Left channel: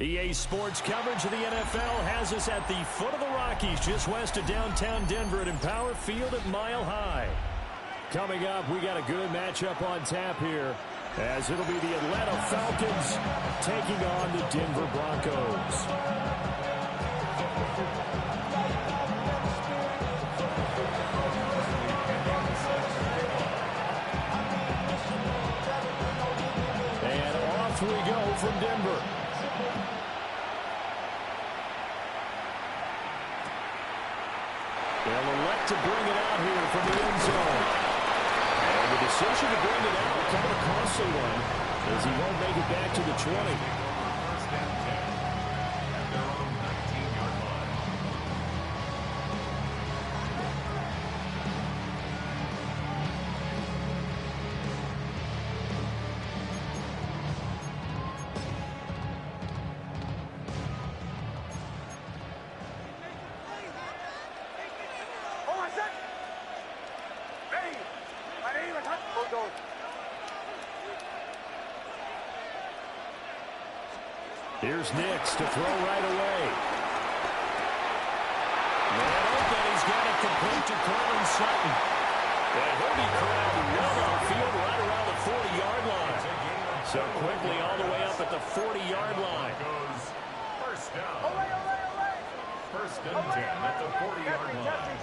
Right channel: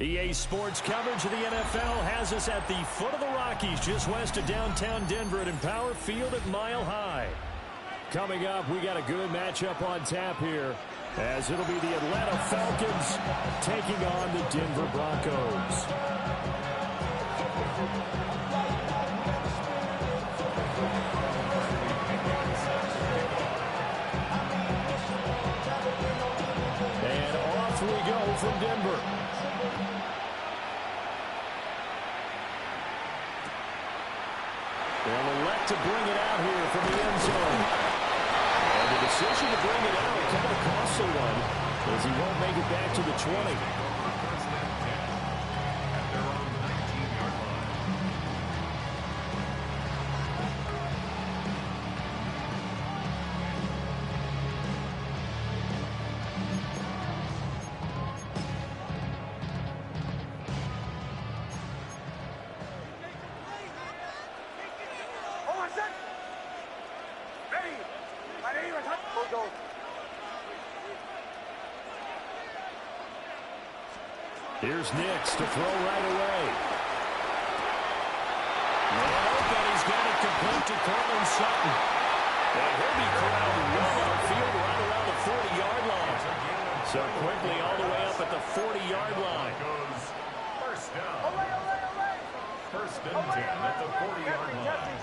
EA Sports coverage of the NFL has us at the foot of the Rockies, just west of downtown Denver at Empower Field at Mile High. Coming up, we got a good matchup on tap here, as it'll be the Atlanta Falcons taking on the Denver Broncos. And off we go from Denver. They'll elect to bring it out here from the end zone. And the decision to bring it out, kind of a costly one, as he won't make it back to the 20. First and 10 at their own 19-yard line. Here's Nix to throw right away. Man open, he's got it complete to Cortland Sutton. And he'll be corralled well downfield right around the 40-yard line. So quickly all the way up at the 40-yard line. First down. First and 10 at the 40-yard line.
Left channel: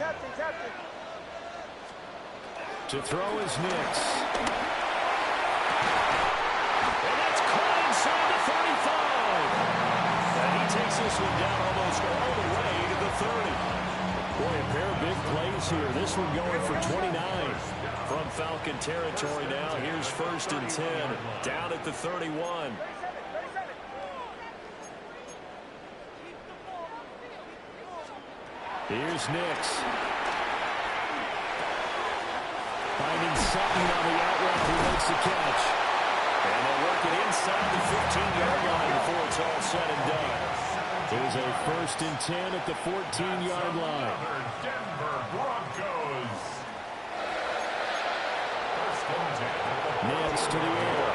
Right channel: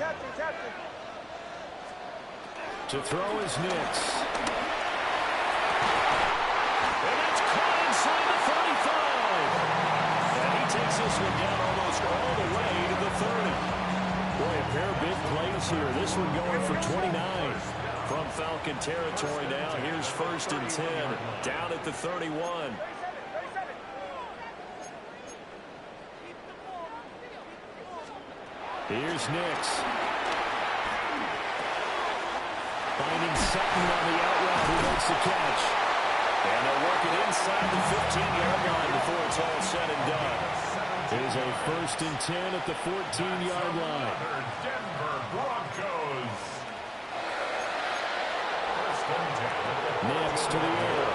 To throw is Nix. And that's caught inside the 35. And he takes this one down almost all the way to the 30. Boy, a pair of big plays here. This one going for 29 from Falcon territory now. Here's first and 10 down at the 31. Here's Nix. Finding Sutton on the out route who makes the catch. And they'll work it inside the 15-yard line before it's all said and done. There's a first and 10 at the 14-yard line. Denver Broncos. First and 10. Nix to the air.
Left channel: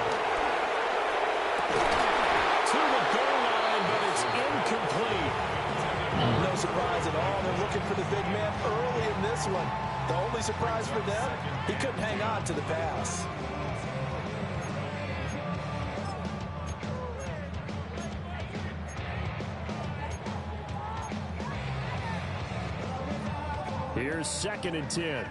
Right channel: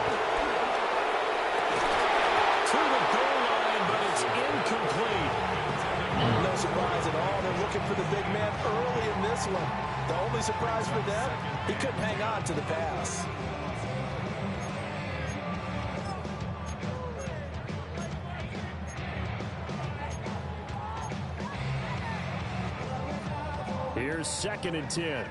To the goal line, but it's incomplete. No surprise at all. They're looking for the big man early in this one. The only surprise for them, he couldn't hang on to the pass. Here's second and 10.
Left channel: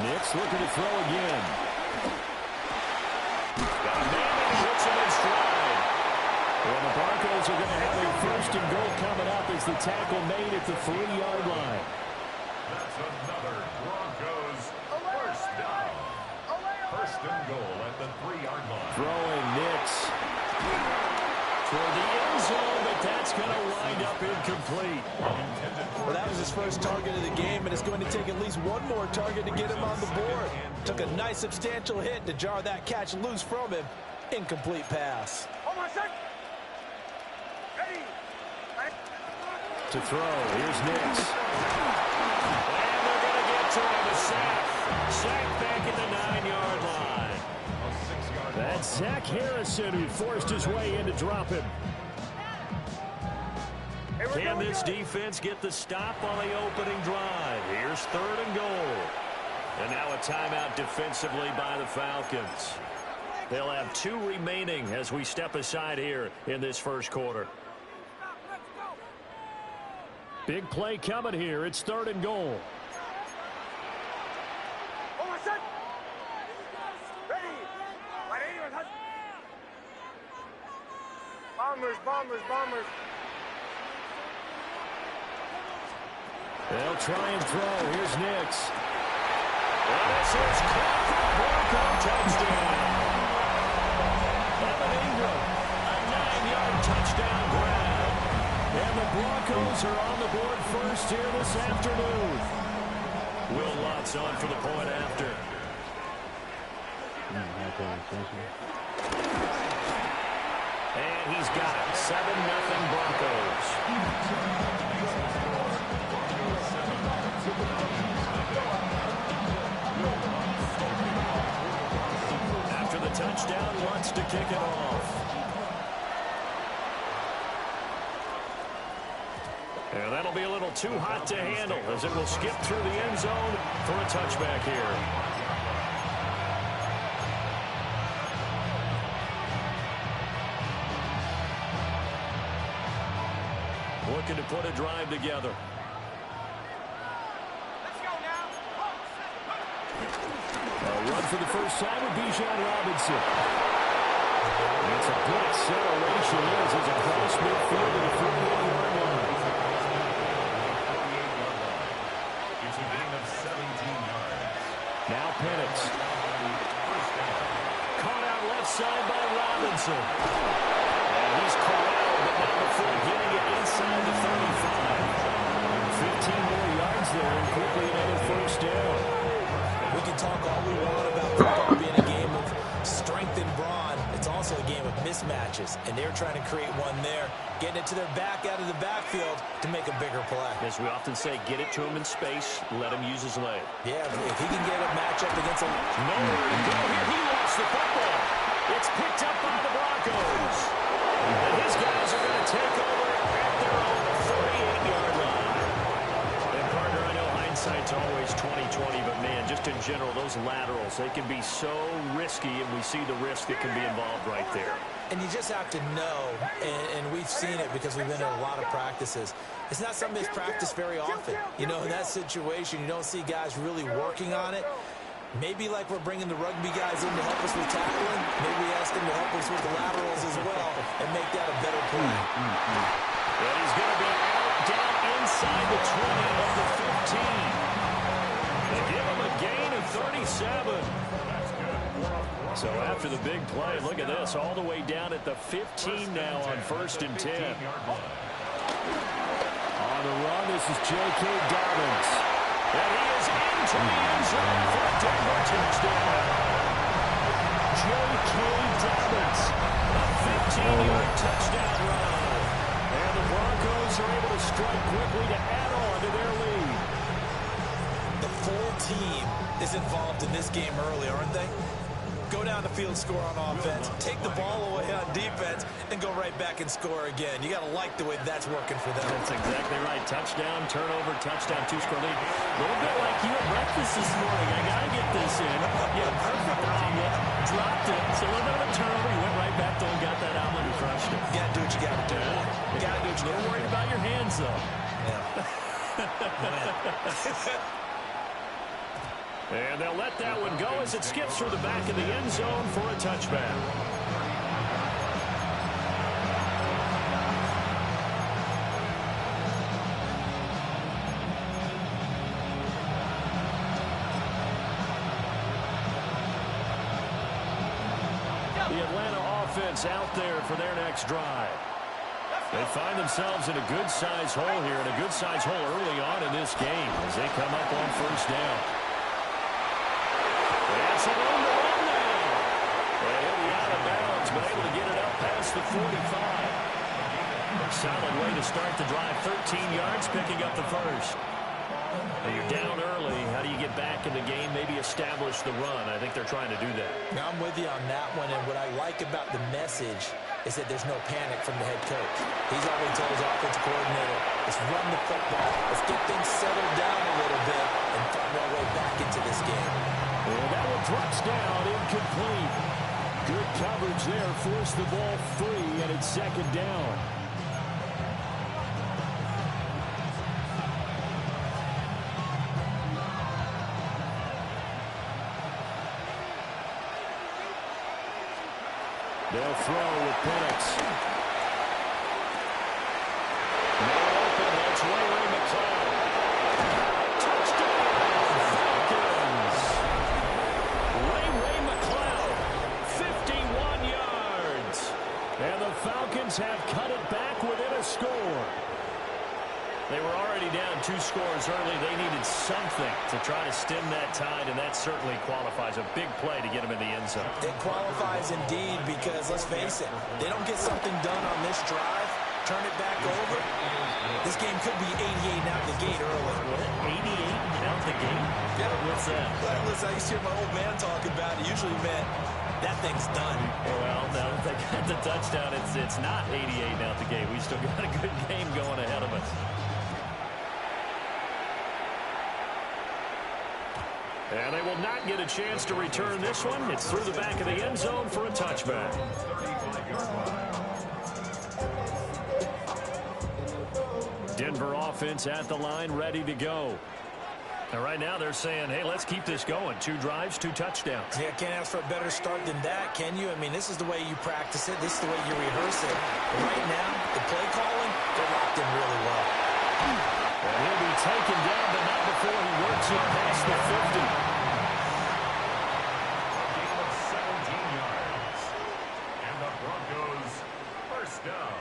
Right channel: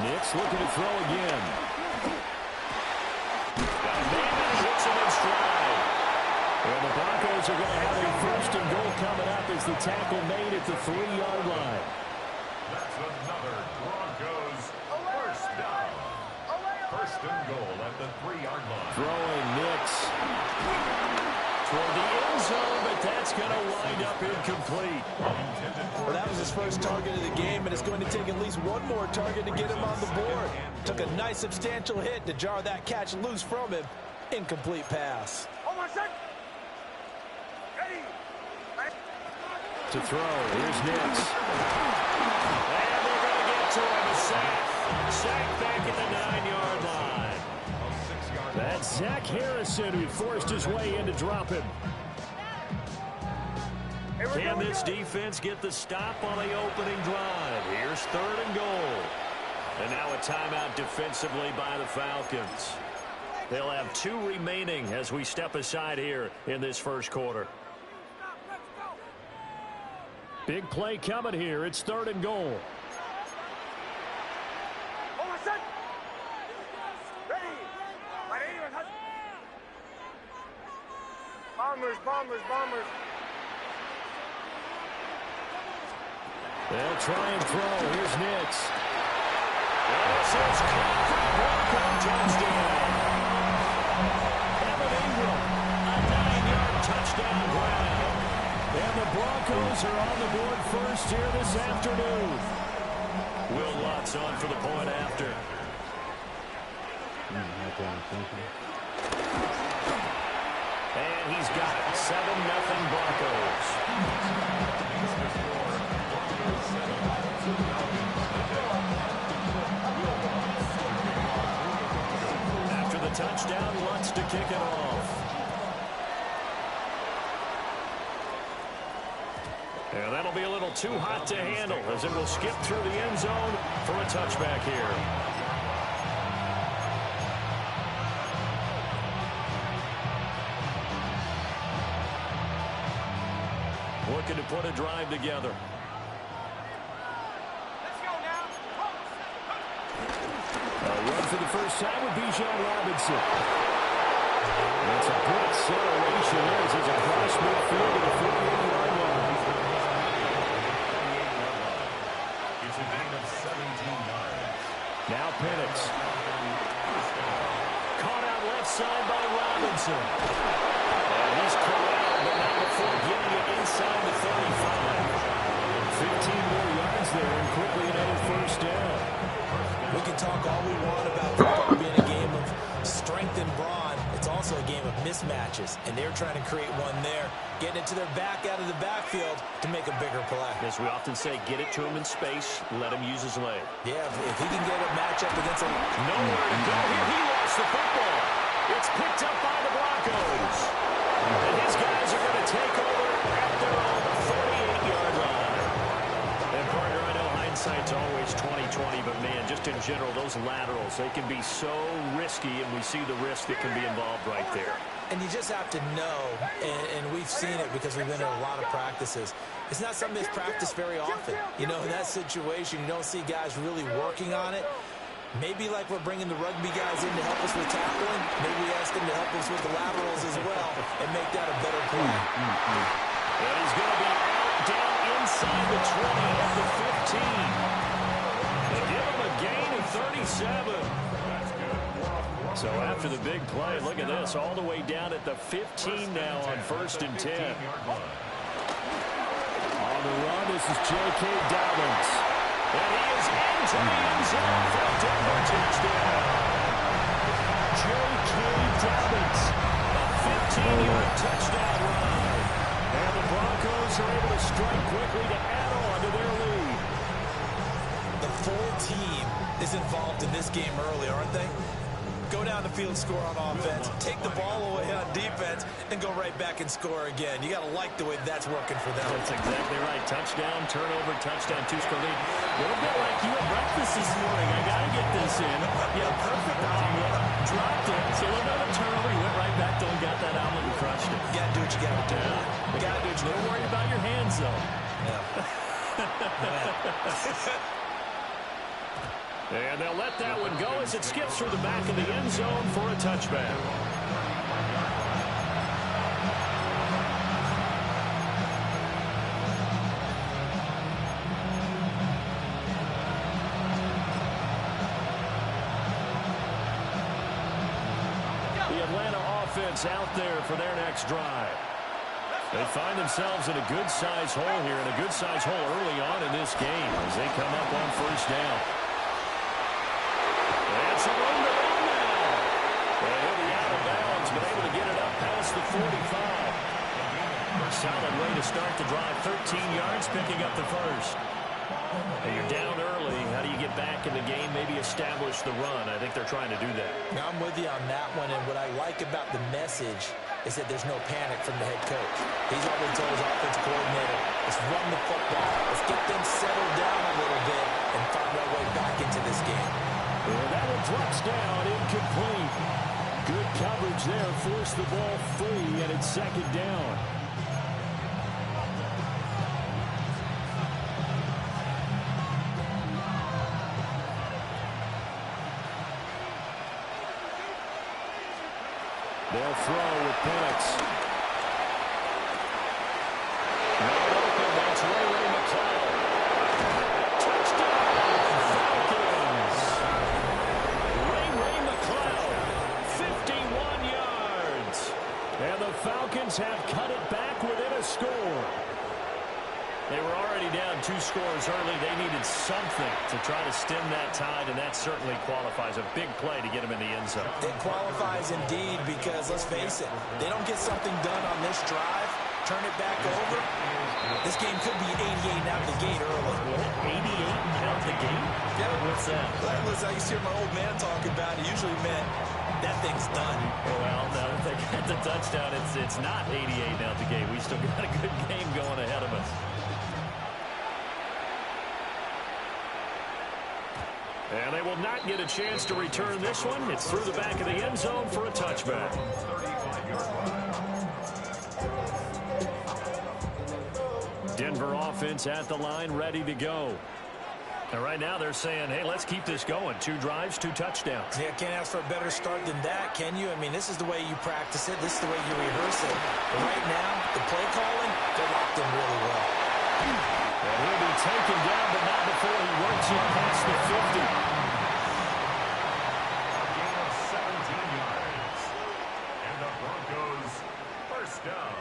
Nix looking to throw again. Got a man and he hits him in stride. And the Broncos are going to have a first and goal coming up as the tackle made at the 3-yard line. That's another Broncos first down. First and goal at the 3-yard line. Throwing Nix toward the end zone, but that's going to wind up incomplete. Well, that was his first target of the game, and it's going to take at least one more target to get him on the board. Took a nice substantial hit to jar that catch loose from him. Incomplete pass. To throw, here's Nix. And they're going to get to him, a sack. Sack back at the 9-yard line. That's Zach Harrison who forced his way in to drop him. Can this defense get the stop on the opening drive? Here's third and goal. And now a timeout defensively by the Falcons. They'll have 2 remaining as we step aside here in this first quarter. Big play coming here. It's third and goal. Bombers. They'll try and throw. Here's Nix. And this is caught for a Bronco touchdown. Evan Ingram, a 9-yard touchdown grab. And the Broncos are on the board first here this afternoon. Will Lutz on for the point after. And he's got it. 7-0 Broncos. Pitts to kick it off. And that'll be a little too hot to handle as it will skip through the end zone for a touchback here. Looking to put a drive together. Let's go now. A run for the first time with Bijan Robinson. It's a good acceleration there as he's across midfield to the 48-yard line. It's a gain of 17 yards. Now Penix. Caught out left side by Robinson. And he's corralled, but not before getting it inside the 35. 15 more yards there, and quickly another first down. We can talk all we want about football being a game of strength and brawn. It's also a game of mismatches, and they're trying to create one there, getting it to their back out of the backfield to make a bigger play. As we often say, get it to him in space, let him use his leg. Yeah, if he can get a matchup against a... Nowhere to go here. He lost the football. It's picked up by the Broncos. And his guys are going to take over at their own 48-yard line. And, partner, I know hindsight's always 20/20, but, man, just in general, those laterals, they can be so risky, and we see the risk that can be involved right there. And you just have to know, and we've seen it because we've been in a lot of practices. It's not something that's practiced very often. You know, in that situation, you don't see guys really working on it. Maybe like we're bringing the rugby guys in to help us with tackling, maybe we ask them to help us with the laterals as well and make that a better play. And he's going to be out down inside the 20 of the 15. They give him a gain of 37. So after the big play, look at this, all the way down at the 15 now on 1st and 10. On the run, this is J.K. Dobbins. And he is into the end zone for a Denver touchdown. J.K. Dobbins, a 15-yard touchdown run. And the Broncos are able to strike quickly to add on to their lead. The full team is involved in this game early, aren't they? Go down the field, score on offense, take the ball away on defense, and go right back and score again. You got to like the way that's working for them. That's exactly right. Touchdown, turnover, touchdown, 2-score lead. A little bit like you at breakfast this morning. I got to get this in. Yeah, perfect omelet. Dropped it. So a little bit of a turnover. You went right back to and got that omelet and crushed it. You got to do what you got to do. You got to do what you got to do. You're worried about your hands, though. Yeah. And they'll let that one go as it skips through the back of the end zone for a touchback. The Atlanta offense out there for their next drive. They find themselves in a good-sized hole here, and a good-sized hole early on in this game as they come up on 1st down. It's a room to run now. And he'll be out of bounds, but able to get it up past the 45. Solid way to start the drive. 13 yards, picking up the first. And you're down early. How do you get back in the game? Maybe establish the run. I think they're trying to do that. Now, I'm with you on that one, and what I like about the message is that there's no panic from the head coach. He's already told his offensive coordinator, let's run the football. Let's get things settled down a little bit and find our way back into this game. And that one drops down, incomplete. Good coverage there, forced the ball free, and it's 2nd down. They'll throw with Penix. Man open, that's Ray McCloud. Touchdown, Falcons. Ray McCloud, 51 yards. And the Falcons have cut it back within a score. They were already down 2 scores early. They needed something to try to stem that tide, and that certainly qualifies. A big play to get them in the end zone. It qualifies indeed because, let's face it, they don't get something done on this drive, turn it back over, this game could be 88 out the gate early. What? 88 out the gate? Yeah. What's that? Listen, I used to hear my old man talk about it. Usually meant that thing's done. Well, now that they got the touchdown, it's not 88 now at the game. We still got a good game going ahead of us. And they will not get a chance to return this one. It's through the back of the end zone for a touchback. Denver offense at the line, ready to go. And right now they're saying, hey, let's keep this going. 2 drives, 2 touchdowns. Yeah, can't ask for a better start than that, can you? I mean, this is the way you practice it. This is the way you rehearse it. But right now, the play calling, they're locked in really well. And he'll be taken down, but not before he works it past the 50. A gain of 17 yards. And the Broncos first down.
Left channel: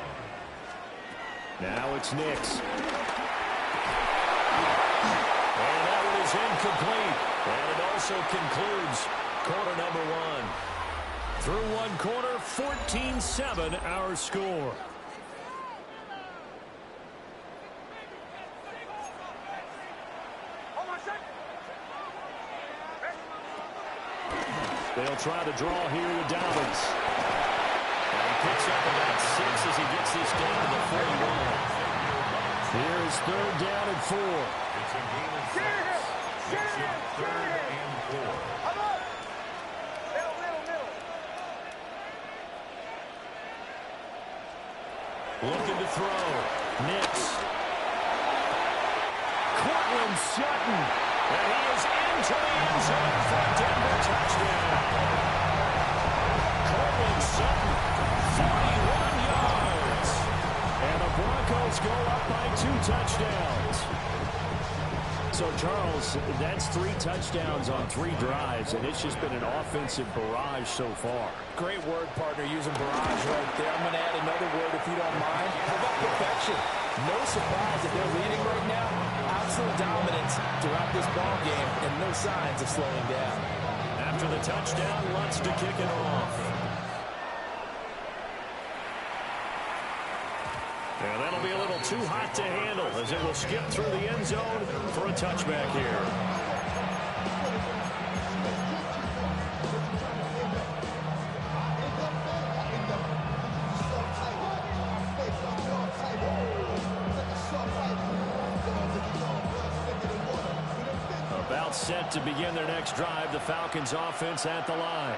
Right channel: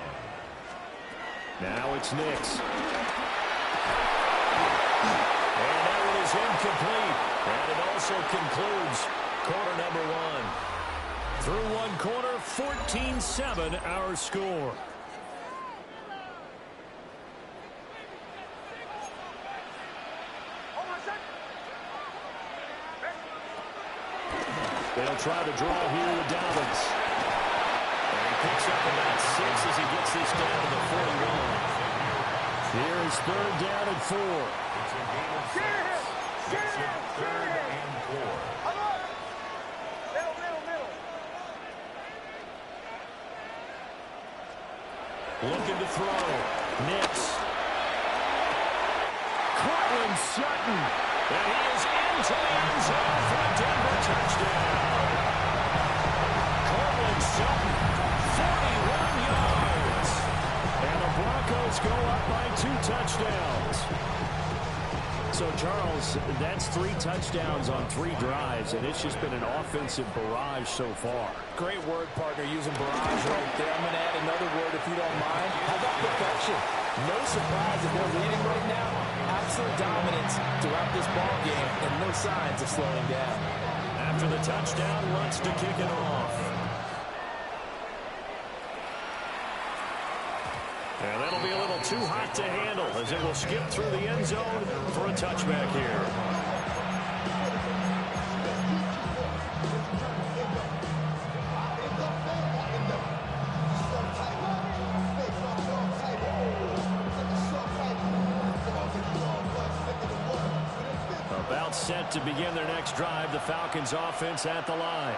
Now it's Nix. And that one is incomplete. And it also concludes quarter number 1. Through one quarter, 14-7 our score. They'll try to draw here with Dobbins. And he picks up about 6 as he gets this down to the 41. Here is 3rd down and 4. It's a gain of 6. Makes it 3rd and 4. Looking to throw. Nix. Cortland Sutton. And he is into the end zone for a Denver touchdown. Cortland Sutton, 41 yards. And the Broncos go up by 2 touchdowns. So, Charles, that's 3 touchdowns on 3 drives, and it's just been an offensive barrage so far. Great word, partner, using barrage right there. I'm going to add another word if you don't mind. How about perfection? No surprise that they're leading right now. Absolute dominance throughout this ball game and no signs of slowing down. After the touchdown, wants to kick it off. And that'll be a little too hot to handle as it will skip through the end zone for a touchback here. About set to begin their next drive, the Falcons offense at the line.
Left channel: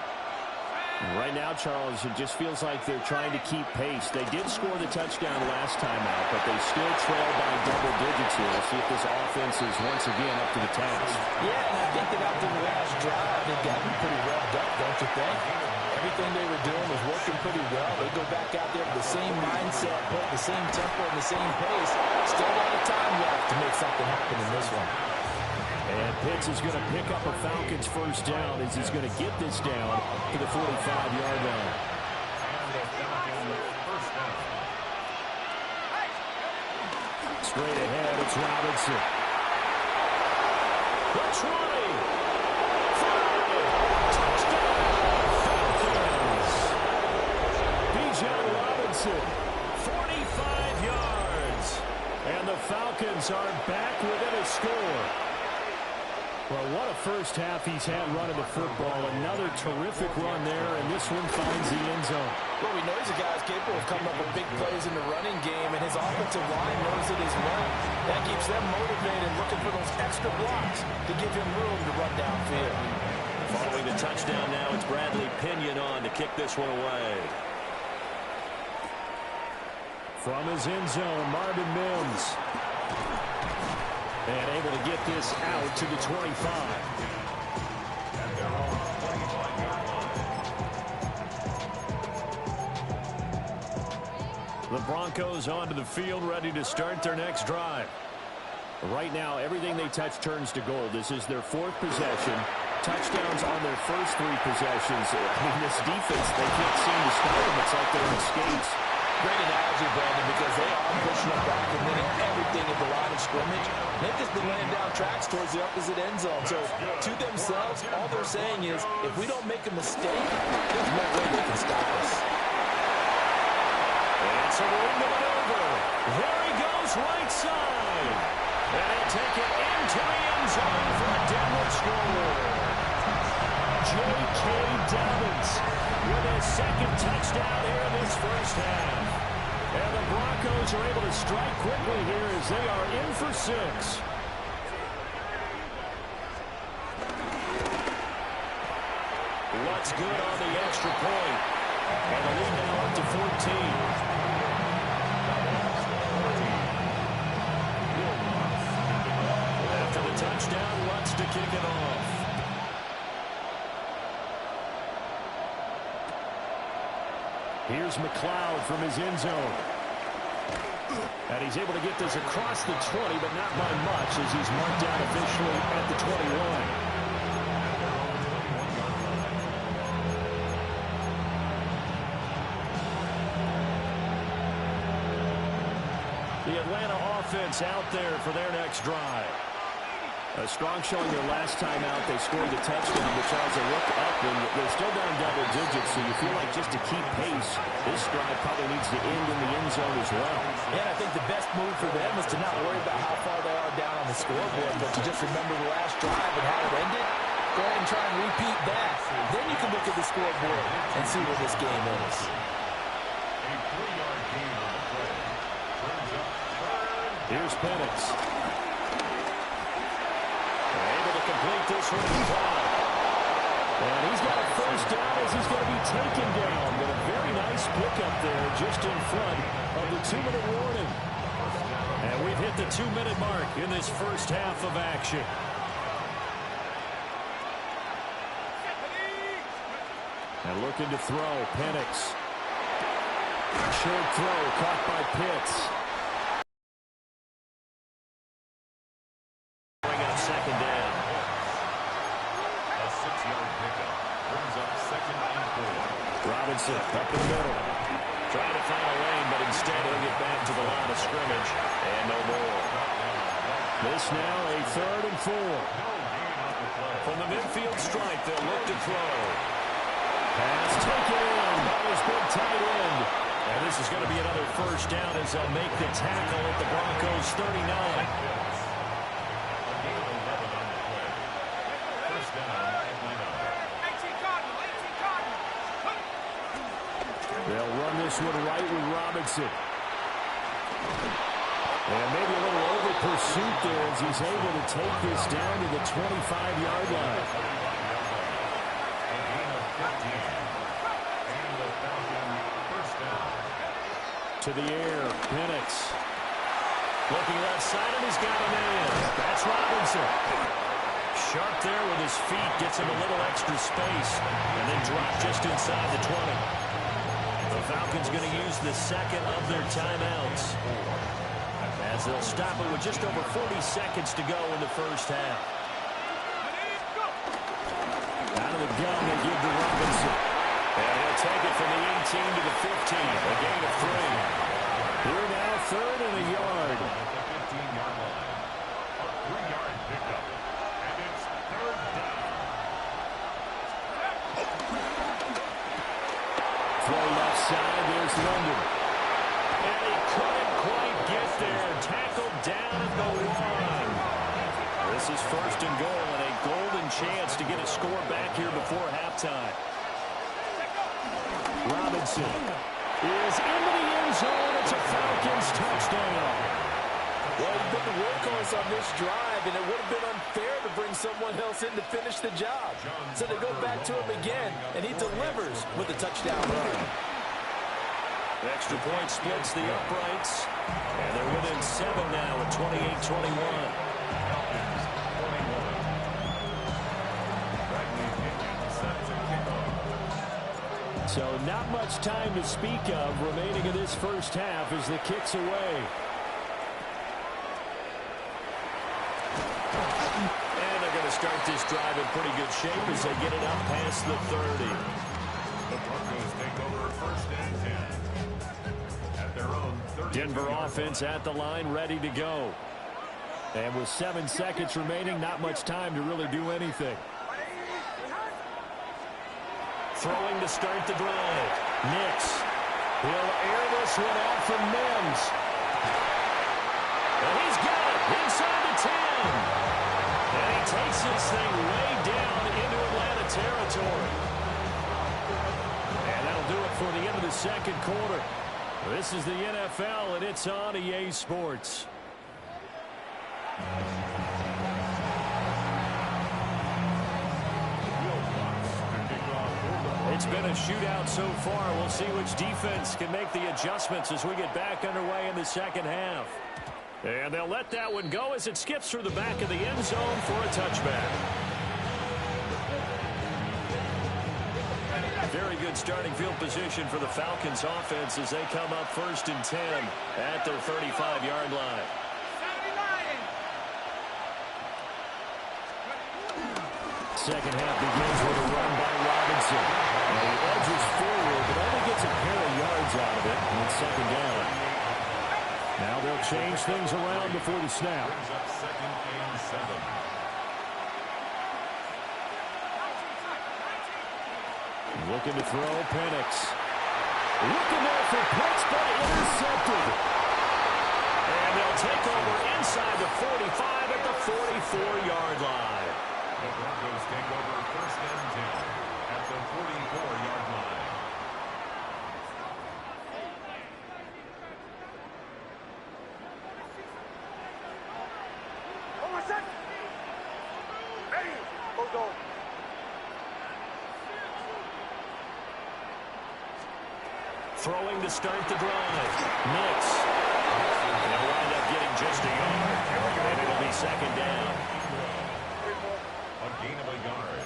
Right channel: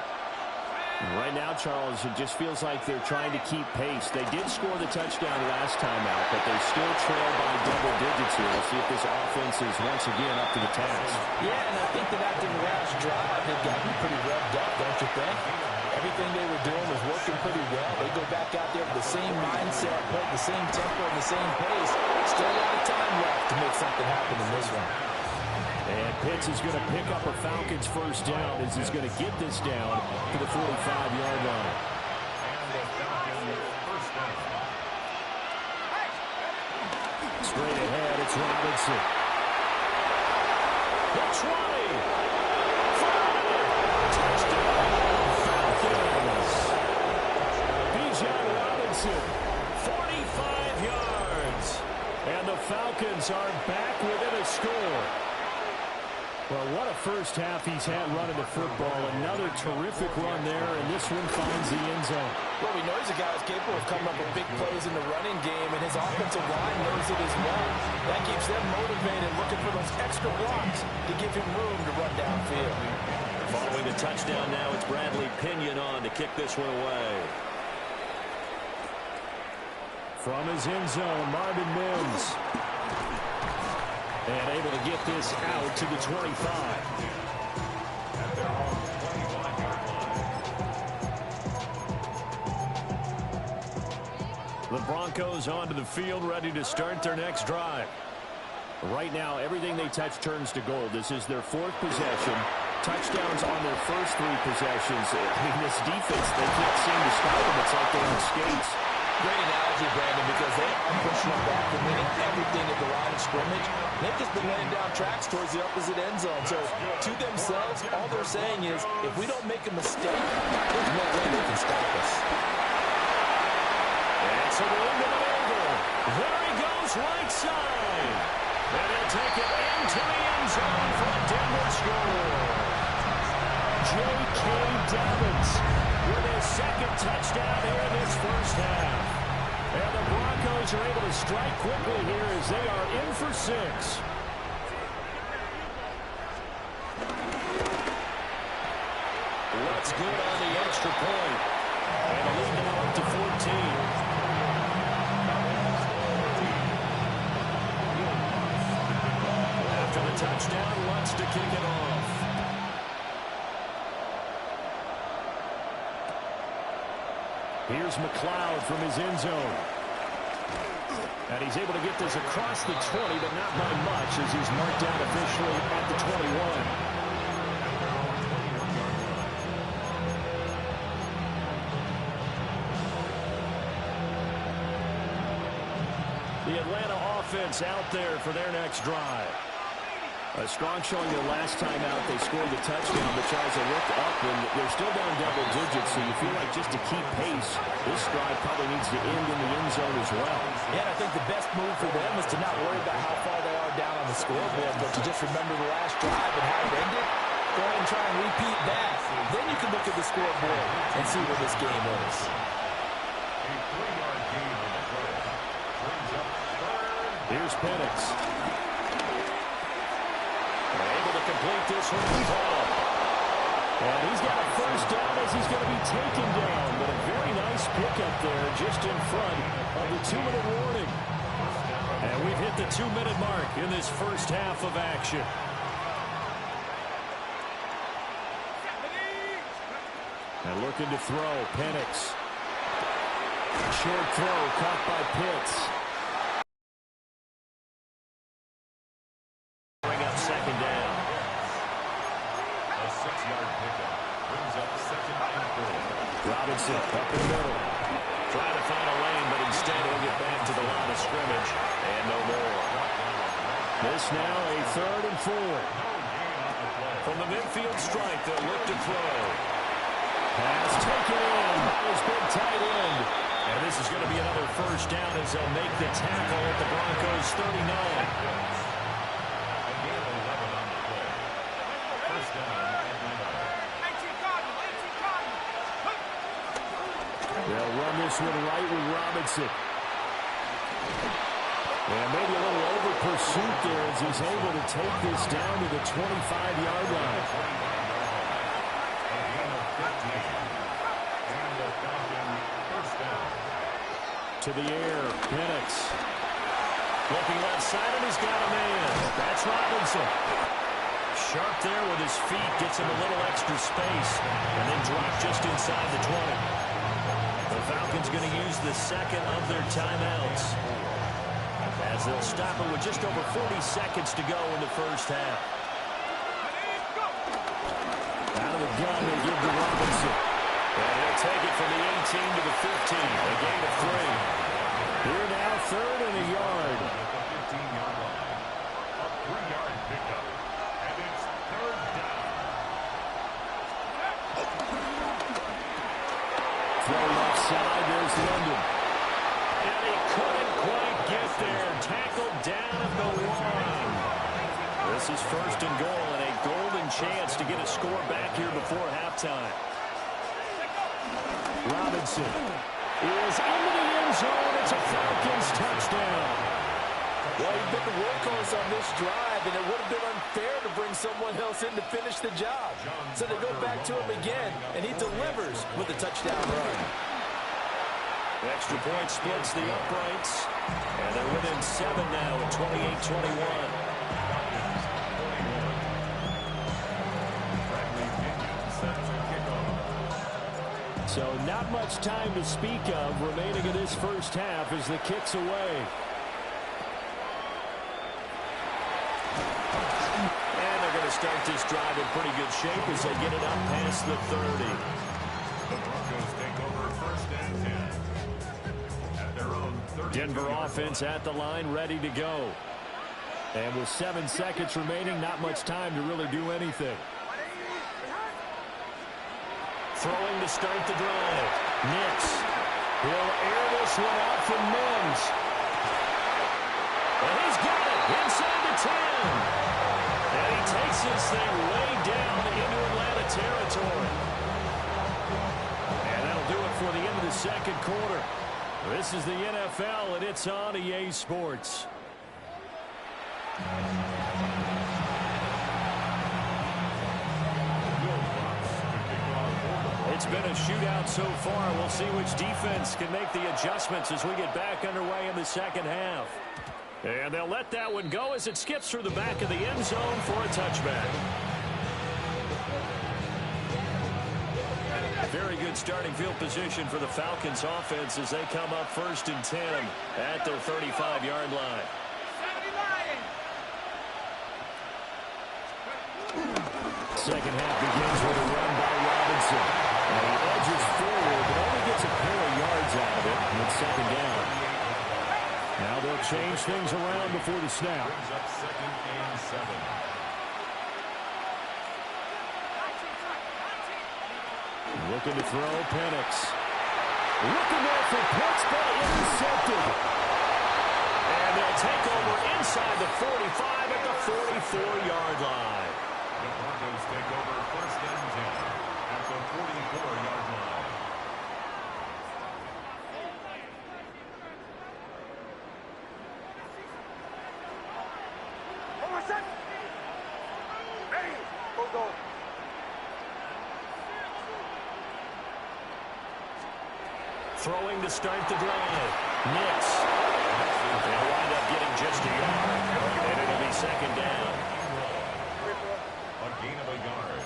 Right now, Charles, it just feels like they're trying to keep pace. They did score the touchdown last time out, but they still trail by double digits here. We'll see if this offense is once again up to the task. Yeah, and I think that after the last drive, they've gotten pretty revved up, don't you think? Everything they were doing was working pretty well. They go back out there with the same mindset, put the same tempo and the same pace. Still a lot of time left to make something happen in this one. And Pitts is going to pick up a Falcons first down as he's going to get this down to the 45-yard line. And the Falcons first down. Straight ahead, it's Robinson. The 20. 5. Touchdown, Falcons. Bijan Robinson, 45 yards. And the Falcons are back within a score. Well, what a first half he's had running the football. Another terrific run there, and this one finds the end zone. Well, we know he's a guy who's capable of coming up with big plays in the running game, and his offensive line knows it as well. That keeps them motivated, looking for those extra blocks to give him room to run downfield. Following the touchdown now, it's Bradley Pinion on to kick this one away. From his end zone, Marvin Mims. And able to get this out to the 25. At their own 25-yard line. The Broncos onto the field, ready to start their next drive. Right now, everything they touch turns to gold. This is their 4th possession. Touchdowns on their first 3 possessions. I mean, this defense, they can't seem to stop them. It's like they're on skates. Great analogy, Brandon, because they are pushing them back and winning everything at the line of scrimmage. They've just been laying down tracks towards the opposite end zone. So, to themselves, all they're saying is, if we don't make a mistake, there's no way they can stop us. It's a room to maneuver. There he goes, right side. And he'll take it into the end zone for a Denver score. J.K. Dobbins with his second touchdown here in this first half. And the Broncos are able to strike quickly here as they are in for 6. What's good on the extra point. And the lead now up to 14. After the touchdown, Lutz to kick it off. Here's McLeod from his end zone. And he's able to get this across the 20, but not by much as he's marked out officially at the 21. The Atlanta offense out there for their next drive. A strong showing their last time out. They scored the touchdown, but Charles, they look up, and they're still down double digits, so you feel like just to keep pace, this drive probably needs to end in the end zone as well. Yeah, and I think the best move for them is to not worry about how far they are down on the scoreboard, but to just remember the last drive and how it ended. Go ahead and try and repeat that. Then you can look at the scoreboard and see where this game is. A 3-yard gain on the play. Brings up third. Here's Penix. Able to complete this one as well. And he's got a first down as he's going to be taken down. But a very nice pickup there just in front of the 2-minute warning. And we've hit the 2-minute mark in this first half of action. And looking to throw, Penix. Short throw caught by Pitts. Bring up second down. A 6-yard pickup brings up 2nd and 4. Robinson up in the middle. Trying to find a lane, but instead he'll get back to the line of scrimmage. And no more. This now a 3rd and 4. No gain on the play. From the midfield stripe, they'll look to throw. Pass taken in by his big tight end. And this is going to be another first down as they'll make the tackle at the Broncos 39. A gain of 11 on the play. First down at 9. They'll run this one right with Robinson. And maybe a little over pursuit there as he's able to take this down to the 25-yard line. A gain of 15. And the Falcon first down. To the air, Penix. Looking left side, and he's got a man. That's Robinson. Sharp there with his feet, gets him a little extra space, and then dropped just inside the 20. The Falcons going to use the second of their timeouts, as they'll stop it with just over 40 seconds to go in the first half. Out of the gun, they give to Robinson. And he'll take it from the 18 to the 15, a gain of 3. Here now, 3rd and a yard. At the 15-yard line. A 3-yard pickup. And it's 3rd down. Throw left side, there's London. And he couldn't quite get there. Tackled down at the 1. This is 1st and goal and a golden chance to get a score back here before halftime. Robinson is into the end zone. It's a Falcons touchdown. Well, he's been the workhorse on this drive, and it would have been unfair to bring someone else in to finish the job. So they go back to him again, and he delivers with a touchdown run. Extra point splits the uprights, and they're within 7 now at 28-21. Falcons 21. Bradley Pinion set to kick off. So not much time to speak of remaining in this first half as the kick's away. And they're going to start this drive in pretty good shape as they get it up past the 30. The Broncos take over 1st and 10. At their own 30. Denver offense at the line, ready to go. And with 7 seconds remaining, not much time to really do anything. Throwing to start the drive. Nix. He'll air this one out from Mims. And he's got it inside the 10. And he takes this thing way down into Atlanta territory. And that'll do it for the end of the second quarter. This is the NFL, and it's on EA Sports. It's been a shootout so far. We'll see which defense can make the adjustments as we get back underway in the second half. And they'll let that one go as it skips through the back of the end zone for a touchback. Very good starting field position for the Falcons offense as they come up 1st and 10 at their 35-yard line. Second half begins with a run by Robinson. Now he edges forward, but only gets a pair of yards out of it, and it's second down. Now they'll change things around before the snap. Brings up 2nd and 7. Looking to throw, Penix. Looking there for Pitts, but intercepted. And they'll take over inside the 45 at the 44-yard line. The Broncos take over 1st and 10 at the 44-yard line. Throwing to start the drive. Nix. They'll wind up getting just a yard. And it'll be second down. A gain of a yard.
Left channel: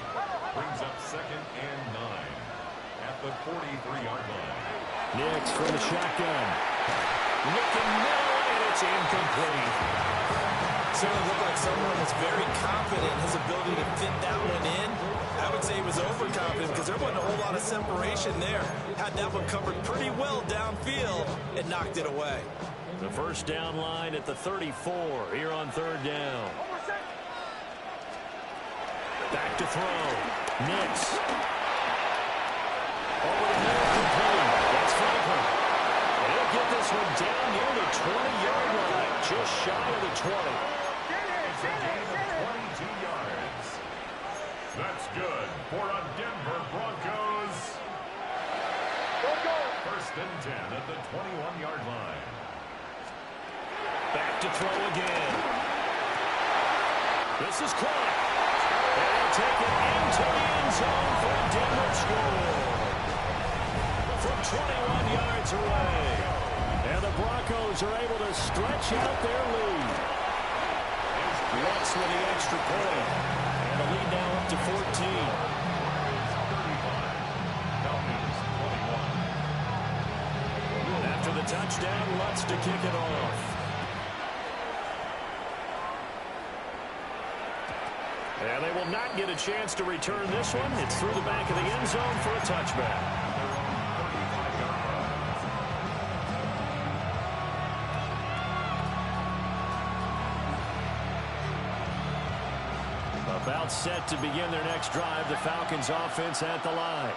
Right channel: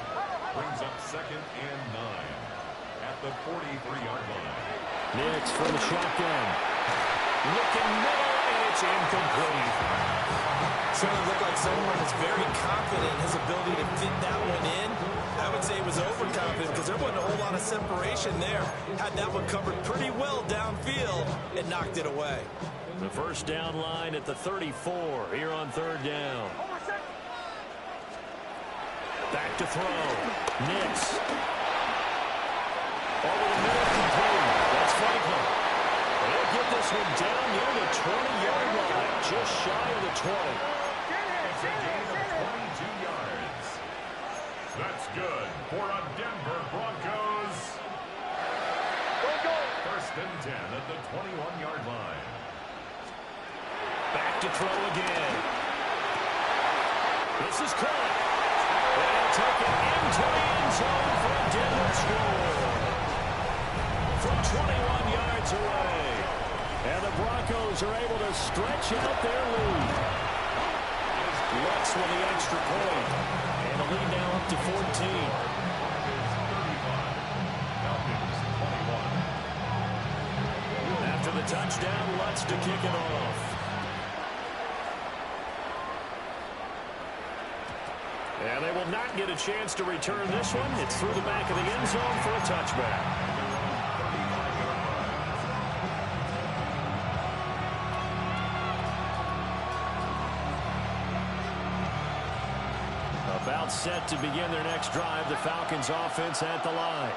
Brings up 2nd and 9 at the 43-yard line. Nix from the shotgun. Looking middle, and it's incomplete. Certainly looked like someone was very confident in his ability to fit that one in. I would say he was overconfident because there wasn't a whole lot of separation there. Had that one covered pretty well downfield and knocked it away. The first down line at the 34 here on 3rd down. Back to throw. Nix. Over the middle, complete. That's Franklin. And he'll get this one down near the 20-yard line, just shy of the 20. It's a gain of 22 yards. That's good for a Denver Broncos. 1st and 10 at the 21-yard line. Back to throw again. This is caught. And he'll take it into the end zone for a Denver score. From 21 yards away. And the Broncos are able to stretch out their lead. Lutz with the extra point. And the lead now up to 14. Broncos 35. Falcons 21. After the touchdown, Lutz to kick it off. And they will not get a chance to return this one. It's through the back of the end zone for a touchback. About set to begin their next drive, the Falcons offense at the line.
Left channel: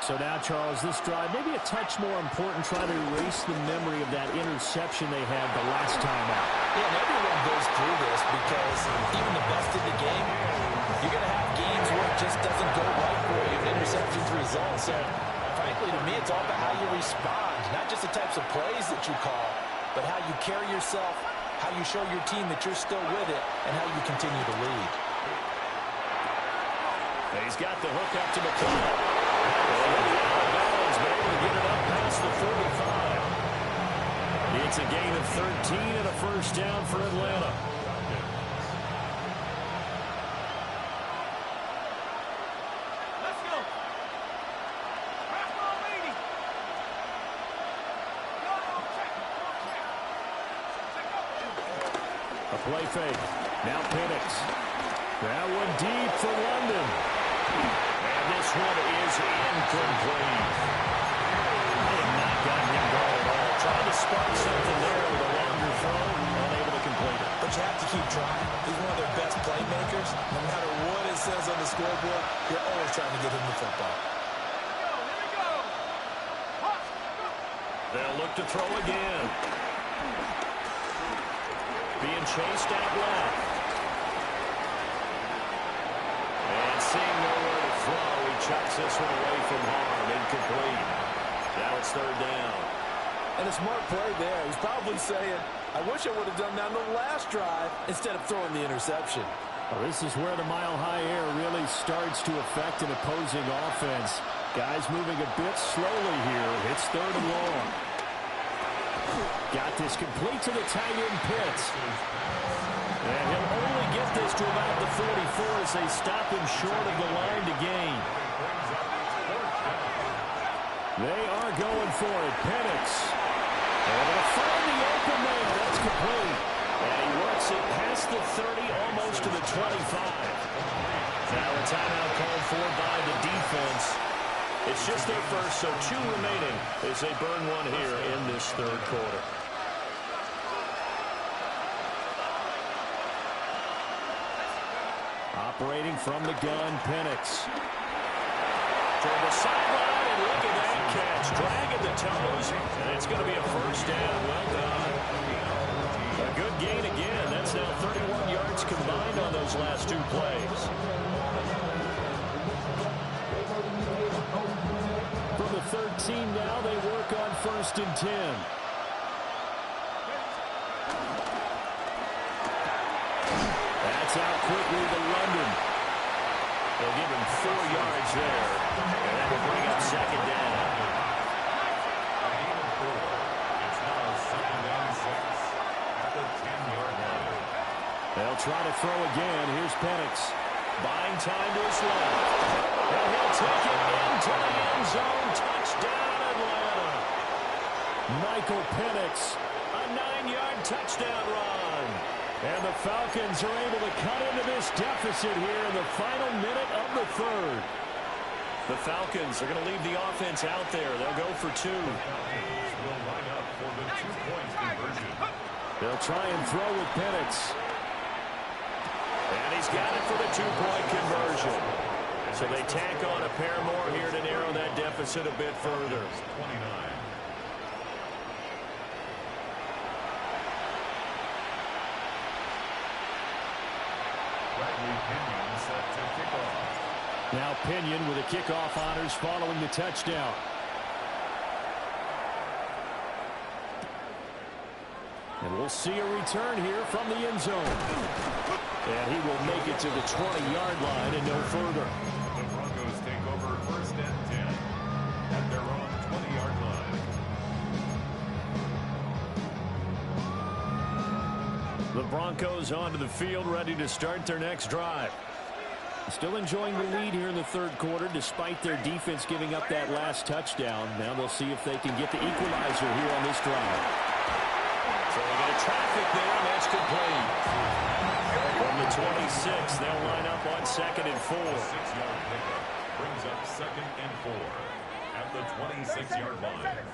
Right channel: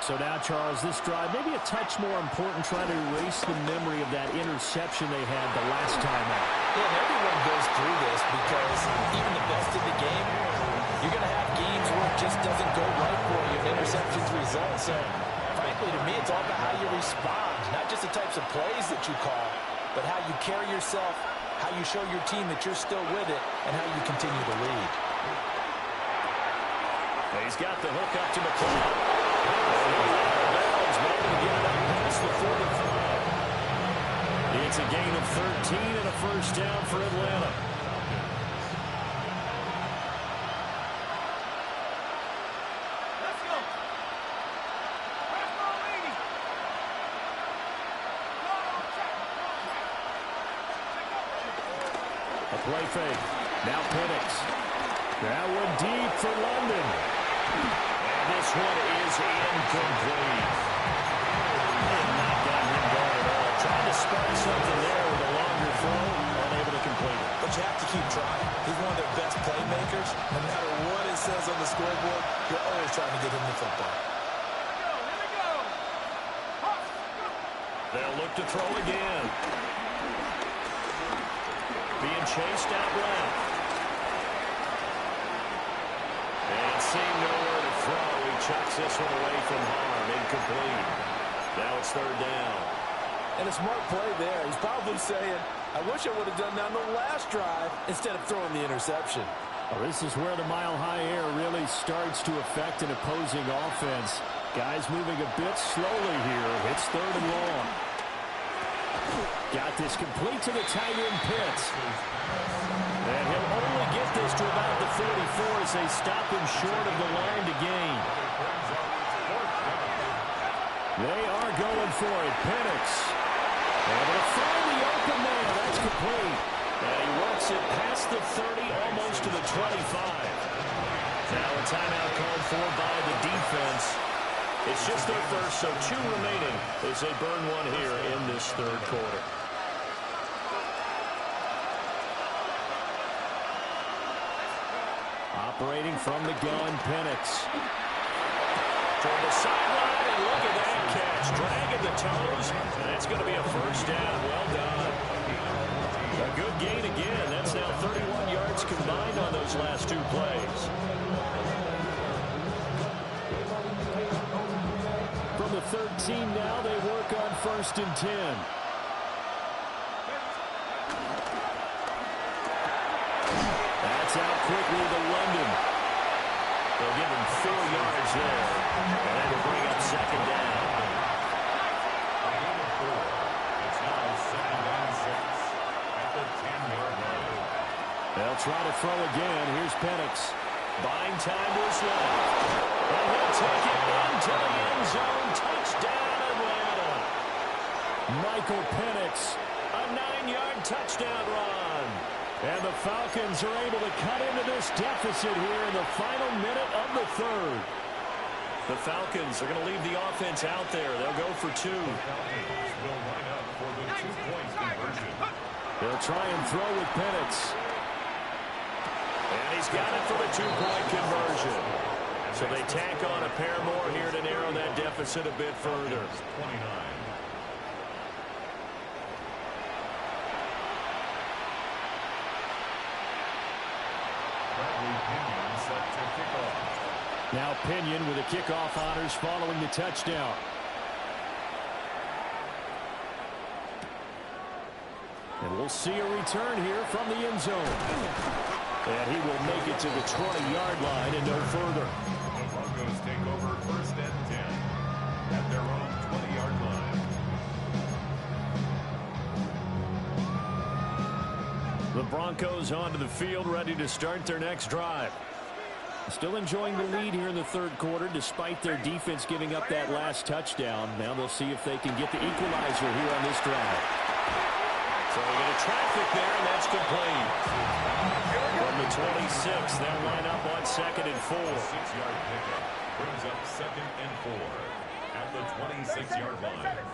So now, Charles, this drive maybe a touch more important, trying to erase the memory of that interception they had the last time out. Yeah, and everyone goes through this because even the best in the game, you're going to have games where it just doesn't go right for you, and interceptions result. So, frankly, to me, it's all about how you respond, not just the types of plays that you call, but how you carry yourself, how you show your team that you're still with it, and how you continue to lead. He's got the hook up to McLeod. And he'll be out of bounds, but able to get it up past the 45. It's a gain of 13 and a first down for Atlanta. Let's go. Fastball leading. A play fake. Now Penix. That one deep for London. And this one is incomplete. They have not gotten him going at all. Trying to spark something there with a longer throw. Unable to complete it. But you have to keep trying. He's one of their best playmakers. No matter what it says on the scoreboard, you're always trying to get him the football. Here we go. They'll look to throw again. Being chased out left. And seeing nowhere to throw, he chucks this one away from harm. Incomplete. Now it's third down. And a smart play there. He's probably saying, I wish I would have done that on the last drive instead of throwing the interception. Well, this is where the mile-high air really starts to affect an opposing offense. Guys moving a bit slowly here. It's third and long. Got this complete to the tight end Pitts. And he'll only get this to about the 44 as they stop him short of the line to gain. They are going for it. Penix able to find the open man. That's complete. And he works it past the 30, almost to the 25. Now a timeout called for by the defense. It's just their first, so 2 remaining as they burn one here in this third quarter. Operating from the gun, Penix. Toward the sideline, and look at that catch. Dragging the toes, and it's going to be a first down. Well done. A good gain again. That's now 31 yards combined on those last 2 plays. From the 13 now, they work on 1st and 10. That's out quickly to London. They'll give him 4 yards there, and that will bring up second down. A gain of 4. It's now 2nd and 6 at the 10-yard line. They'll try to throw again. Here's Penix. Buying time to his left. And he'll take it into the end zone. Touchdown, Atlanta. Michael Penix. A 9-yard touchdown run. And the Falcons are able to cut into this deficit here in the final minute of the third. The Falcons are going to leave the offense out there. They'll go for 2. The Falcons will line up for the 2-point conversion. They'll try and throw with Penix. And he's got it for the 2-point conversion. So they tack on a pair more here to narrow that deficit a bit further. 29. Pinion set to kick off. Now Pinion with the kickoff honors following the touchdown. And we'll see a return here from the end zone. And he will make it to the 20-yard line and no further. The Broncos take over 1st and 10 at their own 20-yard line. The Broncos onto the field, ready to start their next drive. Still enjoying the lead here in the third quarter, despite their defense giving up that last touchdown. Now they'll see if they can get the equalizer here on this drive. So we got a traffic there, and that's complete. From the 26, they'll line up on 2nd and 4. A 6-yard pickup brings up 2nd and 4 at the 26-yard line.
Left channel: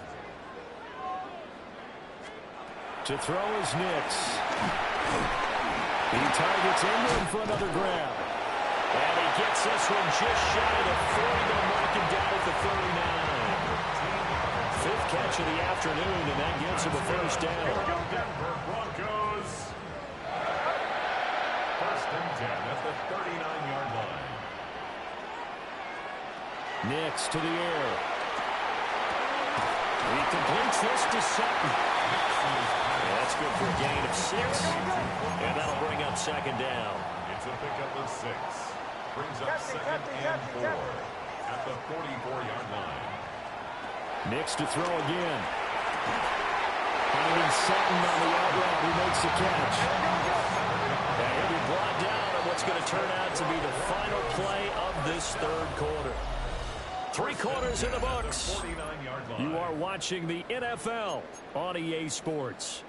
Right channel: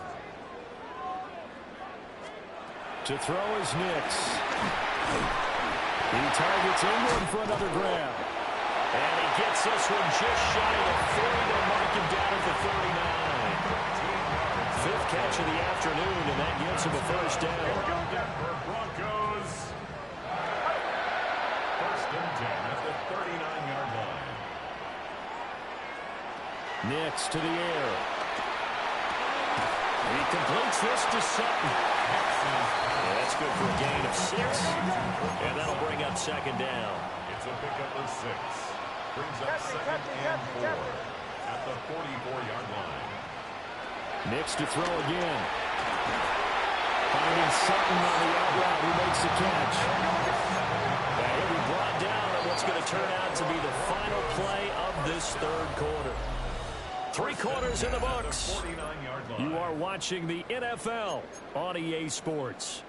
To throw is Nix. He targets Ingram for another grab. And he gets this one just shy of the 40. They'll mark him down at the 39. 5th catch of the afternoon, and that gives him a first down. Denver Broncos. 1st and 10 at the 39-yard line. Nix to the air. He completes this to Sutton. Yeah, that's good for a gain of 6. And that'll bring up second down. It's a pickup of 6. Brings up 2nd and 4 at the 44-yard line. Nix to throw again. Finding Sutton on the out route who makes the catch. And he'll be brought down on what's going to turn out to be the final play of this third quarter. 3 quarters in the books. You are watching the NFL on EA Sports.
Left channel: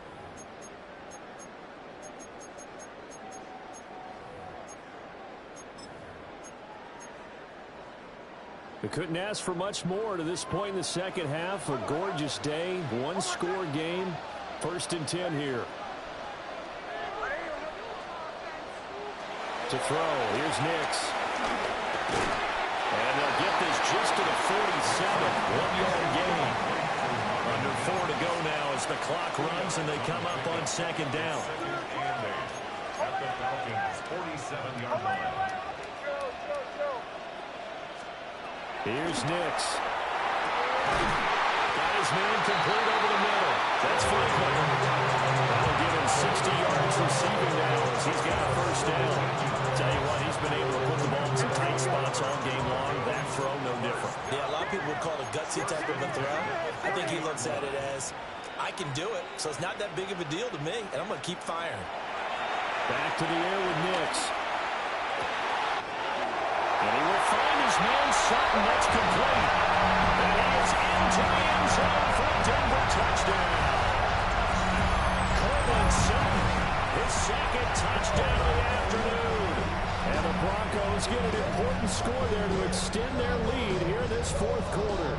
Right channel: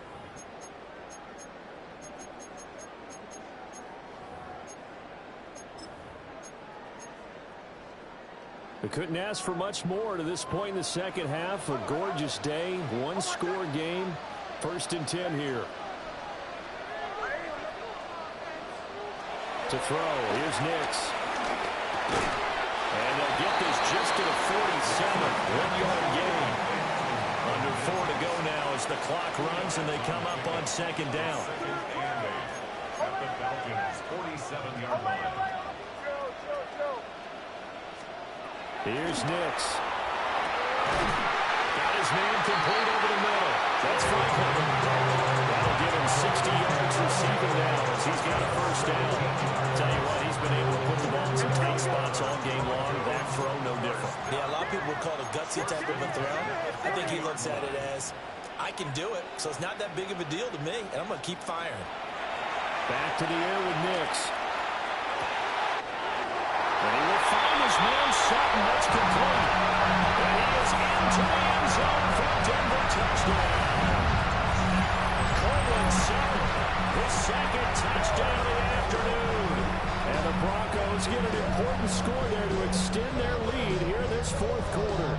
We couldn't ask for much more to this point in the second half. A gorgeous day, 1-score game. 1st and 10 here. To throw, here's Nix. And they'll get this just to the 47. 1-yard gain. Under 4 to go now as the clock runs and they come up on second down. 2nd and 8 at the Falcons' 47-yard line. Here's Nix. Got his man complete over the middle. That's Franklin. That'll give him 60 yards receiving now as he's got a first down. Tell you what, he's been able to put the ball in some tight spots all game long. That throw, no different. Yeah, a lot of people would call it a gutsy type of a throw. I think he looks at it as, I can do it, so it's not that big of a deal to me, and I'm going to keep firing. Back to the air with Nix. And he will find his man Sutton. That's complete. And he is into the end zone for a Denver touchdown. Cortland Sutton, his second touchdown of the afternoon. And the Broncos get an important score there to extend their lead here in this fourth quarter.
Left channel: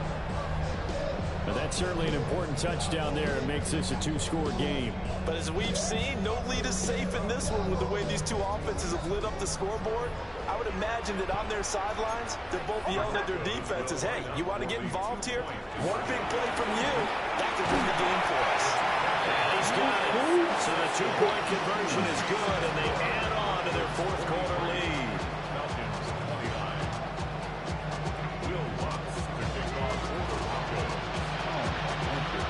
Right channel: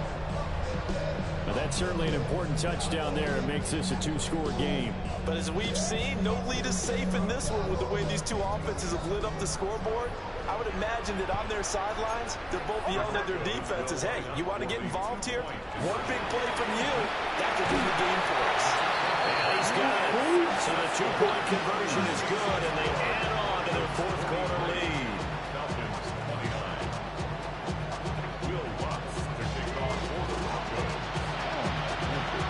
But that's certainly an important touchdown there. It makes this a two-score game. But as we've seen, no lead is safe in this one with the way these two offenses have lit up the scoreboard. I would imagine that on their sidelines, they're both yelling at their defenses, hey, you want to get involved here? One big play from you, that could win the game for us. And he's got it. So the two-point conversion is good, and they add on to their fourth quarter lead. Falcons 29. Will Lutz to kick off for the Broncos.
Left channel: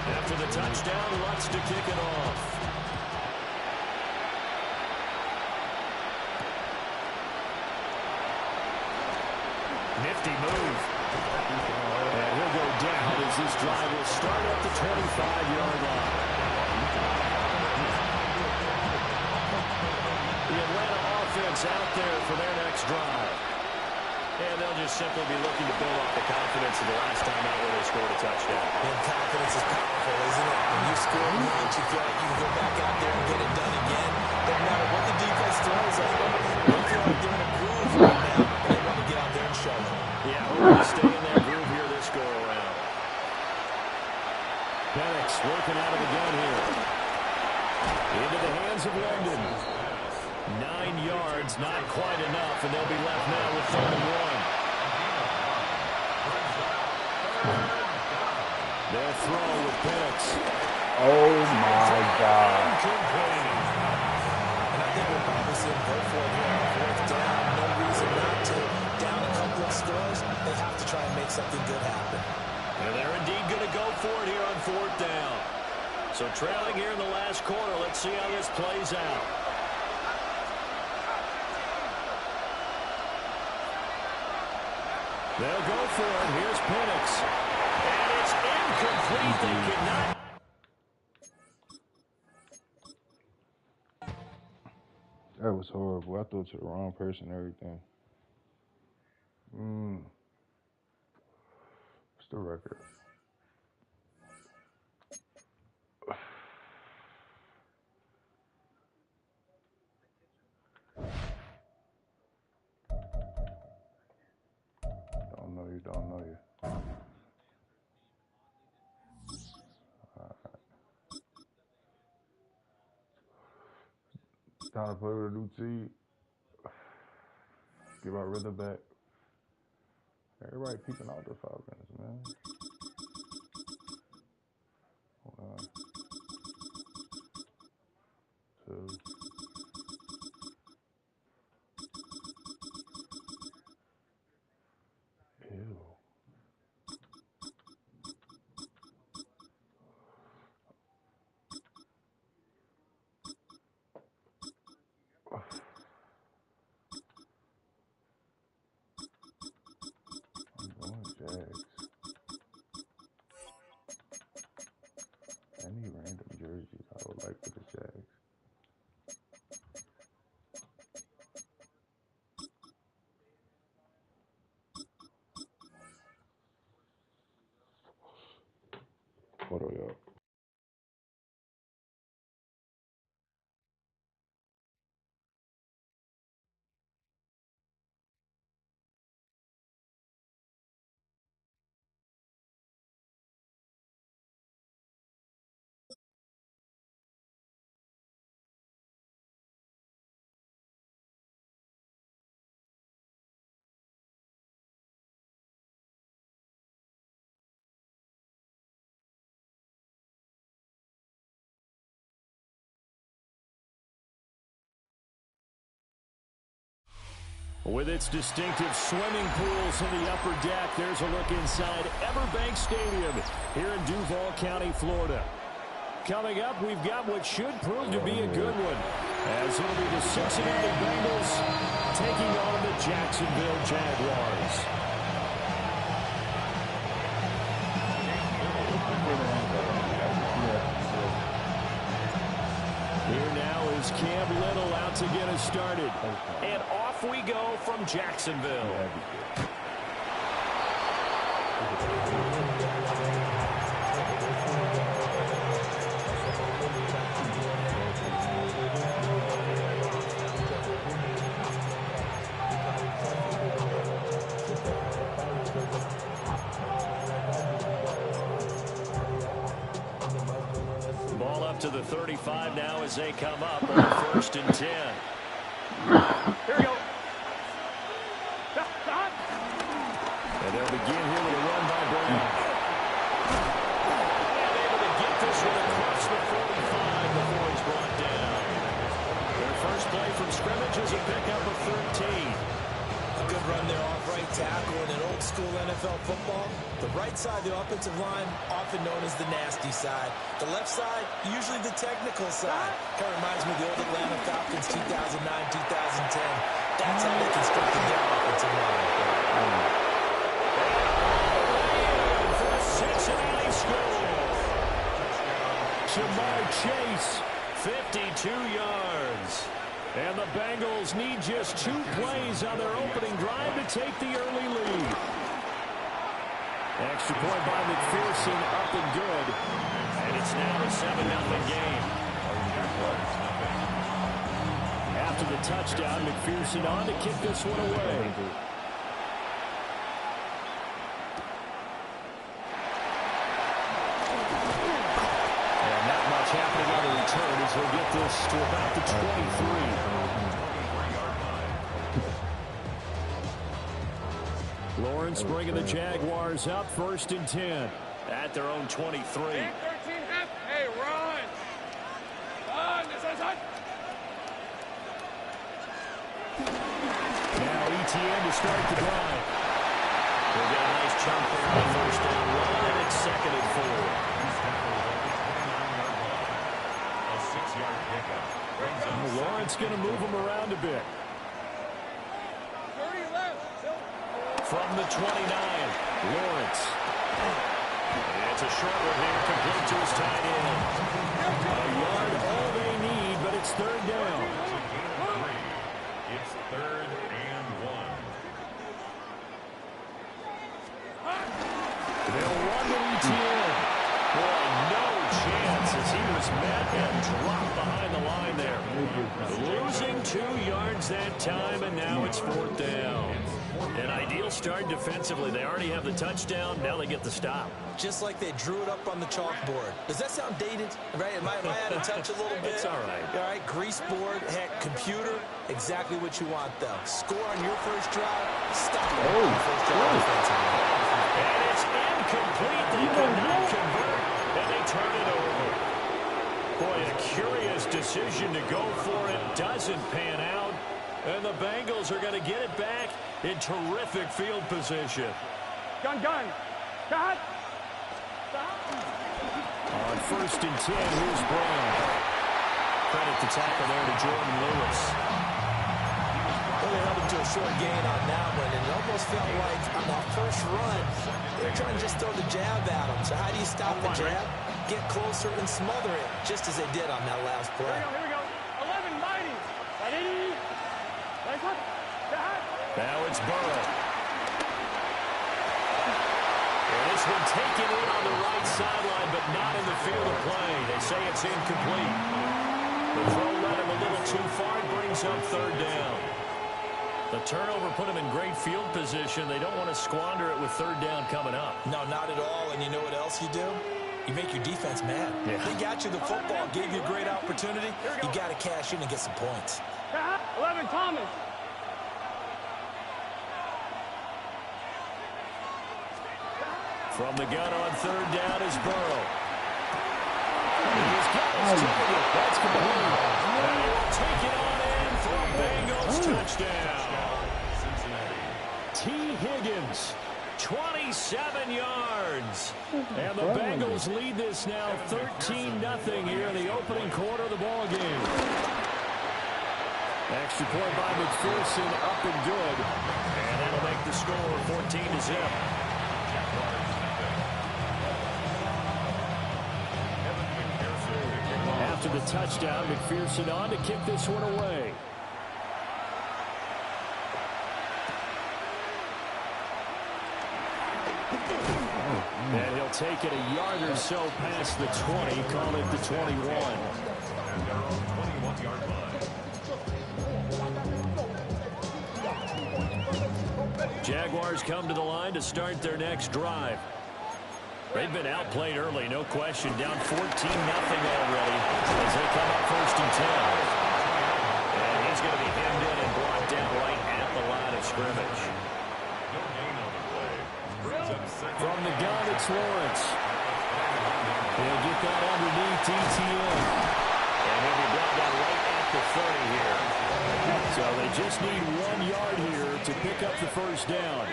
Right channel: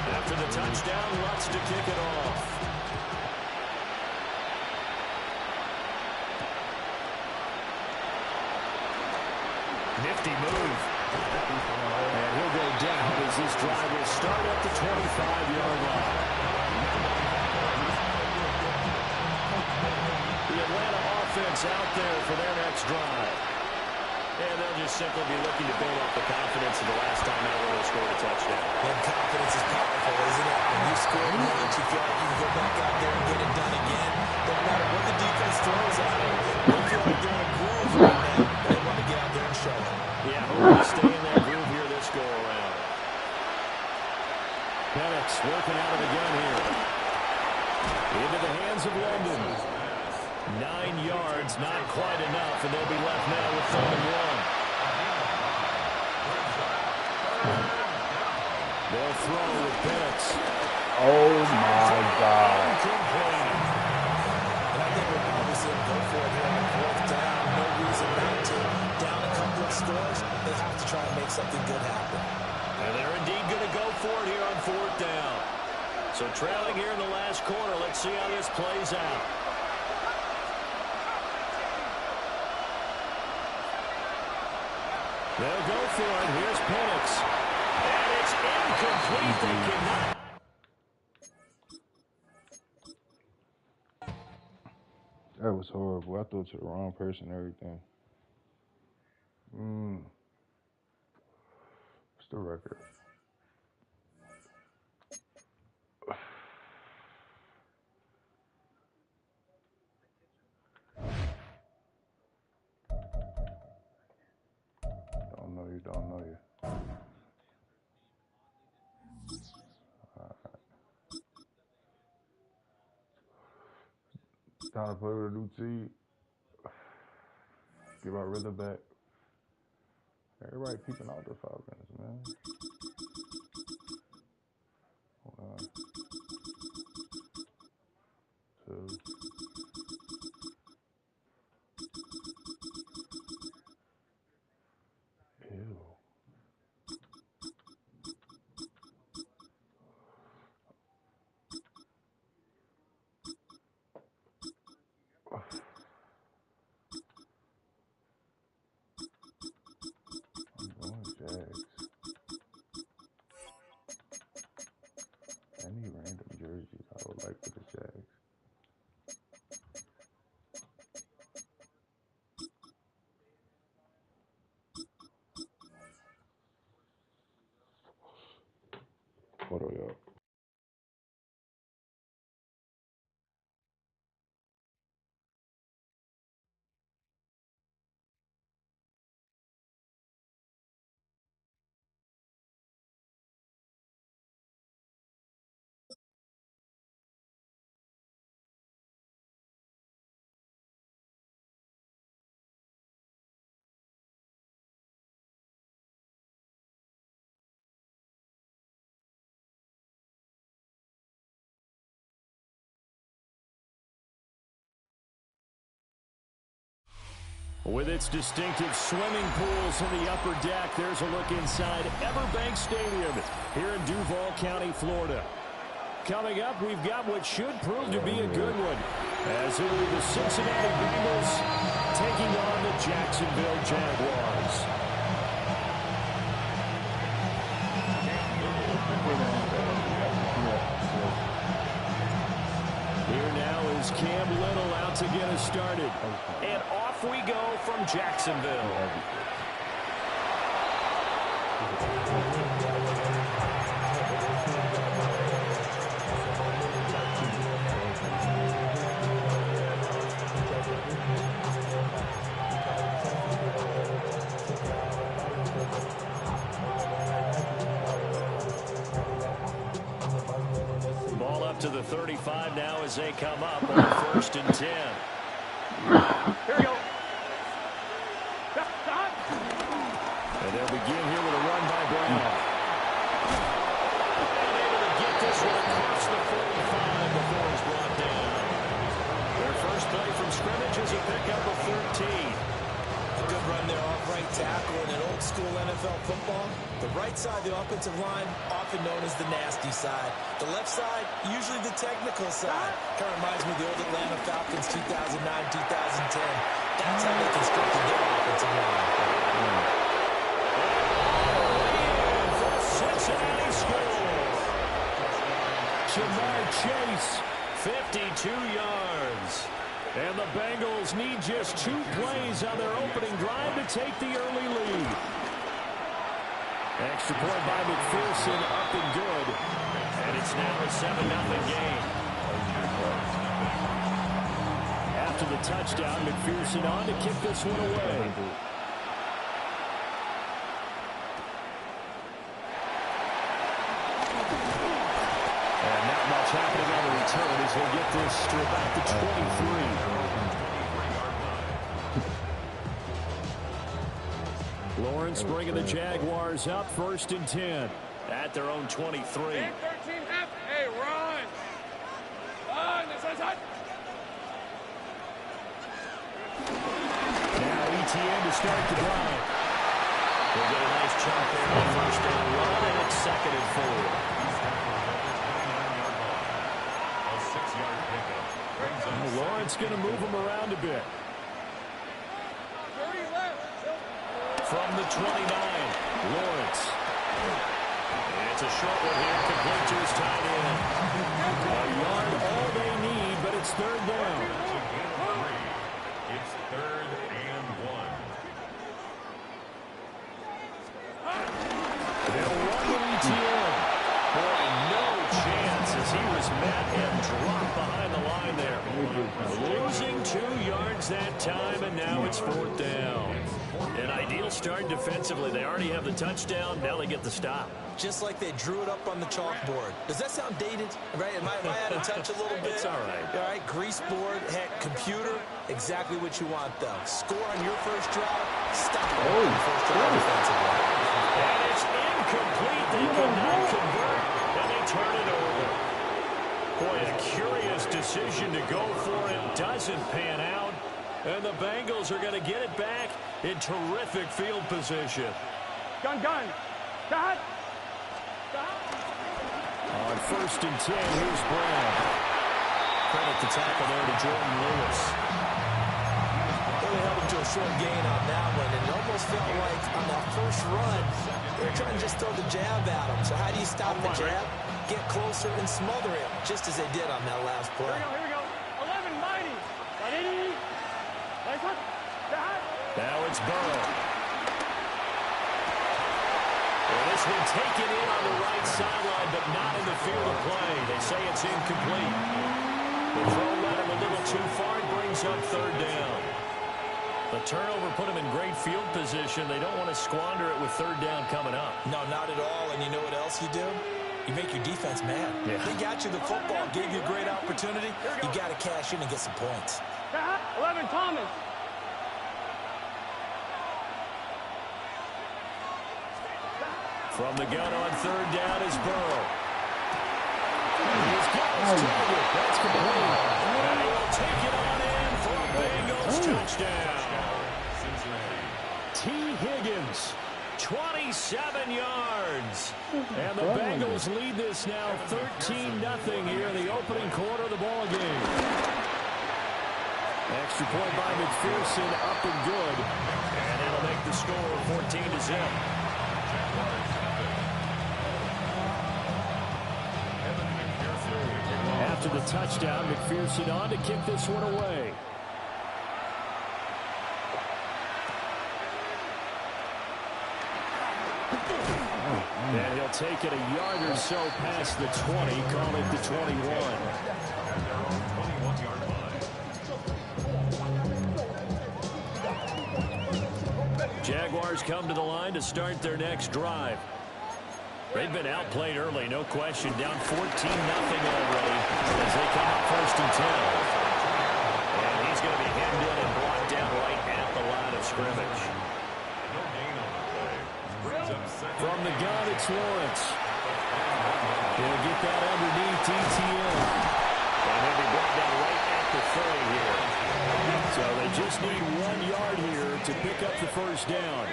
After the touchdown, Lutz to kick it off. Nifty move. And he'll go down as this drive will start at the 25-yard line. The Atlanta offense out there for their next drive. And they'll just simply be looking to build off the confidence of the last time out where they scored a touchdown. And confidence is powerful, isn't it? When you score once, you feel like you can go back out there and get it done again. Doesn't matter what the defense throws at them. They feel like they're in a groove right now, and they want to get out there and show it. Yeah, hopefully stay in that groove here this go-around. Penix working out of the gun here. Into the hands of London. 9 yards, not quite enough, and they'll be left now with 3rd and 1. They'll throw with Penix. Oh, my God. Incomplete. And I think we'll probably see them go for it here on 4th down. No reason not to. Down a couple of scores, they have to try and make something good happen. And they're indeed going to go for it here on 4th down. So trailing here in the last quarter, let's see how this plays out. They'll go for it. Here's Penix. And it's incomplete. They cannot. That was horrible. I threw it to the wrong person and everything. What's the record? Don't know you. Time to play with a new team. Get our rhythm back. Everybody peeping out the Falcons, man. Hold on. 2. Ew. I'm going Jags. Any random jerseys I would like for the Jags. Hold on, y'all. With its distinctive swimming pools in the upper deck, there's a look inside Everbank Stadium here in Duval County, Florida. Coming up, we've got what should prove to be a good one, as it'll be the Cincinnati Bengals taking on the Jacksonville Jaguars. Here now is Cam Little out to get us started. And off we go from Jacksonville. Ball up to the 35 now as they come up on 1st and 10. Here we go. And they'll begin here with a run by Brown. And able to get this one across the 45 before he's brought down. Their first play from scrimmage is a pickup of 13. A good run there off right tackle. In an old school NFL football, the right side of the offensive line, often known as the nasty side. The left side, usually the technical side. Kind of reminds me of the old Atlanta Falcons 2009, 2010. That's how they constructed their offensive line. And all the way in for a Cincinnati score. Jamar Chase, 52 yards. And the Bengals need just 2 plays on their opening drive to take the early lead. Extra point by McPherson, up and good. And it's now a 7-0 game. After the touchdown, McPherson on to kick this one away. And not much happening on the return as he'll get this to about the 23. Lawrence bringing the Jaguars up 1st and 10 at their own 23. 13 half. Hey, run. Run. Now ETN to start the drive. We'll get a nice chunk there on 1st down run, and it's 2nd and 4. He's tackled at the 29-yard line. A 6-yard pickup brings up Lawrence going to move him around a bit. 30 left. From the 29, Lawrence. It's a short one here, complete to his tight end. A yard, all they need, but it's 3rd down. It's 3rd and 1. They'll run to ETN. Boy, no chance as he was met and dropped behind the line there. Losing 2 yards that time, and now it's 4th down. An ideal start defensively. They already have the touchdown. Now they get the stop. Just like they drew it up on the chalkboard. Does that sound dated? Right? Am I out of touch a little bit? It's all right. All right, grease board, heck, computer, exactly what you want, though. Score on your first drive, stop it on your first drive defensively. And it's incomplete. They cannot convert, and they turn it over. Boy, a curious decision to go for it. Doesn't pan out. And the Bengals are going to get it back in terrific field position. Gun. Cut. On 1st and 10, here's Brown. Credit the tackle there to Jordan Lewis. Well, they held him to a short gain on that one, and it almost felt like on that first run, they were trying to just throw the jab at him. So how do you stop the jab? Get closer and smother it, just as they did on that last play. Here we go. 11, mighty. Now it's Burrow. And this one taken in on the right sideline, but not in the field of play. They say it's incomplete. The throw led him a little too far. It brings up 3rd down. The turnover put him in great field position. They don't want to squander it with 3rd down coming up. No, not at all. And you know what else you do? You make your defense mad. Yeah. They got you the football, gave you a great opportunity. You got to cash in and get some points. 11, Thomas. From the gun on 3rd down is Burrow. He's got his target. That's complete. And he will take it on in for a Bengals touchdown. Higgins. 27 yards. And the Bengals lead this now 13-0 here in the opening quarter of the ball game. Extra point by McPherson, up and good. And that'll make the score 14-0. After the touchdown, McPherson on to kick this one away. And he'll take it a yard or so past the 20, call it the 21. And they're on 21-yard line. Jaguars come to the line to start their next drive. They've been outplayed early, no question. Down 14-0 already as they come up 1st and 10. And he's going to be hemmed in and brought down right at the line of scrimmage. No gain on the play. From the gun, it's Lawrence. He'll get that underneath ETN. And he'll be brought down right at the 30 here. So they just need 1 yard here to pick up the first down.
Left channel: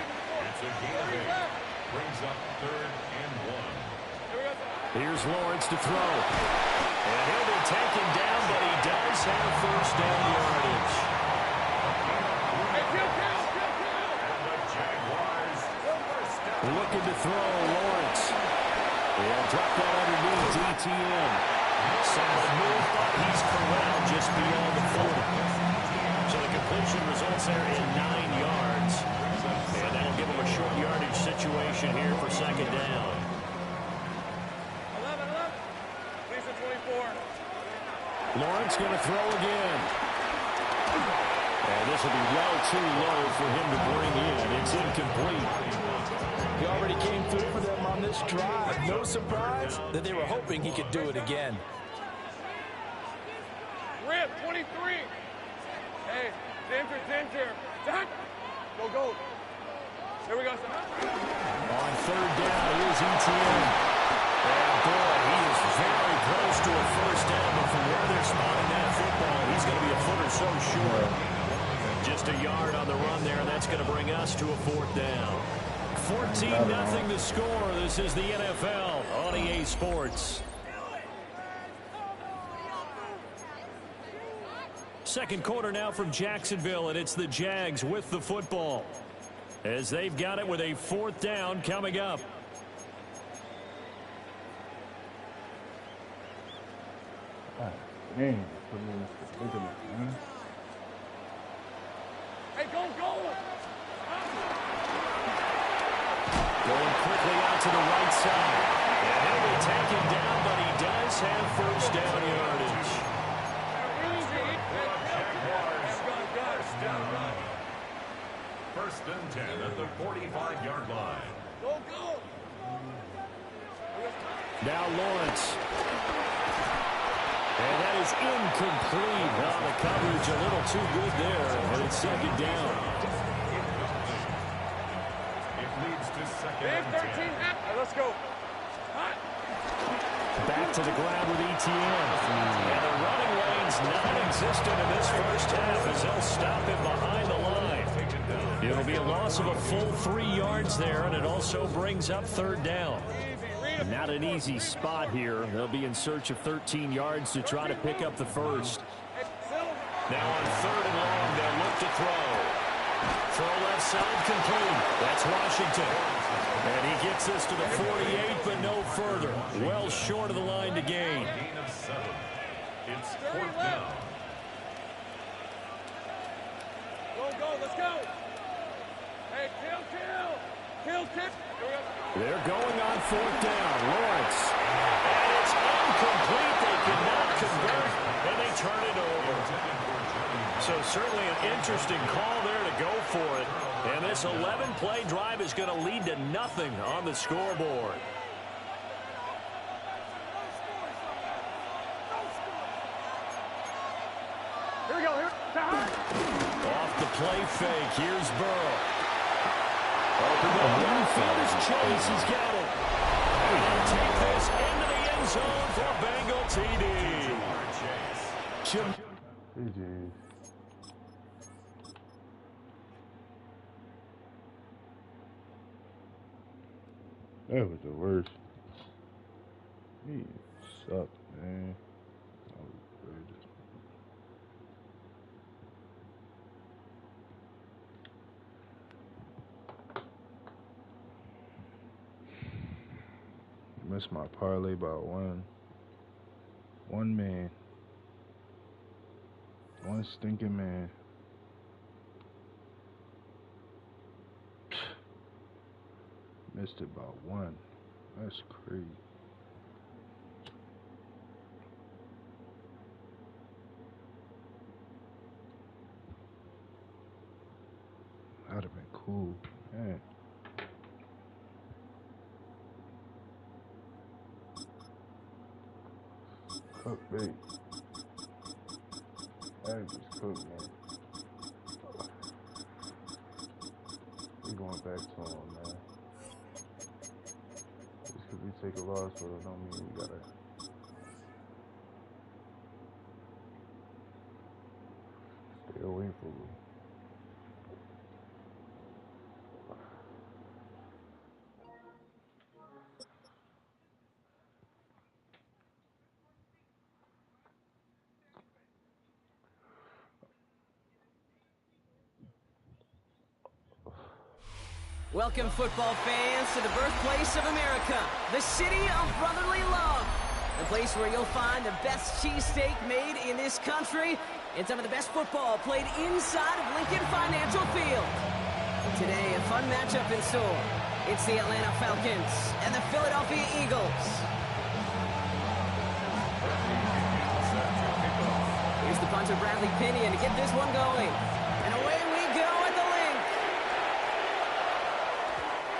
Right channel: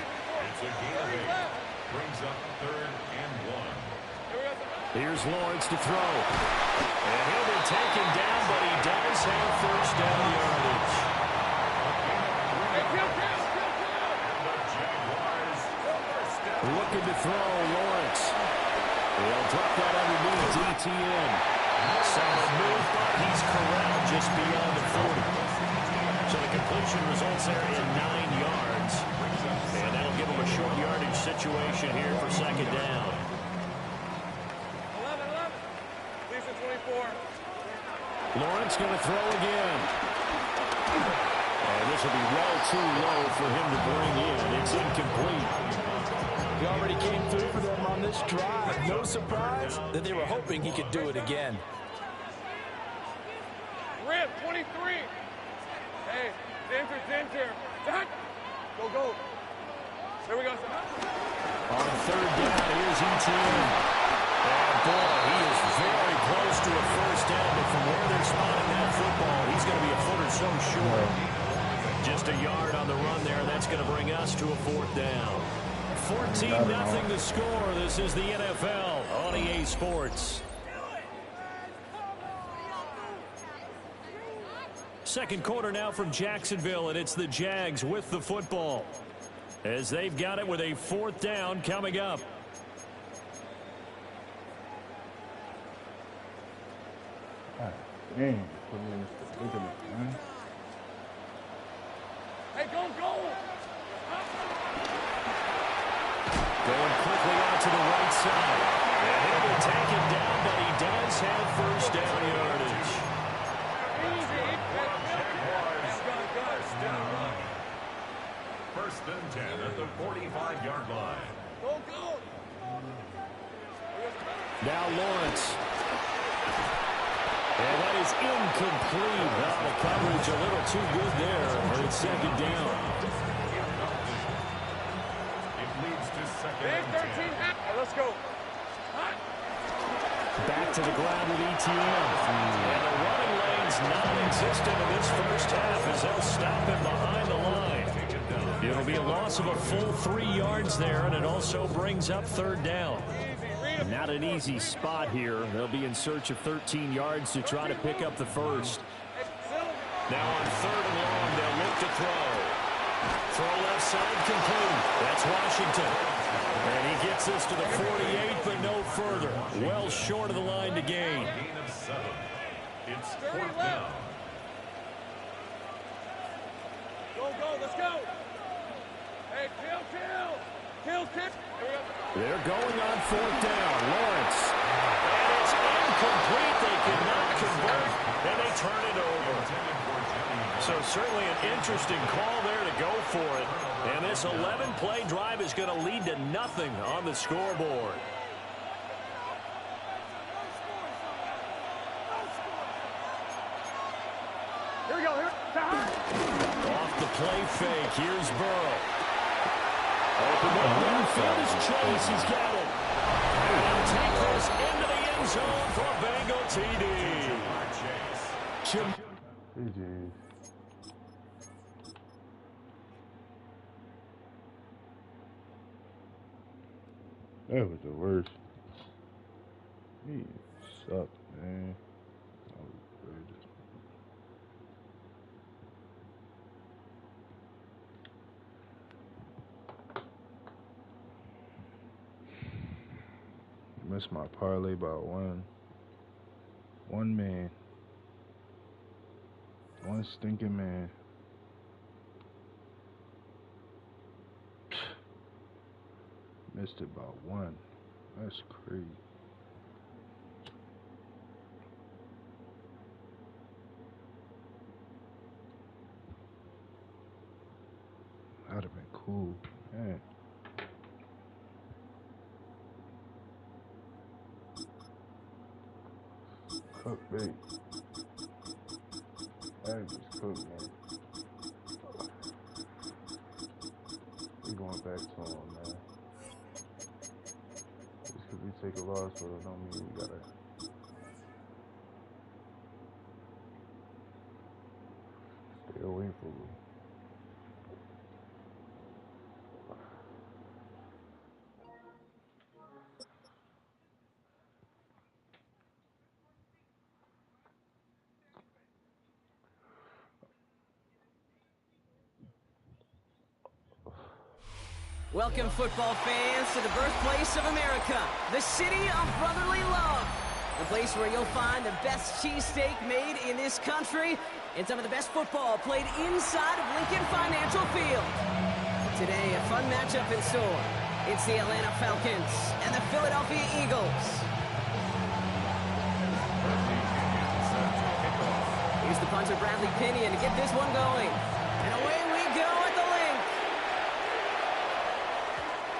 It's a gain of 8. Brings up 3rd and 1. Here's Lawrence to throw. And he'll be taken down, but he does have first down yardage. And the Jaguars first down. Looking to throw, Lawrence. He'll drop that underneath ETN. Solid move, but he's corralled just beyond the 40. So the completion results there in 9 yards. And that'll give him a short yardage situation here for second down. 11. Lisa 24. Lawrence going to throw again. And this will be well too low for him to bring in. It's incomplete. He already came through for them on this drive. No surprise that they were hoping he could do it again. Rip 23. Hey, center. Go. Here we go, son. On 3rd down, here's ETN. And boy, he is very close to a first down, but from where they're spotting that football, he's going to be a foot or so short. Just a yard on the run there. That's going to bring us to a 4th down. 14-0 the score. This is the NFL on EA Sports. Second quarter now from Jacksonville, and it's the Jags with the football as they've got it with a 4th down coming up. God dang, put me in this predicament, man. Hey, go. Going quickly out to the right side. And he'll be taken down, but he does have first down yardage. First down. 1st and 10 at the 45-yard line. Go. Now Lawrence. And that is incomplete. Oh, the coverage a little too good there, and it's second down. It leads to 2nd Big and 13. 10. Let's go. Back to the ground with ETN. And the running lane's non-existent in this first half as they'll stop him behind the line. It'll be a loss of a full 3 yards there, and it also brings up 3rd down. Not an easy spot here. They'll be in search of 13 yards to try to pick up the first. Now on 3rd and long, they'll look to throw. Throw left side complete. That's Washington. And he gets this to the 48, but no further. Well short of the line to gain. Gain of 7. It's 4th down. Go. Let's go. Hey, kill. They're going on 4th down. Lawrence. And it's incomplete. They cannot convert, and they turn it over. So certainly an interesting call there to go for it. And this 11-play drive is going to lead to nothing on the scoreboard. Here we go. Off the play fake. Here's Burrow. Open up downfield is Chase. He's got it. And he'll take this into the end zone for a Bengal TD. GG's. That was the worst. He sucked, man. That was crazy. Missed my parlay by one man. One stinking man. Missed it by one. That's crazy. That'd have been cool, man. Cook bait. That just cooked, man. We going back to him, man. Just because we take a loss, but it don't mean we gotta stay away from it. Welcome, football fans, to the birthplace of America, the city of brotherly love. The place where you'll find the best cheesesteak made in this country and some of the best football played inside of Lincoln Financial Field. Today, a fun matchup in store. It's the Atlanta Falcons and the Philadelphia Eagles. Here's the punter, Bradley Pinion, to get this one going. And away we go at the link.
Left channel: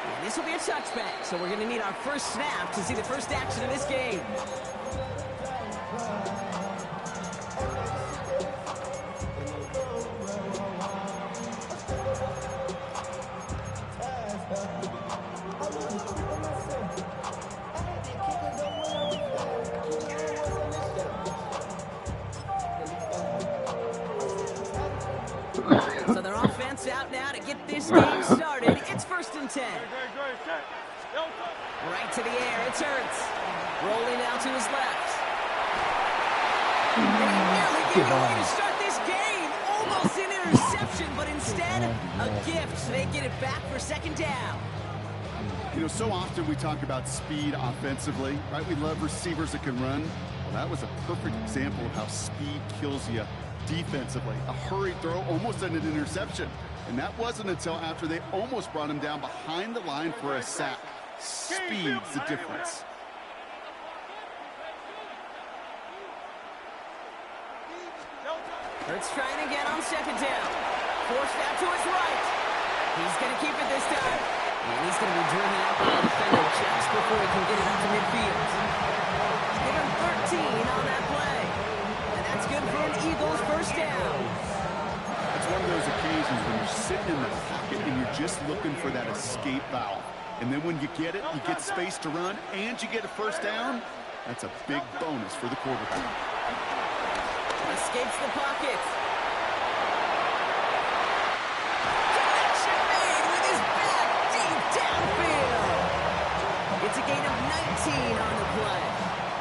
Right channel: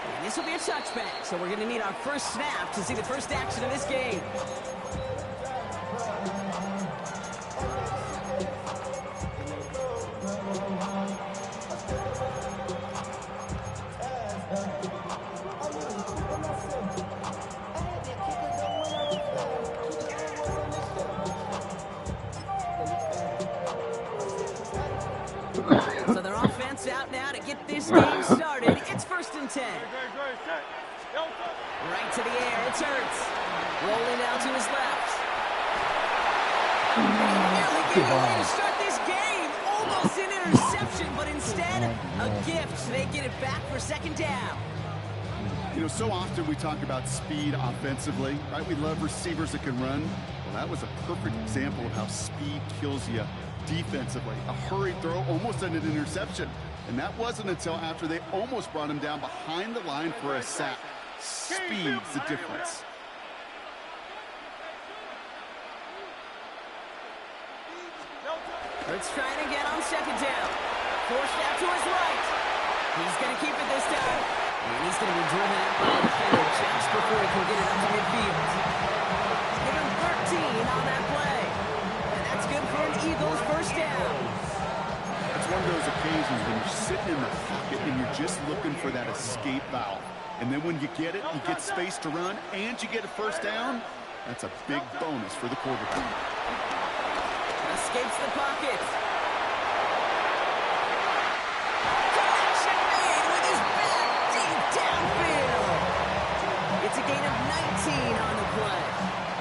And this will be a touchback, so we're going to need our first snap to see the first action of this game. So their offense out now to get this game started. It's 1st and 10. Right to the air, it's Hurts. Rolling out to his left. They nearly gave it away to start this game. Almost an interception, but instead, a gift. They get it back for 2nd down. You know, so often we talk about speed offensively, right? We love receivers that can run. Well, that was a perfect example of how speed kills you defensively. A hurried throw, almost an interception. And that wasn't until after they almost brought him down behind the line for a sack. Speed's the difference. Hurts trying to get on 2nd down. Forced out to his right. He's going to keep it this time. And he's going to be driven out by the defender just before he can get it up to midfield. Give him 13 on that play. And that's good for an Eagles 1st down. It's one of those occasions when you're sitting in the pocket and you're just looking for that escape valve. And then when you get it, you get space to run, and you get a 1st down. That's a big bonus for the quarterback. Escapes the pocket. Connection made with his back deep downfield. It's a gain of 19 on the play.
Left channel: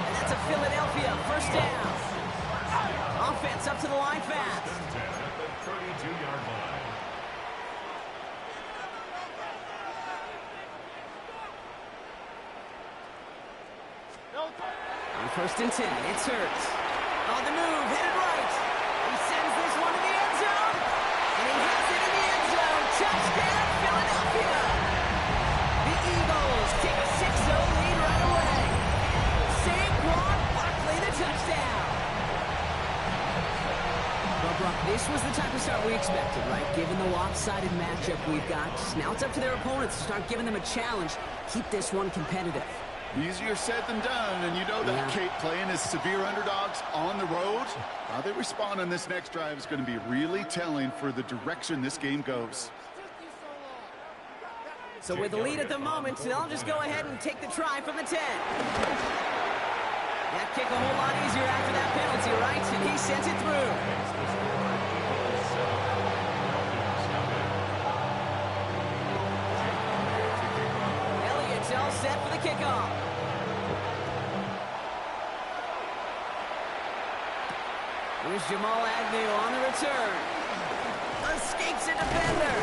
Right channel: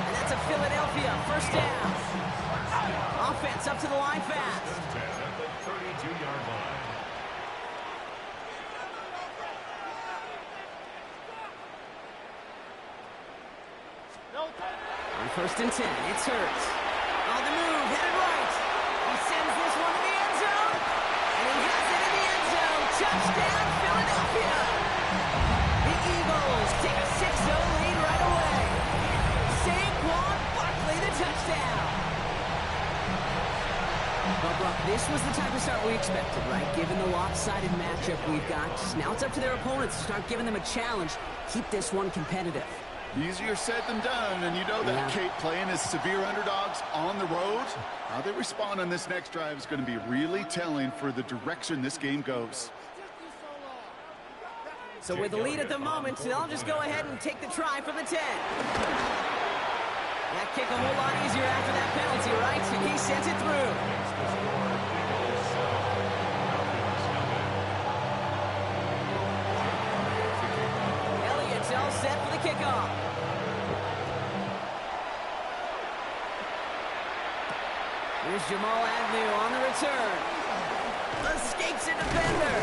And that's a Philadelphia 1st down. Offense up to the line fast. 10 at the 32-yard line. On 1st and 10, it's Hurts. On the move, headed right. He sends this one to the end zone. And he has it in the end zone. Touchdown, Philadelphia. The Eagles take a 6-0 lead right away. Saquon Barkley, the touchdown. Well, Brock, this was the type of start we expected, right? Given the lopsided matchup we've got. Now it's up to their opponents to start giving them a challenge. Keep this one competitive. Easier said than done, and you know that, Kate, playing as severe underdogs on the road. How they respond on this next drive is going to be really telling for the direction this game goes. So with the lead at the moment, they'll just go ahead and take the try from the 10. That kick a whole lot easier after that penalty, right? And he sends it through. Elliott's all set for off. Here's Jamal Agnew on the return. Escapes a defender.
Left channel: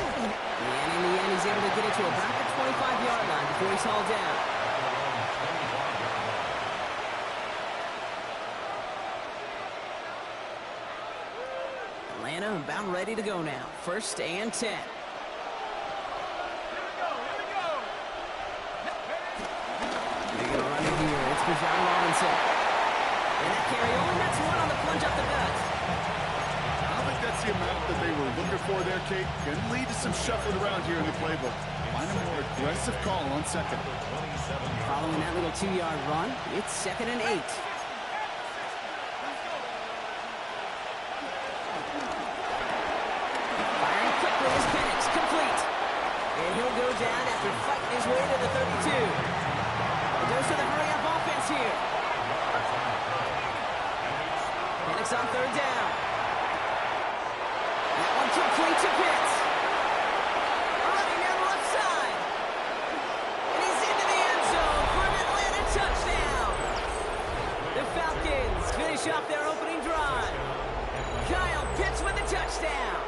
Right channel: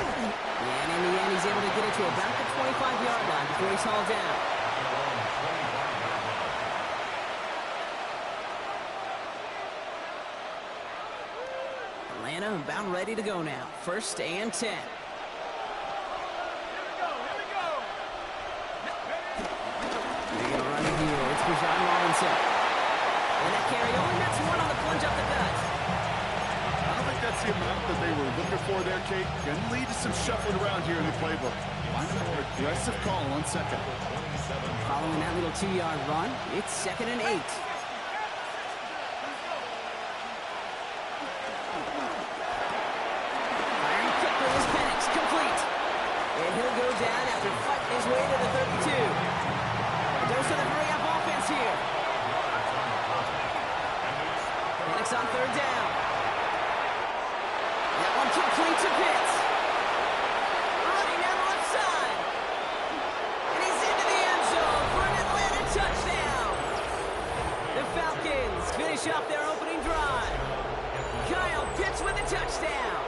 And in the end, he's able to get it to about the 25-yard line before he's hauled down. Atlanta about ready to go now. 1st and 10. They're going to run it here. It's Bijan Robinson. And that carry only nets one on the plunge up the gut. I don't think that's the amount that they were looking for there, Kate. Going to lead to some shuffling around here in the playbook. Find a more aggressive call on 2nd. Following that little 2-yard run, it's 2nd and 8. Firing quickly is Penix, complete. And he'll go down after fighting his way to the 32. A dose of the hurry-up offense here. Penix on 3rd down. That one complete to Pitts. Running down the left side. And he's into the end zone for an Atlanta touchdown. The Falcons finish off their opening drive. Kyle Pitts with a touchdown.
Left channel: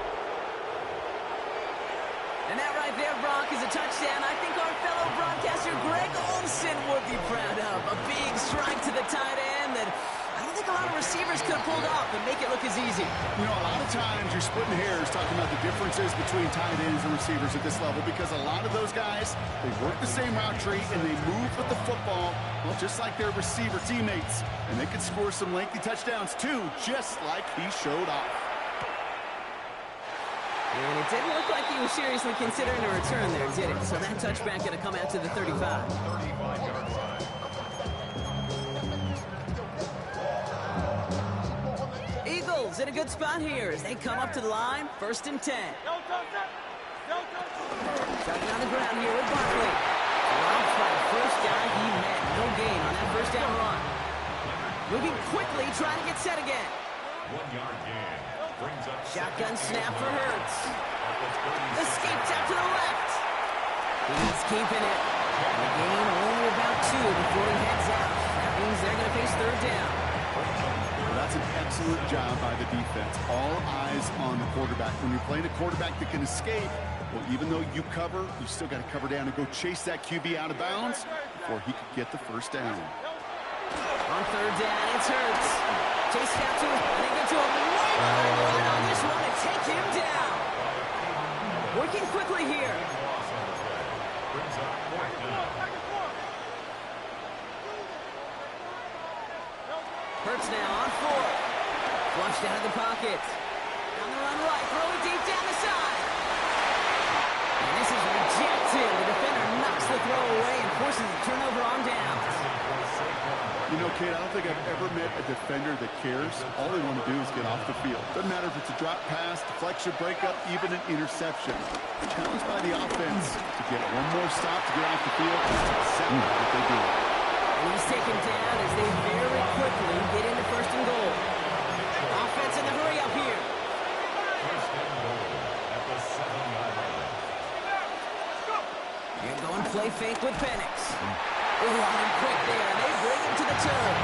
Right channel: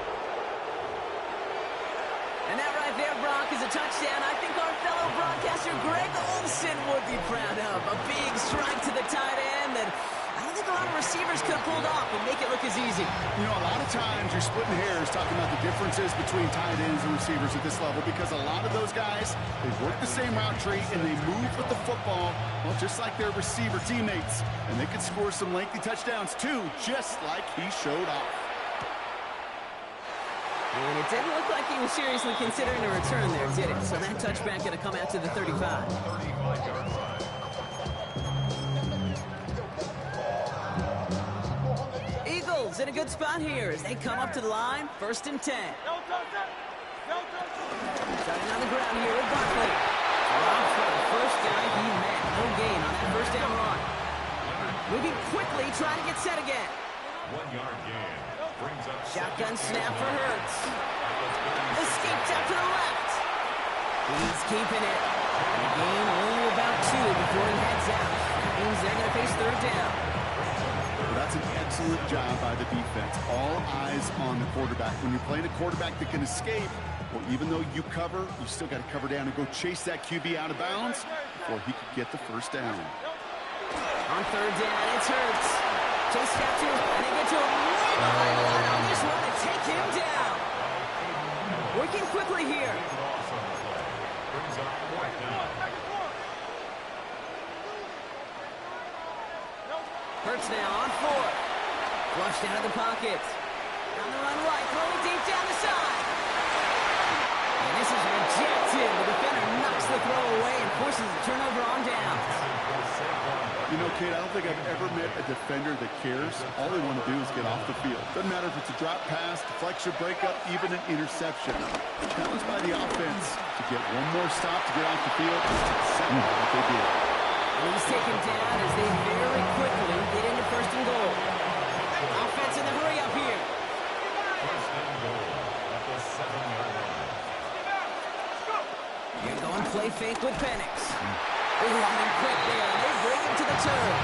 And that right there, Brock, is a touchdown I think our fellow broadcaster Greg Olsen would be proud of. A big strike to the tight end that I don't think a lot of receivers could have pulled off and make it look as easy. You know, a lot of times you're splitting hairs talking about the differences between tight ends and receivers at this level because a lot of those guys, they work the same route tree and they move with the football, well, just like their receiver teammates. And they can score some lengthy touchdowns too, just like he showed off. And it didn't look like he was seriously considering a return there, did it? So that touchback going to come out to the 35. 35-yard line. Eagles in a good spot here as they come up to the line. 1st and 10. Starting on the ground here with Barkley. Dropped by the first guy he met. No gain on that 1st down run. Moving quickly, trying to get set again. 1-yard gain. Brings up Shotgun snap for Hurts. Escapes out to the left. He's keeping it. And a gain only about 2 before he heads out. That means they're going to face 3rd down. Well, that's an excellent job by the defense. All eyes on the quarterback. When you're playing a quarterback that can escape, well, even though you cover, you still got to cover down and go chase that QB out of bounds before he could get the 1st down. On 3rd down, it's Hurts. Chase out to him, and they get to him way behind the line on this one and take him down. Working quickly here. Brings up 4th down. Hurts now on 4th. Flushed out of the pocket. Down the run right, throwing deep down the side. And this is rejected. The defender knocks the throw away and forces a turnover on downs. You know, Kate, I don't think I've ever met a defender that cares. All they want to do is get off the field. Doesn't matter if it's a drop pass, deflection, breakup, even an interception. Challenged by the offense to get one more stop to get off the field. That's exactly what they do. And he's taken down as they very quickly get into 1st and goal. Offense in the hurry up here. 1st and goal at the 7-yard line. You're going play fake with Penix. Running quick there. They bring him to the turn.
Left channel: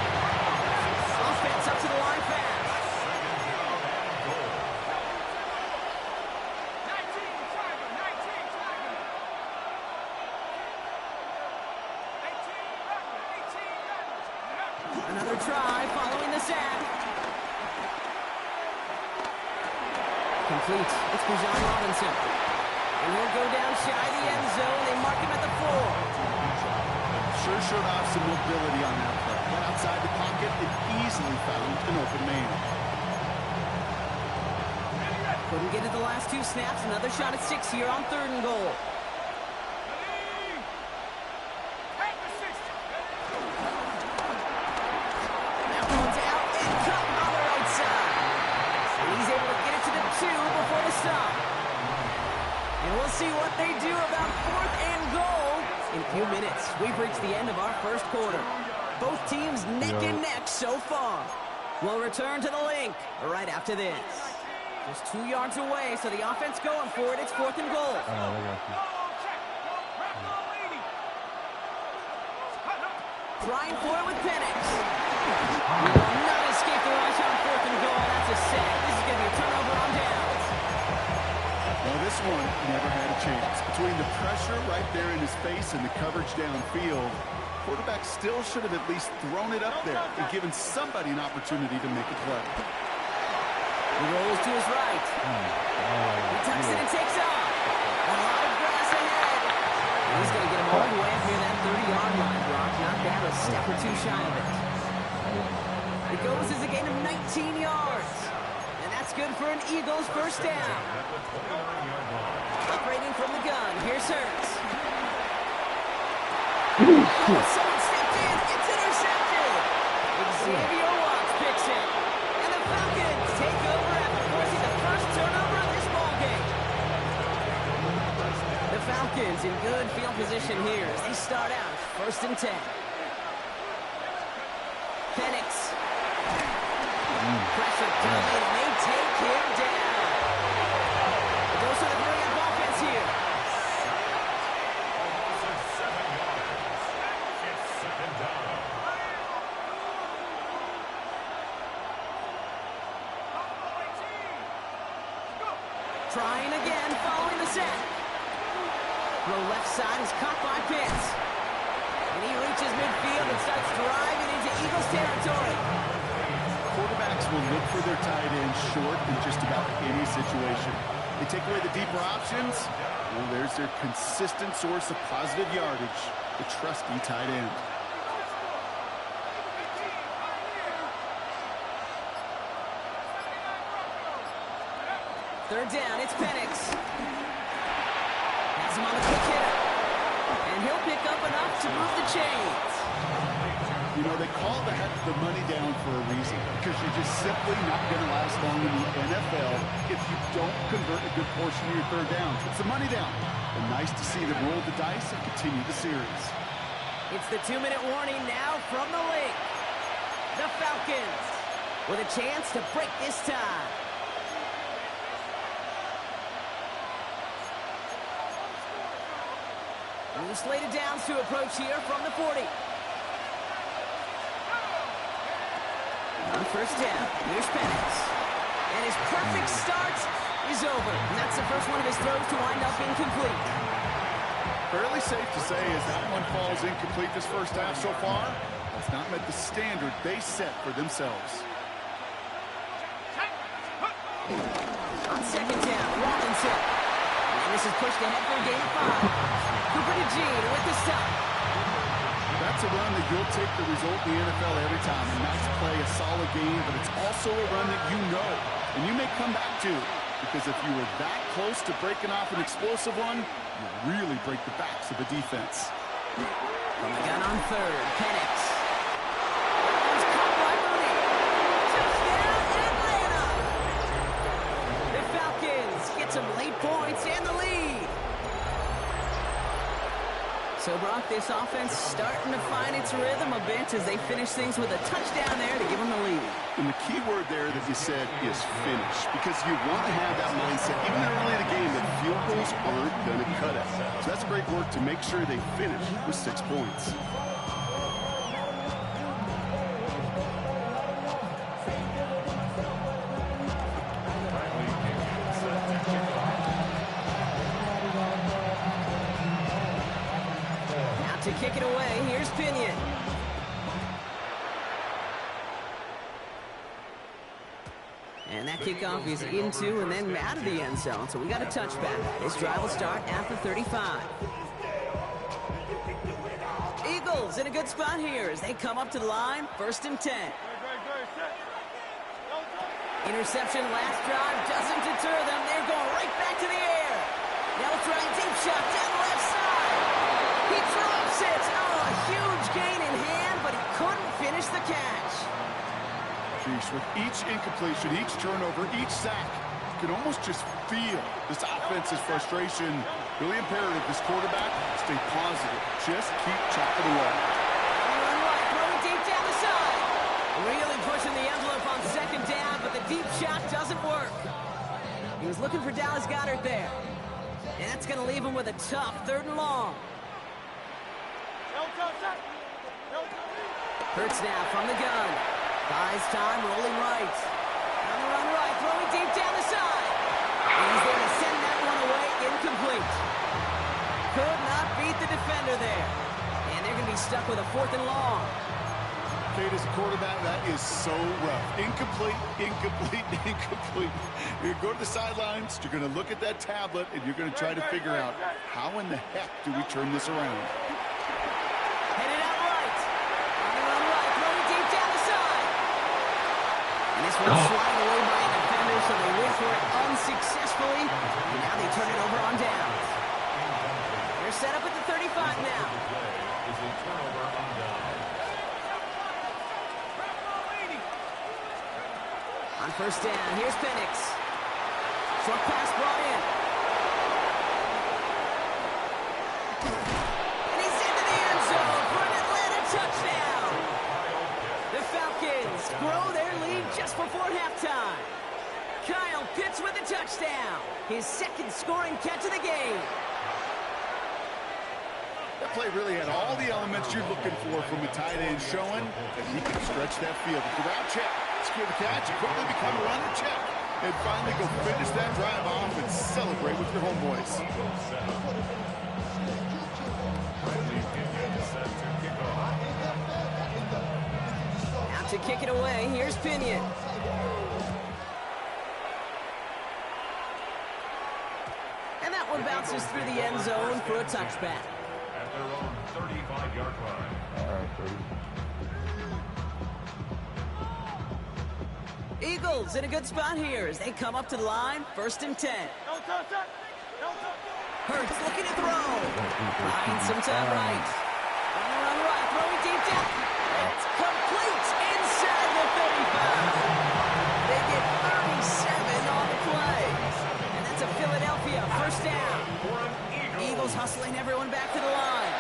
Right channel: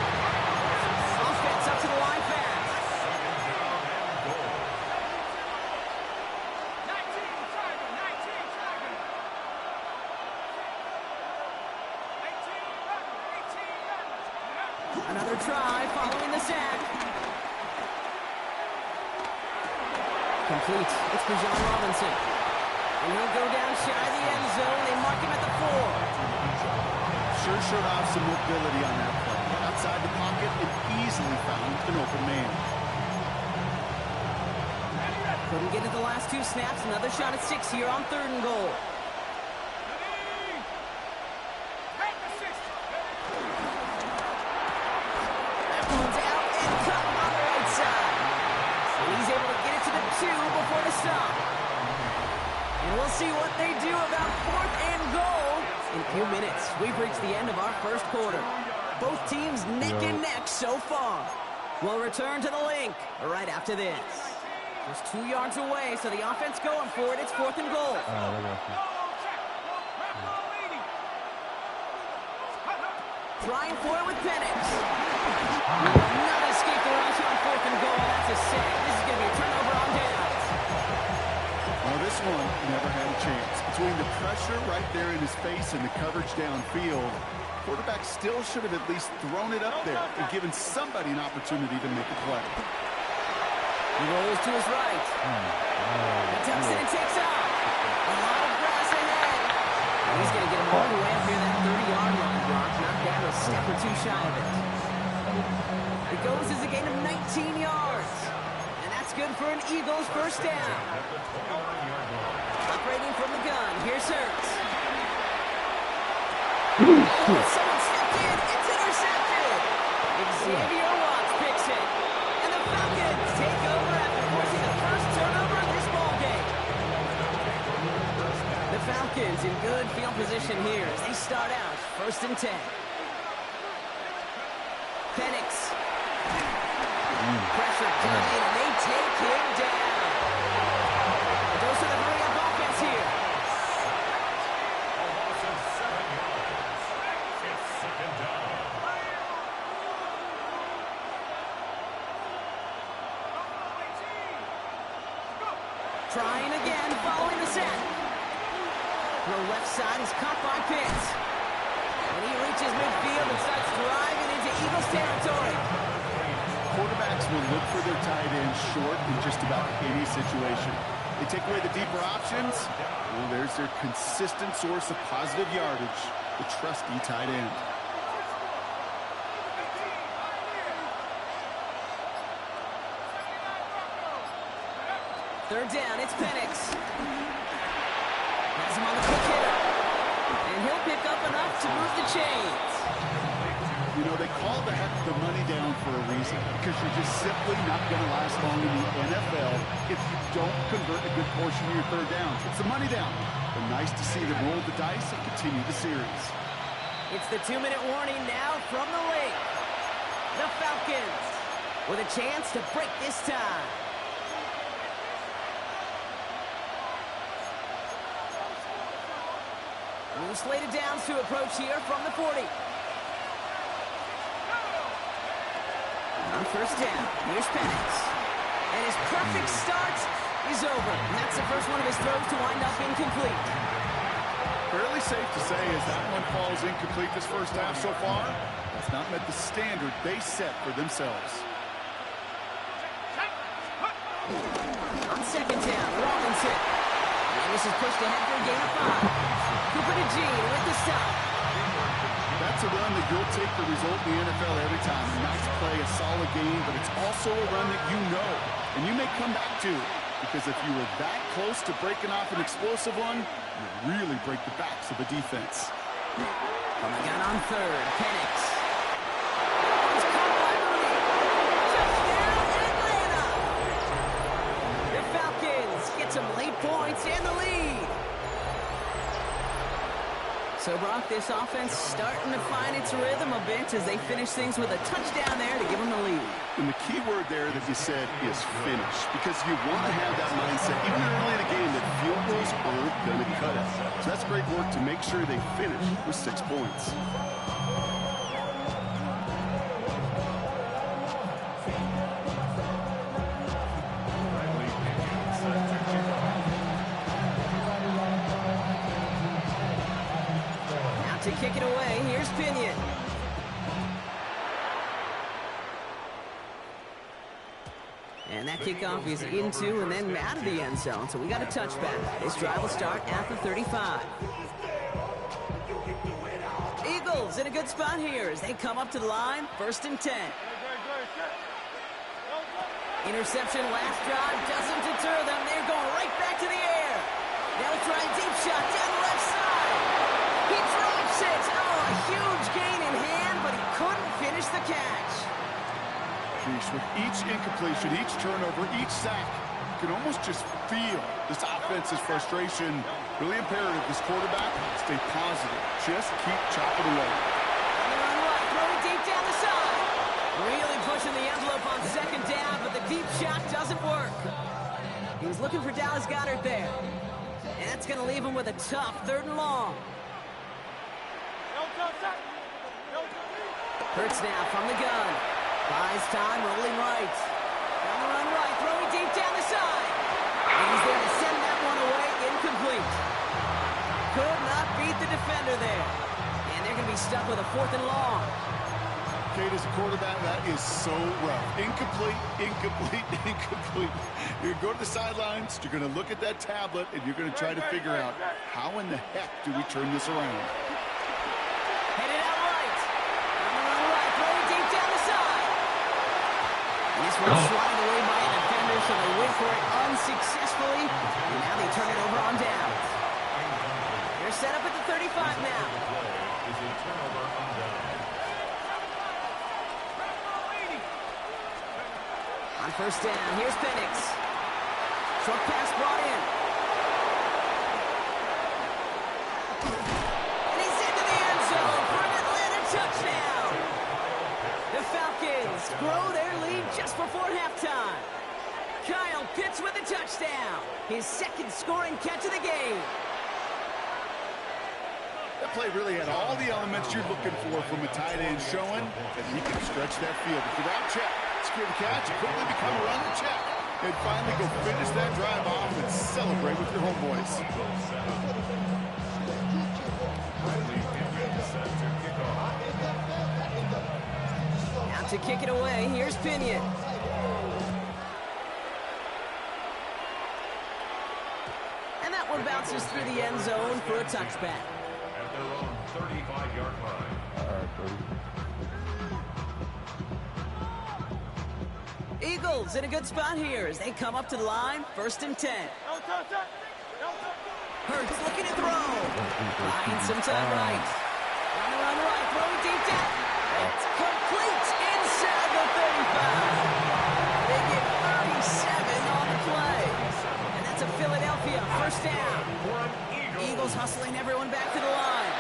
Offense up to the line fast. 2nd down and goal. 19 Tiger, 19 Tiger. 18 Tiger, 18 Tiger. Another try following the sack. Complete. It's Bijan Robinson. And he'll go down shy of the end zone. They mark him at the 4. Sure showed off some mobility on that play. Got outside the pocket and easily found an open man. Couldn't get it the last 2 snaps. Another shot at 6 here on 3rd and goal. That one's out and cut on the right side. And he's able to get it to the 2 before the stop. And we'll see what they do about 4th and goal. In a few minutes, we've reached the end of our 1st quarter. Both teams neck and neck so far. We'll return to the link right after this. Just 2 yards away, so the offense going for it. It's 4th and goal. Oh, trying for it with Penix. He will not escape the rush on 4th and goal. That's a sack. This is going to be a turnover on downs. Well, this one never had a chance. Between the pressure right there in his face and the coverage downfield, quarterback still should have at least thrown it up there and given somebody an opportunity to make a play. He rolls to his right. He tucks it and takes off. A lot of grass ahead. And he's going to get him all the way up near that 30-yard line, Brock. Not that a step or two shy of it. It goes as a gain of 19 yards. And that's good for an Eagles first down. Operating from the gun. Here's Hurts. Oh, someone stepped in. It's intercepted. Xavier Watts picks it. And the Falcons take over after forcing the first turnover of this ballgame. The Falcons in good field position here as they start out 1st and 10. Penix. Pressure coming, and they take him down. A dose of the hurry-up offense here. A loss of 7 yards. It's 2nd down. Trying again, following the sack. Throw left side is caught by Pitts. And he reaches midfield and starts driving into Eagles territory. Quarterbacks will look for their tight end short in just about any situation. They take away the deeper options. Well, there's their consistent source of positive yardage, the trusty tight end. Third down, it's Penix. Has him on the quick hitter. And he'll pick up enough to move the chains. You know, they call that the money down for a reason, because you're just simply not going to last long in the NFL if you don't convert a good portion of your third downs. It's the money down. But nice to see them roll the dice and continue the series. It's the 2-minute warning now from the lake. The Falcons with a chance to break this tie. New slated downs to approach here from the 40. On 1st down, here's Penix. And his perfect start is over. And that's the first one of his throws to wind up incomplete. Fairly safe to say as that one falls incomplete this first half so far, that's not met the standard they set for themselves. On 2nd down, Robinson. And this is pushed ahead for a gain of 5. Cooper to Gene with the stop. That's a run that you'll take the result in the NFL every time. A nice play, a solid game, but it's also a run that you know, and you may come back to. Because if you were that close to breaking off an explosive one, you really break the backs of a defense. From the gun on 3rd, Penix. That one's caught by Mooney. Touchdown, Atlanta! The Falcons get some late points and the lead. So, Brock, this offense starting to find its rhythm a bit as they finish things with a touchdown there to give them the lead. And the key word there that you said is finish, because you want to have that mindset, even early in the game, that field goals aren't going to cut it. So that's great work to make sure they finish with 6 points. To kick it away, here's Pinion. And that kickoff is into and then out of the end zone, so we got a touchback. This drive will start at the 35. Eagles in a good spot here as they come up to the line, 1st and 10. Interception last drive doesn't deter them. They're going right back to the air. They'll try a deep shot down the left side. He drops it. Oh, a huge gain in hand, but he couldn't finish the catch. Jeez, with each incompletion, each turnover, each sack, you can almost just feel this offense's frustration. Really imperative, this quarterback, stay positive. Just keep chopping away. On the run right, throwing deep down the side. Really pushing the envelope on 2nd down, but the deep shot doesn't work. He was looking for Dallas Goedert there. And that's going to leave him with a tough 3rd and long. Hurts now from the gun. Buys time, rolling right. On the run right, throwing deep down the side. He's there to send that one away, incomplete. Could not beat the defender there. And they're going to be stuck with a 4th and long. Kate, as a quarterback, that is so rough. Incomplete, incomplete, incomplete. You're going to go to the sidelines, you're going to look at that tablet, and you're going to try to figure out how in the heck do we turn this around. Headed out right. On the run right, throwing deep down the side. And this one's sliding away by a defender, so they wait for it unsuccessfully. And now they turn it over on downs. They're set up at the 35 now. Is a turnover on down. On first down, here's Penix. Short pass brought in. And he's into the end zone for an Atlanta touchdown. The Falcons grow their lead just before halftime. Kyle Pitts with a touchdown. His 2nd scoring catch of the game. That play really had all the elements you're looking for from a tight end, showing that he can stretch that field. With the route check, secure the catch, and quickly become a runner check. And finally go finish that drive off and celebrate with your homeboys. Out to kick it away, here's Pinion. And that one bounces through the end zone for a touchback. At their own 35-yard line. All right, buddy. Eagles in a good spot here as they come up to the line, 1st and 10. Hurts looking to throw. Buying some time right. On the run right, throwing deep down. It's complete inside the 35. They get 37 on the play. And that's a Philadelphia 1st down. For an Eagles hustling everyone back to the line.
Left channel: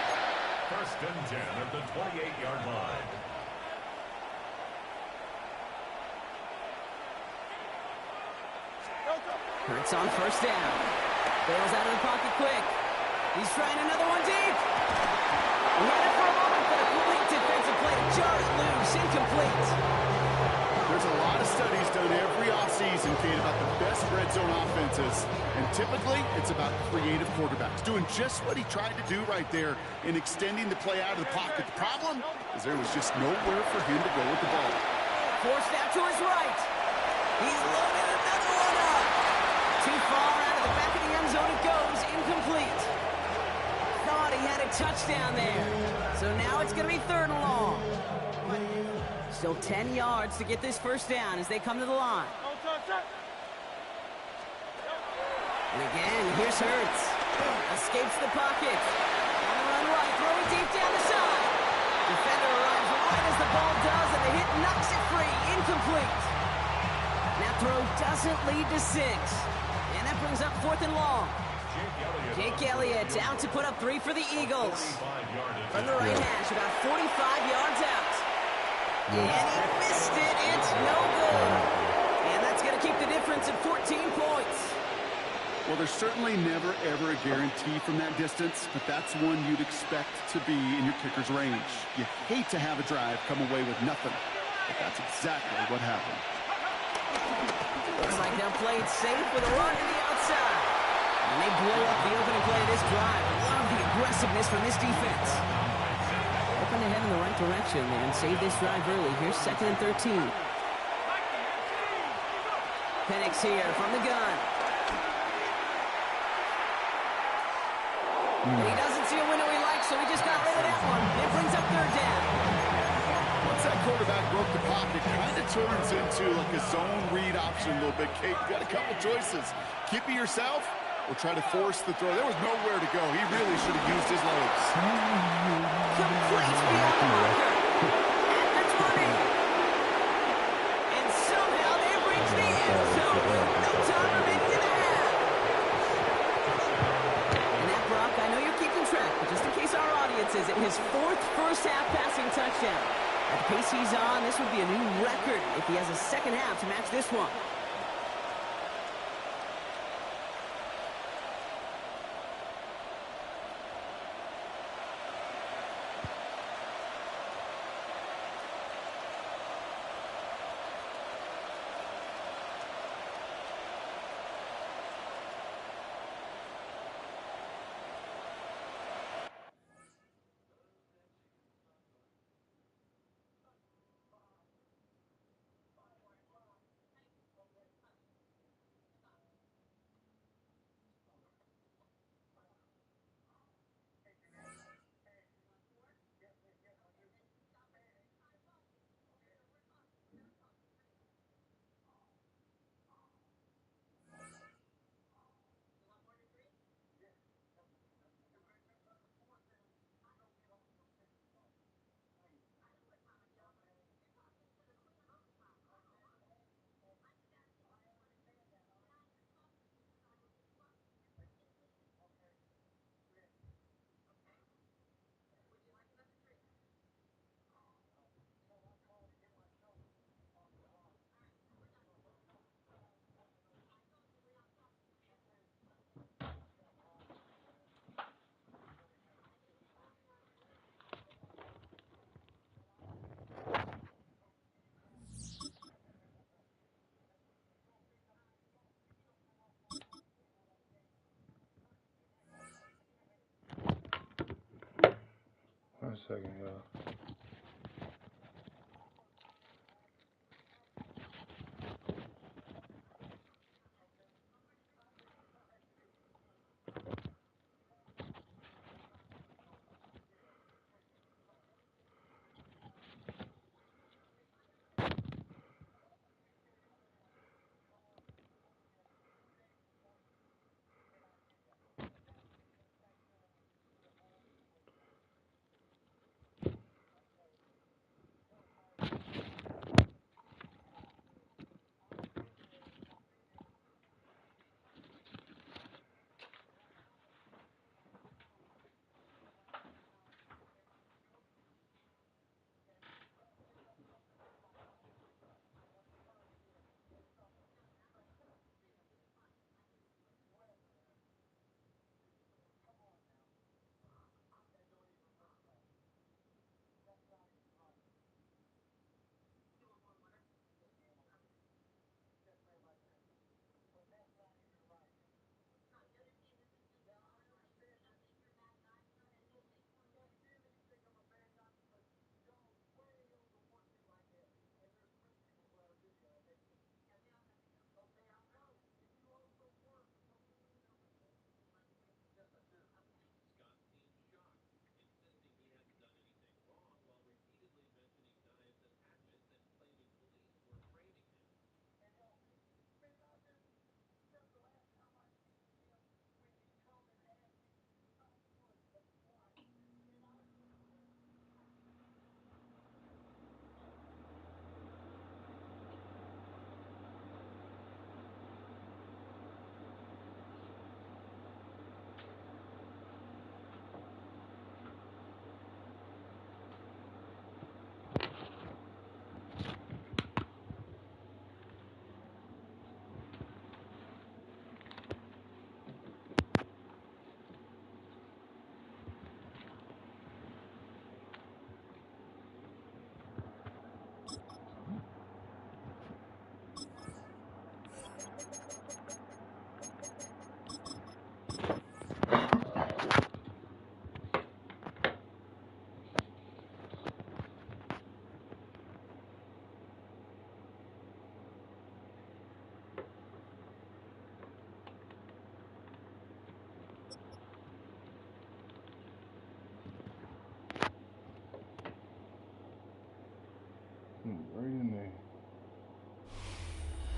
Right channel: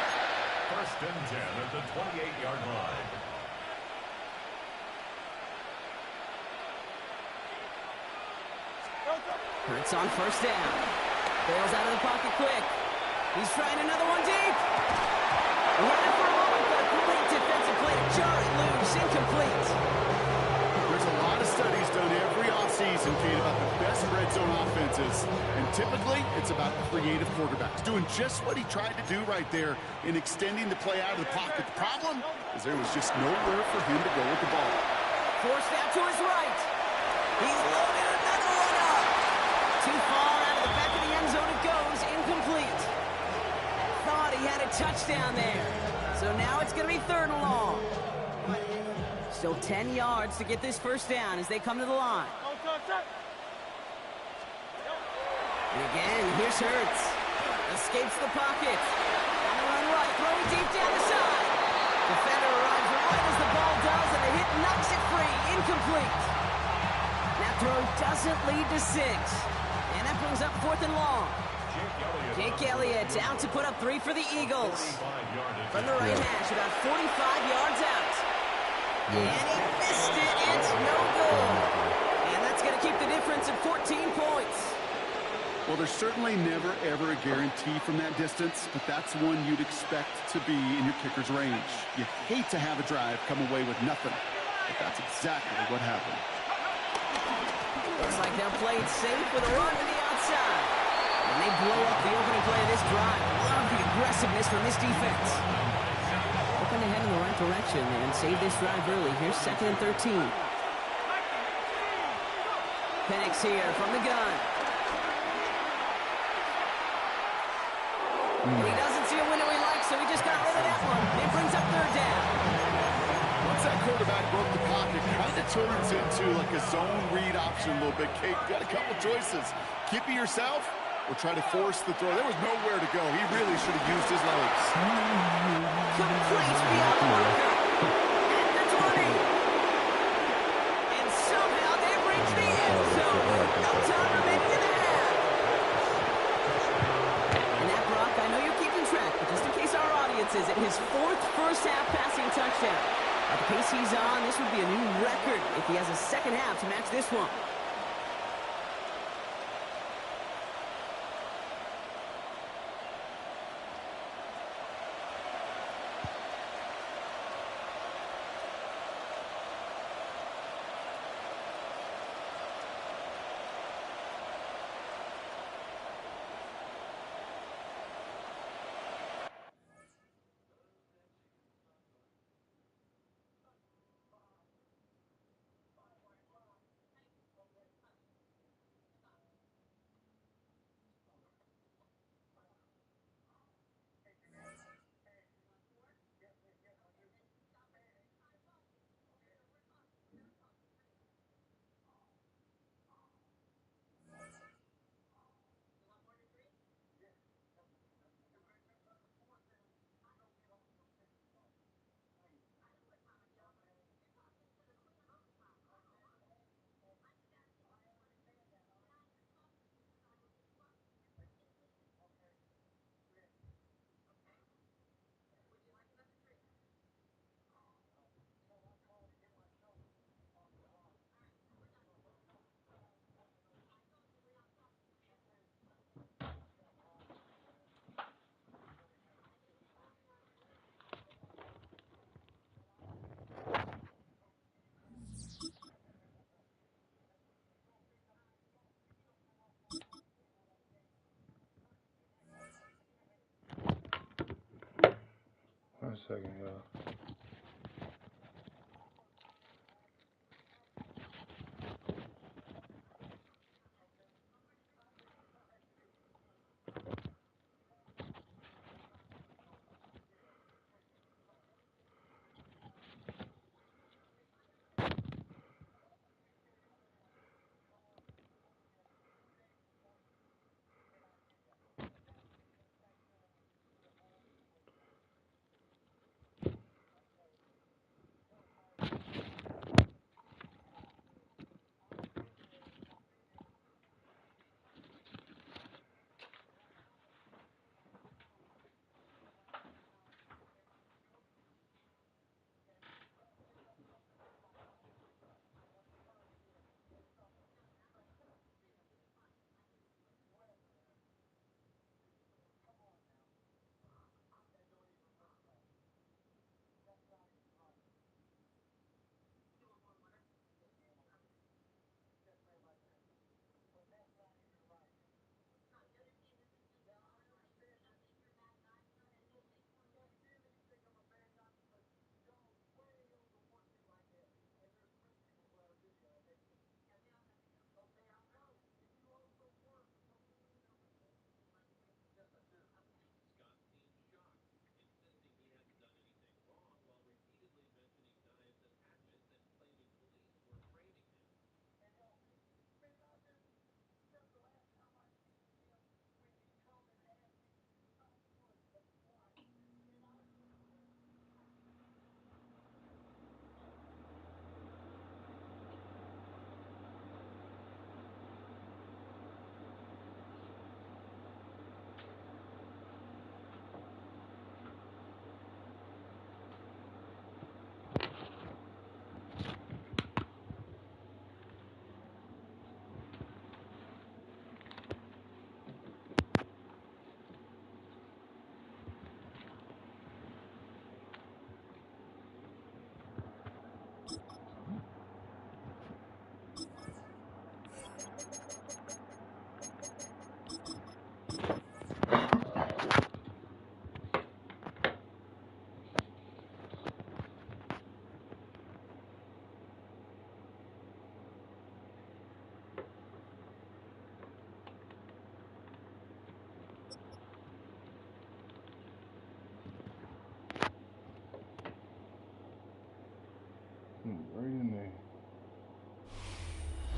1st and 10 at the 28-yard line. Hurts on 1st down. Bails out of the pocket quick. He's trying another one deep. He had it for a moment, but a great defensive play to jar it loose. Incomplete. There's a lot of studies done every offseason, Kate, about the best red zone offenses. And typically, it's about creative quarterbacks doing just what he tried to do right there in extending the play out of the pocket. The problem is there was just nowhere for him to go with the ball. Forced out to his right. He's loaded another one up. Too far out of the back of the end zone it goes. Incomplete. Thought he had a touchdown there. So now it's going to be 3rd and long. Still 10 yards to get this 1st down as they come to the line. And again, here's Hurts. Escapes the pocket. On the run right, throwing deep down the side. Defender arrives right as the ball does, and the hit knocks it free. Incomplete. That throw doesn't lead to 6. And that brings up 4th and long. Jake Elliott out to put up 3 for the Eagles. From the right hash, about 45 yards out. And he missed it. It's no good. And that's going to keep the difference at 14 points. Well, there's certainly never, ever a guarantee from that distance, but that's one you'd expect to be in your kicker's range. You hate to have a drive come away with nothing, but that's exactly what happened. Looks like they'll play it safe with a run to the outside. And they blow up the opening play of this drive. Love the aggressiveness from this defense. Hoping to head in the right direction and save this drive early. Here's 2nd and 13. Penix here from the gun. And he doesn't see a window he likes, so he just got rid of that one. It brings up 3rd down. Once that quarterback broke the pocket, kind of turns into like a zone read option a little bit. Kate, you got a couple choices. Keep it yourself or try to force the throw. There was nowhere to go. He really should have used his legs. Complete beyond the marker. At the 20. And somehow they've reached the end zone with no time remaining in the half. And that, Brock, I know you're keeping track, but just in case our audience isn't, his 4th first-half passing touchdown. At the pace he's on, this would be a new record if he has a 2nd half to match this one.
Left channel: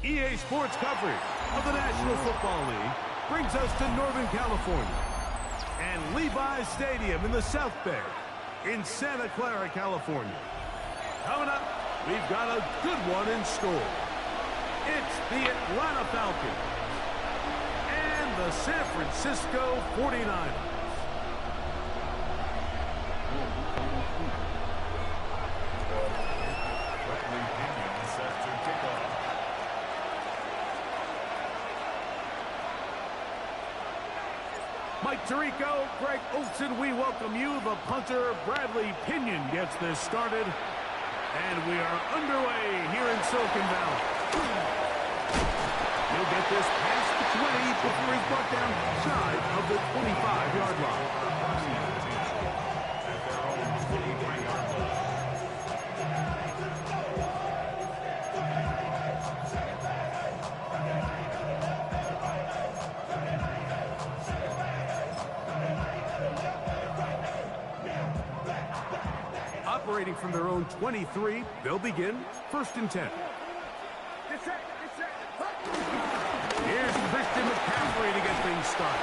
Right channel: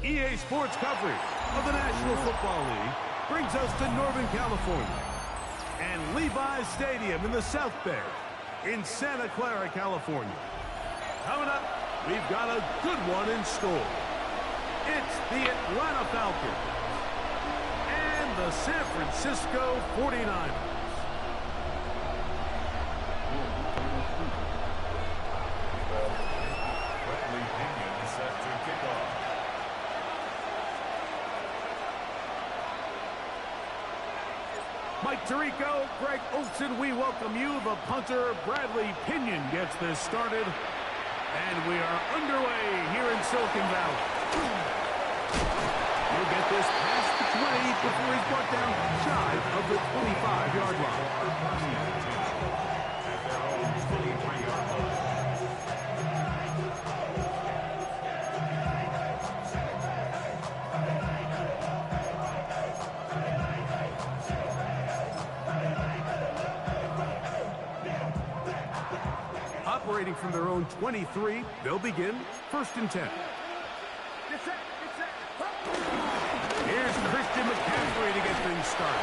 EA Sports coverage of the National Football League brings us to Northern California and Levi's Stadium in the South Bay in Santa Clara, California. Coming up, we've got a good one in store. It's the Atlanta Falcons and the San Francisco 49ers. Bradley Pinion set to kick off. Mike Tirico, Greg Olson, we welcome you. The punter, Bradley Pinion, gets this started. And we are underway here in Silicon Valley. He'll get this past the 20 before he's brought down shy of the 25-yard line. At their own 23-yard line. Operating from their own 23, they'll begin 1st and 10. Here's Christian McCaffrey to get things started.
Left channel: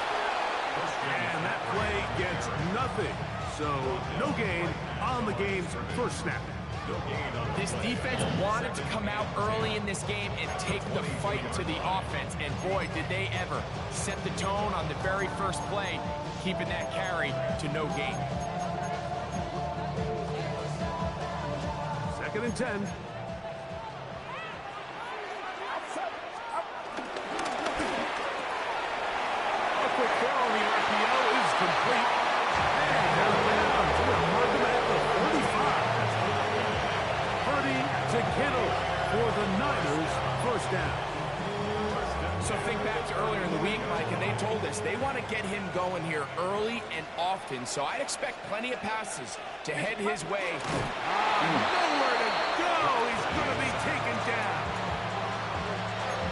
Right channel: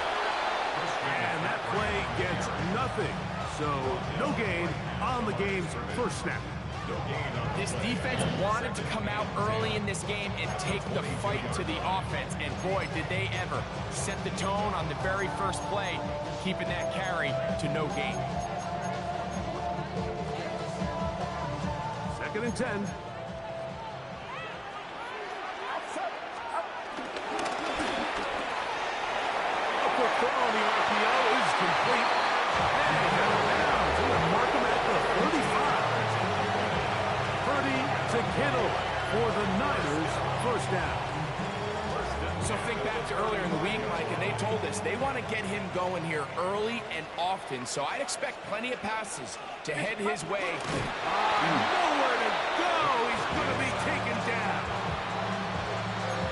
And that play gets nothing. So no gain on the game's first snap. This defense wanted to come out early in this game and take the fight to the offense. And boy, did they ever set the tone on the very first play, keeping that carry to no gain. 2nd and 10. A quick throw on the RPO is complete. And he's out of bounds. We're going to mark him at the 35. Purdy to Kittle for the Niners. 1st down. So think back to earlier in the week, Mike, and they told us they want to get him going here early and often. So I'd expect plenty of passes to head his way. Nowhere to go. He's going to be taken down.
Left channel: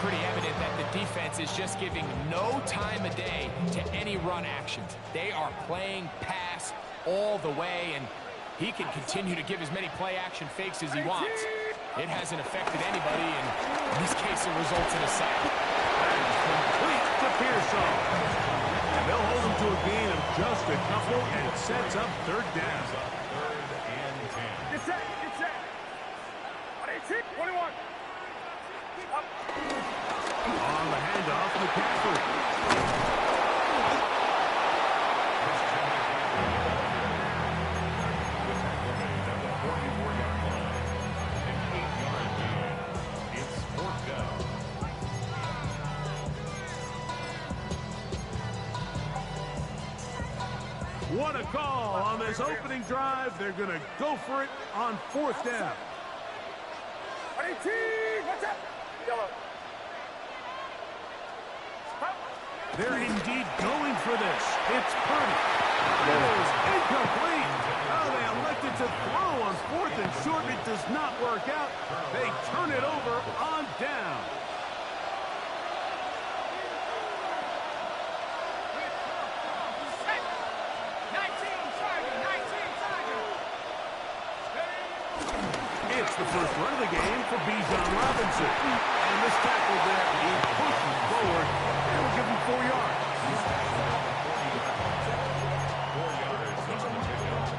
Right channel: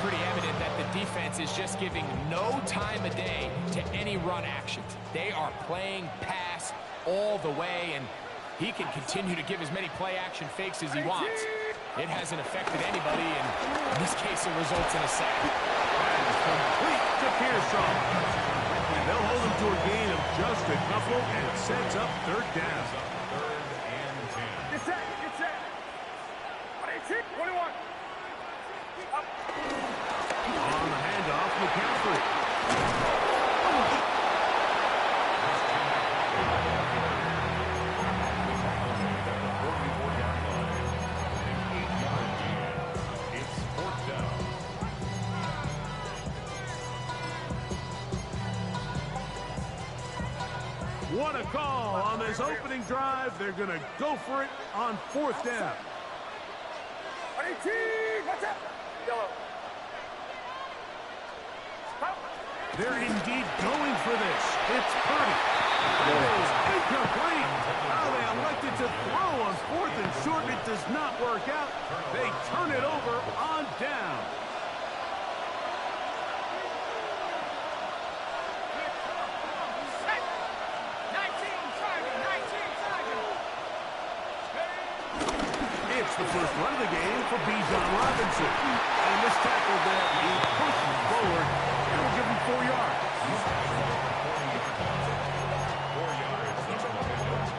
Pretty evident that the defense is just giving no time of day to any run actions. They are playing pass all the way, and he can continue to give as many play-action fakes as he wants. It hasn't affected anybody, and in this case, it results in a sack. That's complete to Pearsall. And they'll hold him to a gain of just a couple, and it sets up 3rd down. 3rd and 10. Get set, get set. 21. Up. On the handoff, McCaffrey. The tackle made at the 44-yard line. An 8-yard gain. It's 4th down. What a call on this opening drive. They're going to go for it on 4th down. 18. What's up? Yellow. They're indeed going for this. It's Purdy. It is incomplete. Oh, they elected to throw on 4th and short. It does not work out. They turn it over on down. It's the first run of the game for Bijan Robinson. And this tackle there, he pushes forward. And will give him 4 yards. He's tackled at the 40-yard line. 4 yards on the pickup.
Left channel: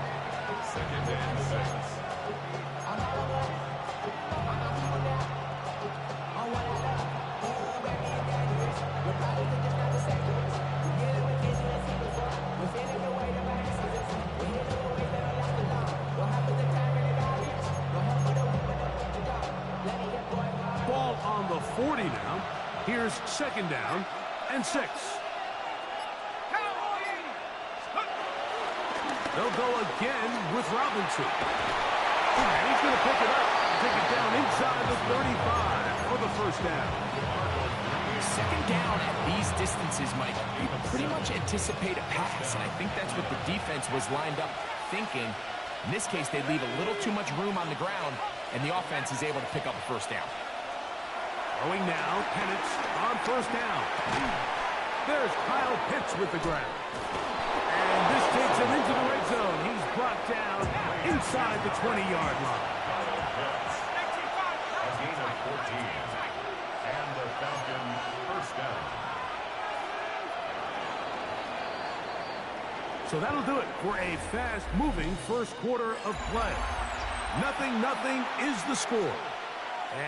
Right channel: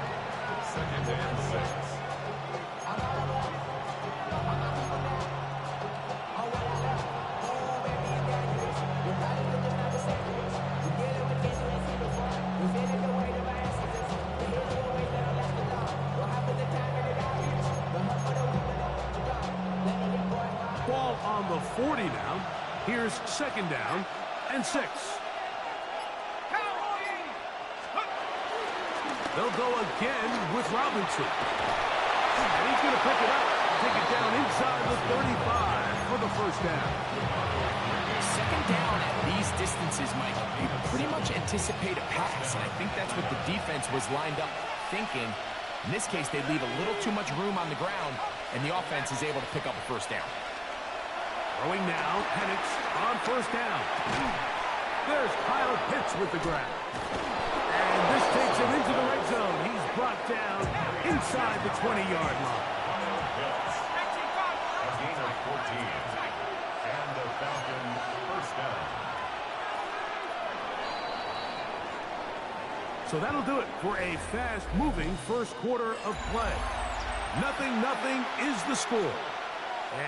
2nd and 6. Ball on the 40 now. Here's 2nd down and 6. They'll go again with Robinson. And he's going to pick it up and take it down inside the 35 for the 1st down. 2nd down at these distances, Mike, you pretty much anticipate a pass, and I think that's what the defense was lined up thinking. In this case, they leave a little too much room on the ground, and the offense is able to pick up a 1st down. Throwing now, Penix on 1st down. There's Kyle Pitts with the grab. And this takes him into the red zone. He's brought down inside the 20-yard line. A gain of 14. And Falcons, first down. So that'll do it for a fast-moving first quarter of play. 0-0 is the score.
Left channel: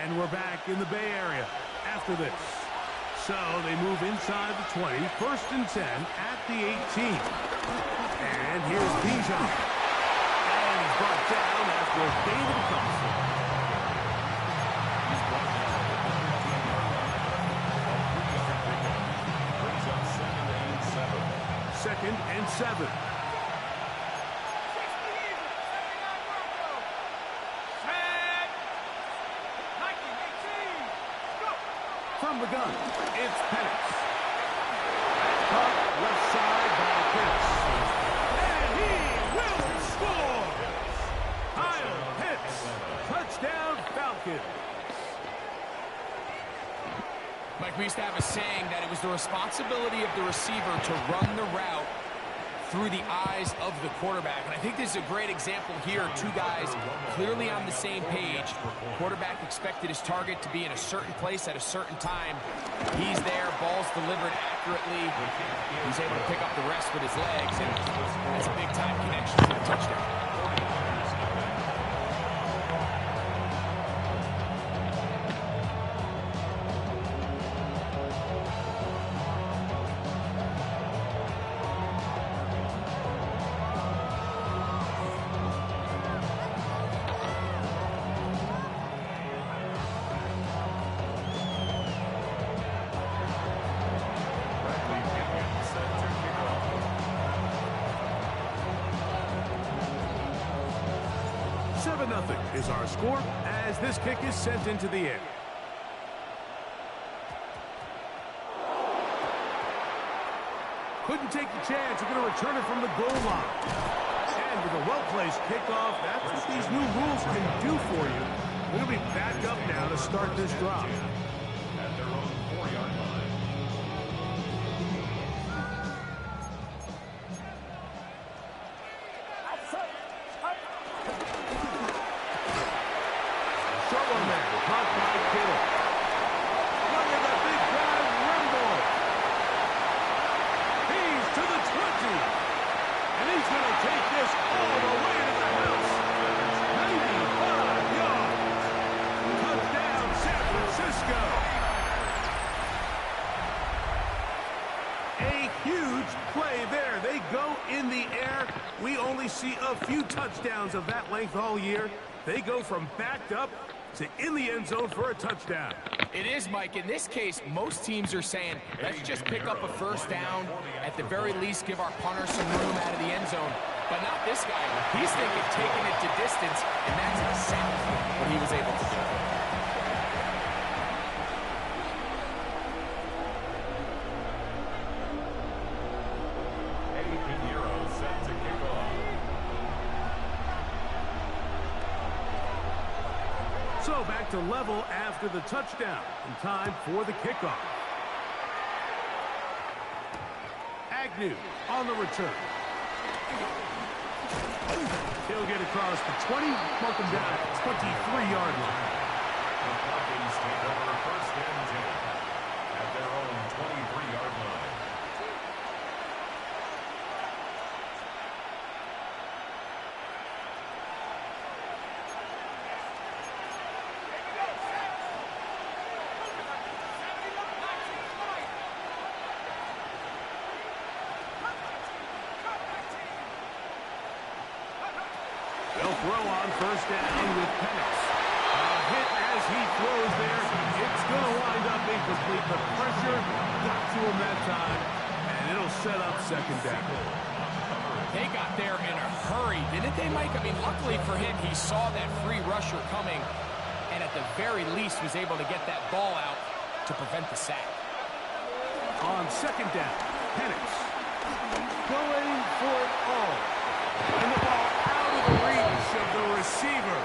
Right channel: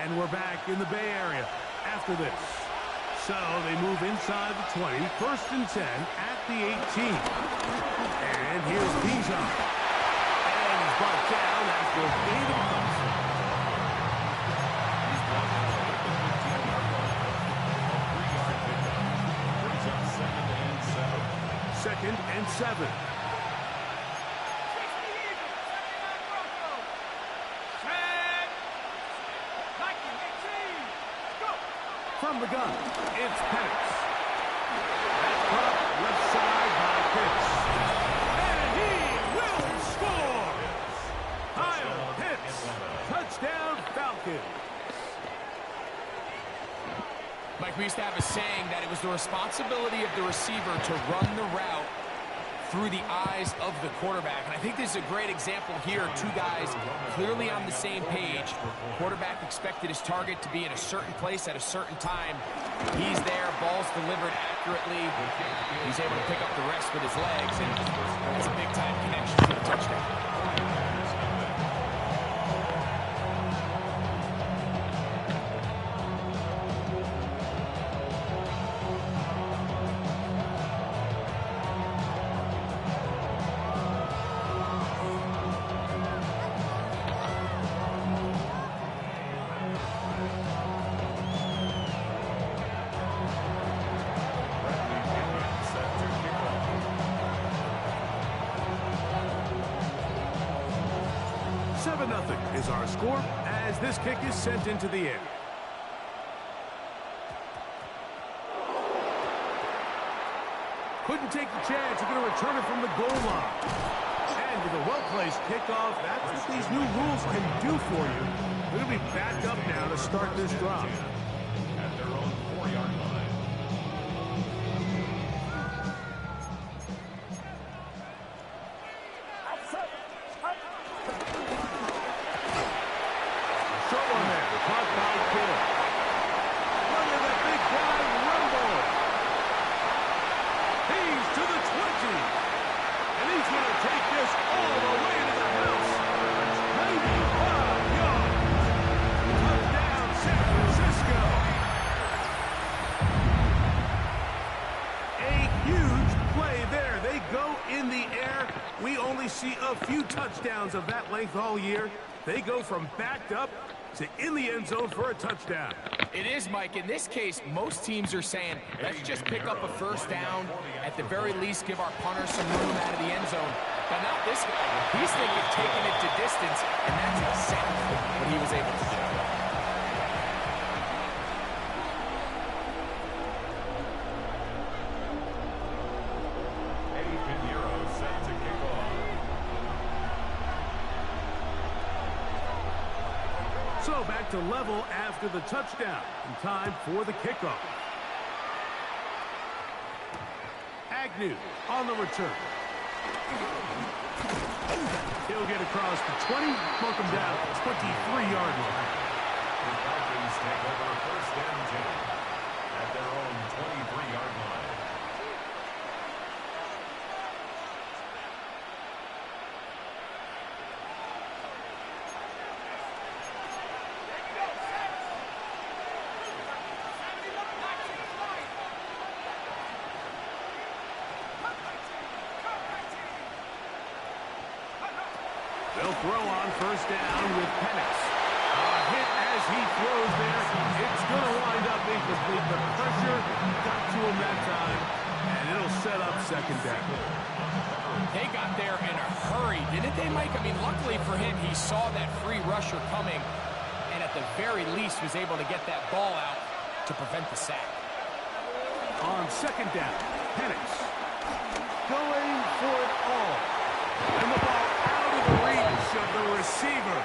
And we're back in the Bay Area after this. So they move inside the 20, first and 10 at the 18. And here's Bijan. And he's brought down after a gain of a couple. He's brought down at the 15-yard line. A 3-yard pickup. Brings up 2nd and 7. 2nd and 7. From the gun, it's Penix. That's caught left side by Pitts. And he will score! Kyle Pitts, touchdown Falcons. Mike, we used to have a saying that it was the responsibility of the receiver to run the route through the eyes of the quarterback. And I think this is a great example here. Two guys clearly on the same page. Quarterback expected his target to be in a certain place at a certain time. He's there, ball's delivered accurately. He's able to pick up the rest with his legs, and that's a big-time connection to the touchdown. Nothing is our score as this kick is sent into the air. Couldn't take the chance. They're going to return it from the goal line. And with a well-placed kickoff, that's what these new rules can do for you. They're going to be back up now to start this drive. At their own 4-yard line. See a few touchdowns of that length all year. They go from backed up to in the end zone for a touchdown. It is, Mike. In this case, most teams are saying, let's just pick up a first down. At the very least, give our punter some room out of the end zone. But not this guy. He's thinking taking it to distance, and that's exactly what he was able to do. So back to level after the touchdown. And time for the kickoff. Agnew on the return. He'll get across the 20, mark him down at the 23-yard line. The Falcons take over first and 10 at their own 23-yard line. They'll throw on first down with Penix. A hit as he throws there. It's going to wind up incomplete. The pressure got to him that time, and it'll set up second down. They got there in a hurry, didn't they, Mike? I mean, luckily for him, he saw that free rusher coming, and at the very least was able to get that ball out to prevent the sack. On second down, Penix going for it all. And the ball out of the reach of the receiver.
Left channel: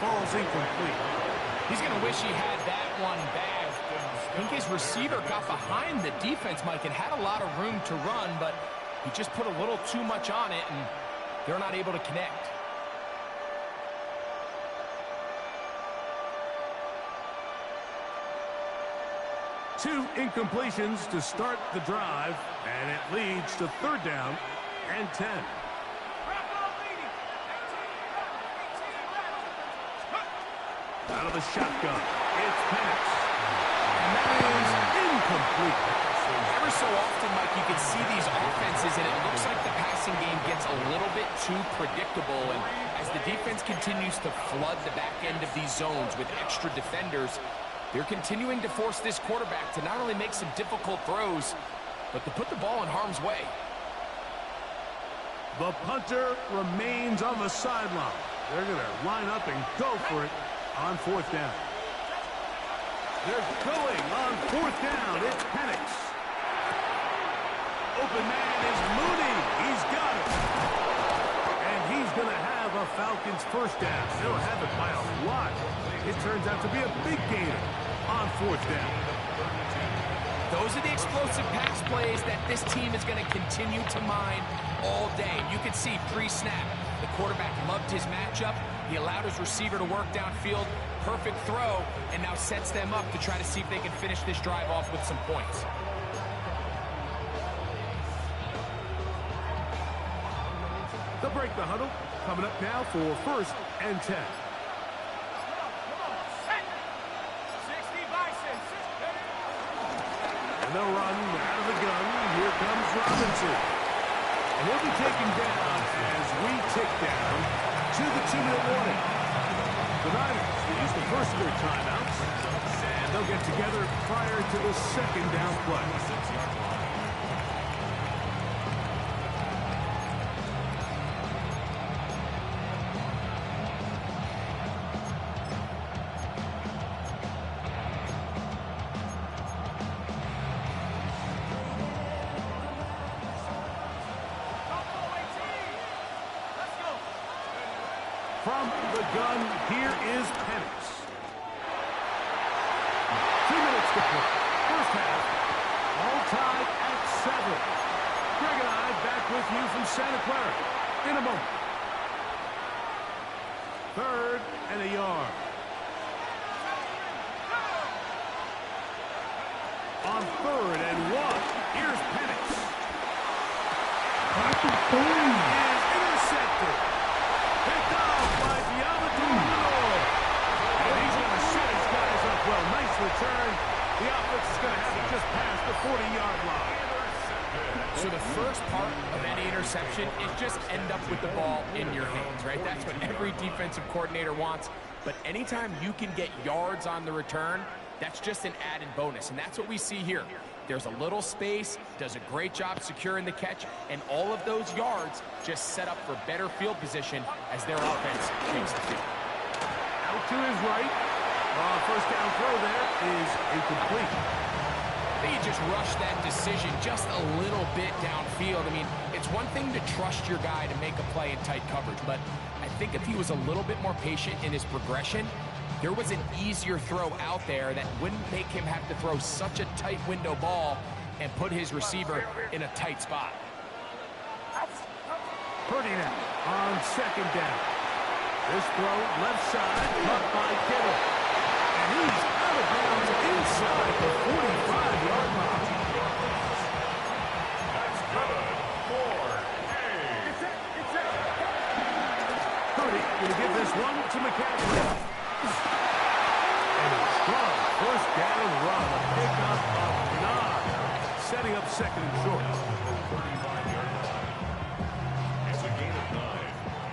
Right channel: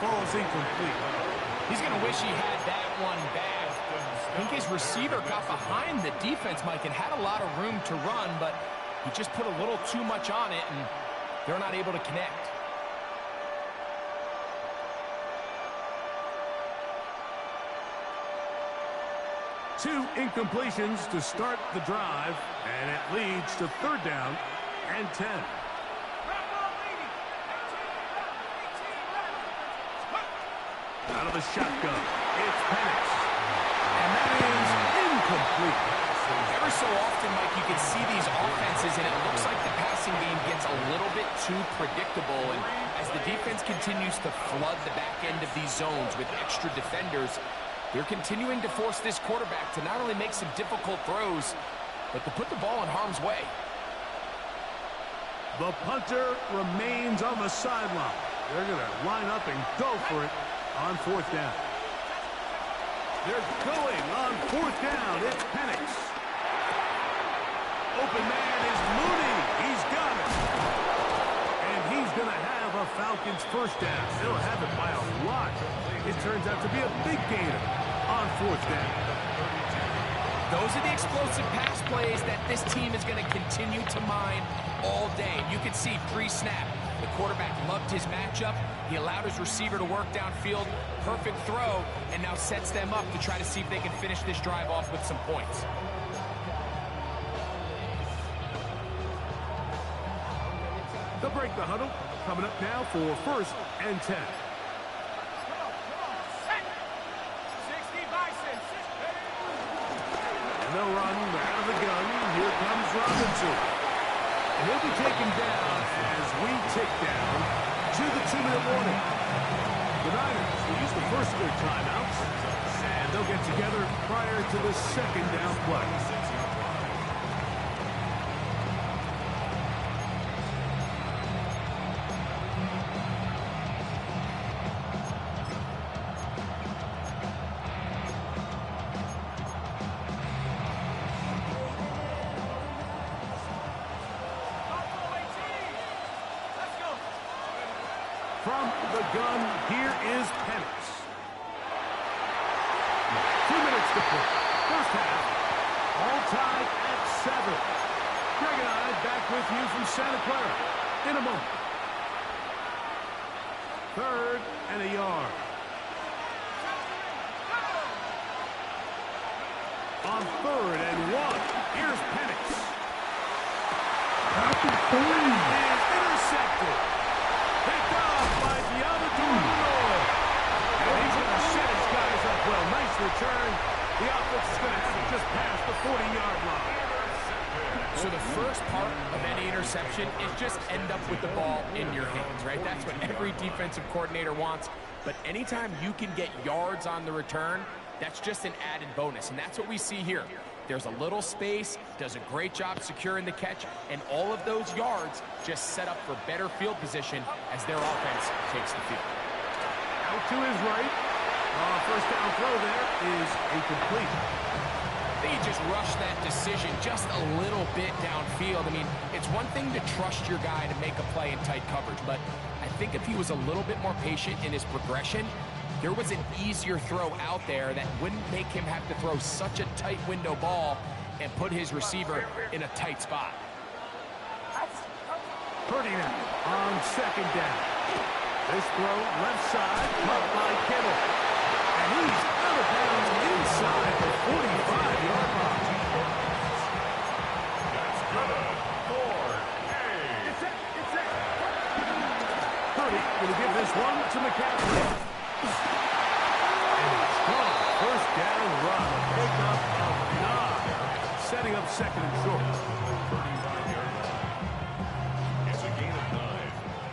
Ball's incomplete. He's going to wish he had that one bad. I think his receiver got behind the defense, Mike, and had a lot of room to run, but he just put a little too much on it, and they're not able to connect. 2 incompletions to start the drive, and it leads to 3rd down and 10. Out of the shotgun, it's Penix. And that is incomplete. Ever so often, Mike, you can see these offenses, and it looks like the passing game gets a little bit too predictable. And as the defense continues to flood the back end of these zones with extra defenders, they're continuing to force this quarterback to not only make some difficult throws, but to put the ball in harm's way. The punter remains on the sideline. They're going to line up and go for it on 4th down. They're going on 4th down. It's Penix. Open man is Mooney. He's got it. And he's going to have a Falcons 1st down. They'll have it by a lot. It turns out to be a big gainer on 4th down. Those are the explosive pass plays that this team is going to continue to mine all day. You can see pre-snap, the quarterback loved his matchup. He allowed his receiver to work downfield. Perfect throw, and now sets them up to try to see if they can finish this drive off with some points. They'll break the huddle. Coming up now for 1st and 10. And they'll run out of the gun. Here comes Robinson. And he'll be taken down as we tick down to the 2-minute warning. The Niners will use the first of their timeouts, and they'll get together prior to the 2nd down play. From the gun, here is Penix. 2 minutes to play. First half, all tied at 7. Greg and I back with you from Santa Clara in a moment. 3rd and a yard. On 3rd and 1, here's Penix. That is intercepted. Picked off by Diamador. And he's going to set his guys up well. Nice return. The offense is going to have it just past the 40-yard line. So the first part of any interception is just end up with the ball in your hands, right? That's what every defensive coordinator wants. But anytime you can get yards on the return, that's just an added bonus. And that's what we see here. There's a little space, does a great job securing the catch, and all of those yards just set up for better field position as their offense takes the field. Out to his right. First down throw there is incomplete. They just rushed that decision just a little bit downfield. I mean, it's one thing to trust your guy to make a play in tight coverage, but I think if he was a little bit more patient in his progression, there was an easier throw out there that wouldn't make him have to throw such a tight window ball and put his receiver in a tight spot. Purdy now on 2nd down. This throw left side, caught by Kittle. And he's out of bounds inside the 45-yard line. That's good for Purdy going to give this one to McCaffrey. And a strong first down run, a pickup of 9, setting up 2nd and short. 35-yard line. It's a gain of 9.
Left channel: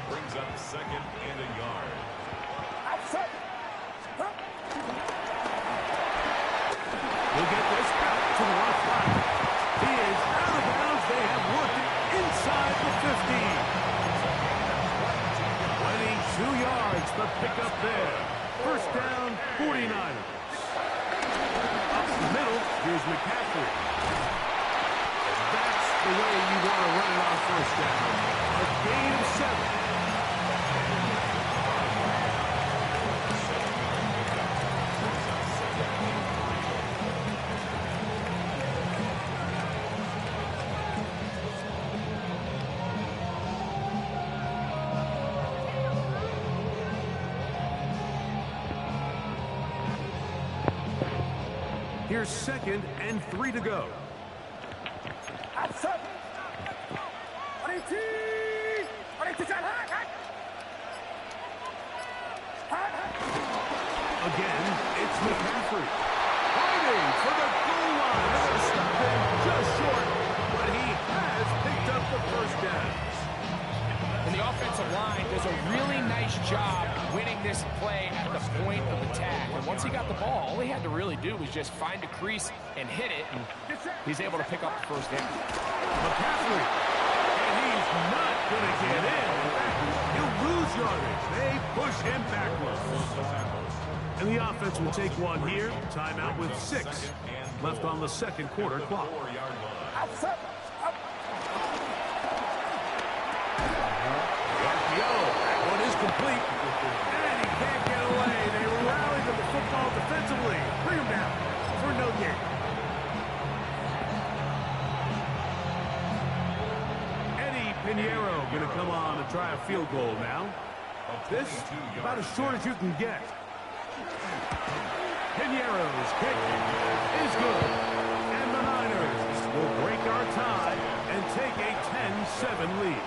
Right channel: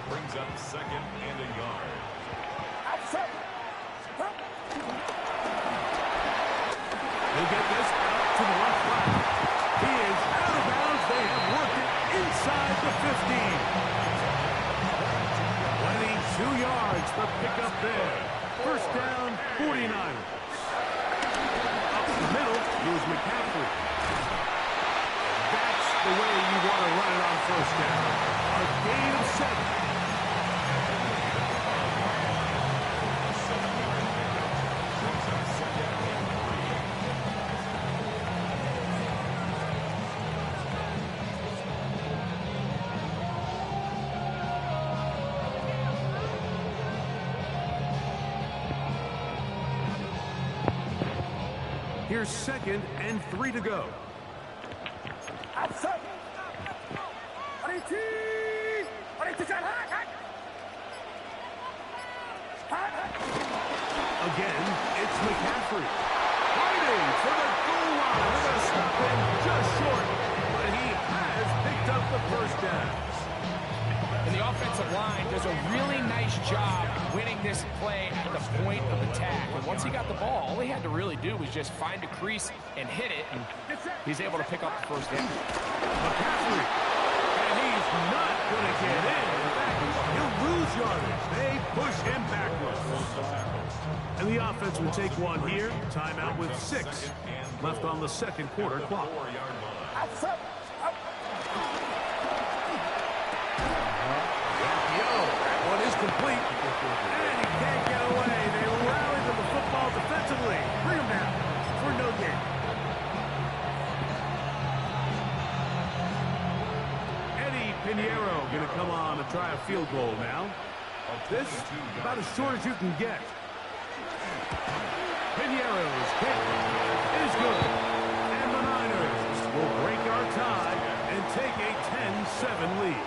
Brings up 2nd and a yard. He'll get this out to the left flat. He is out of bounds. They have worked it inside the 15. 22 yards, the pickup there. First down, 49ers. Up the middle, here's McCaffrey. That's the way you want to run it on first down. A gain of 7. Here's 2nd and 3 to go. Outside. Again, it's McCaffrey. Fighting for the goal line. They're going to stop him just short, but he has picked up the first down. And the offensive line does a really nice job winning this play at the point of attack. And once he got the ball, all he had to really do was just find a crease and hit it, and he's able to pick up the first down. McCaffrey, and he's not going to get in. In fact, he'll lose yardage. They push him backwards. And the offense will take one here. Timeout with 6 left on the second quarter clock. Outside. That one is complete. And he can't get away. They rally to the football defensively. Bring him down for no gain. Eddie Pinheiro going to come on and try a field goal now. This about as short as you can get. Pinheiro's kick is good. And the Niners will break our tie and take a 10-7 lead.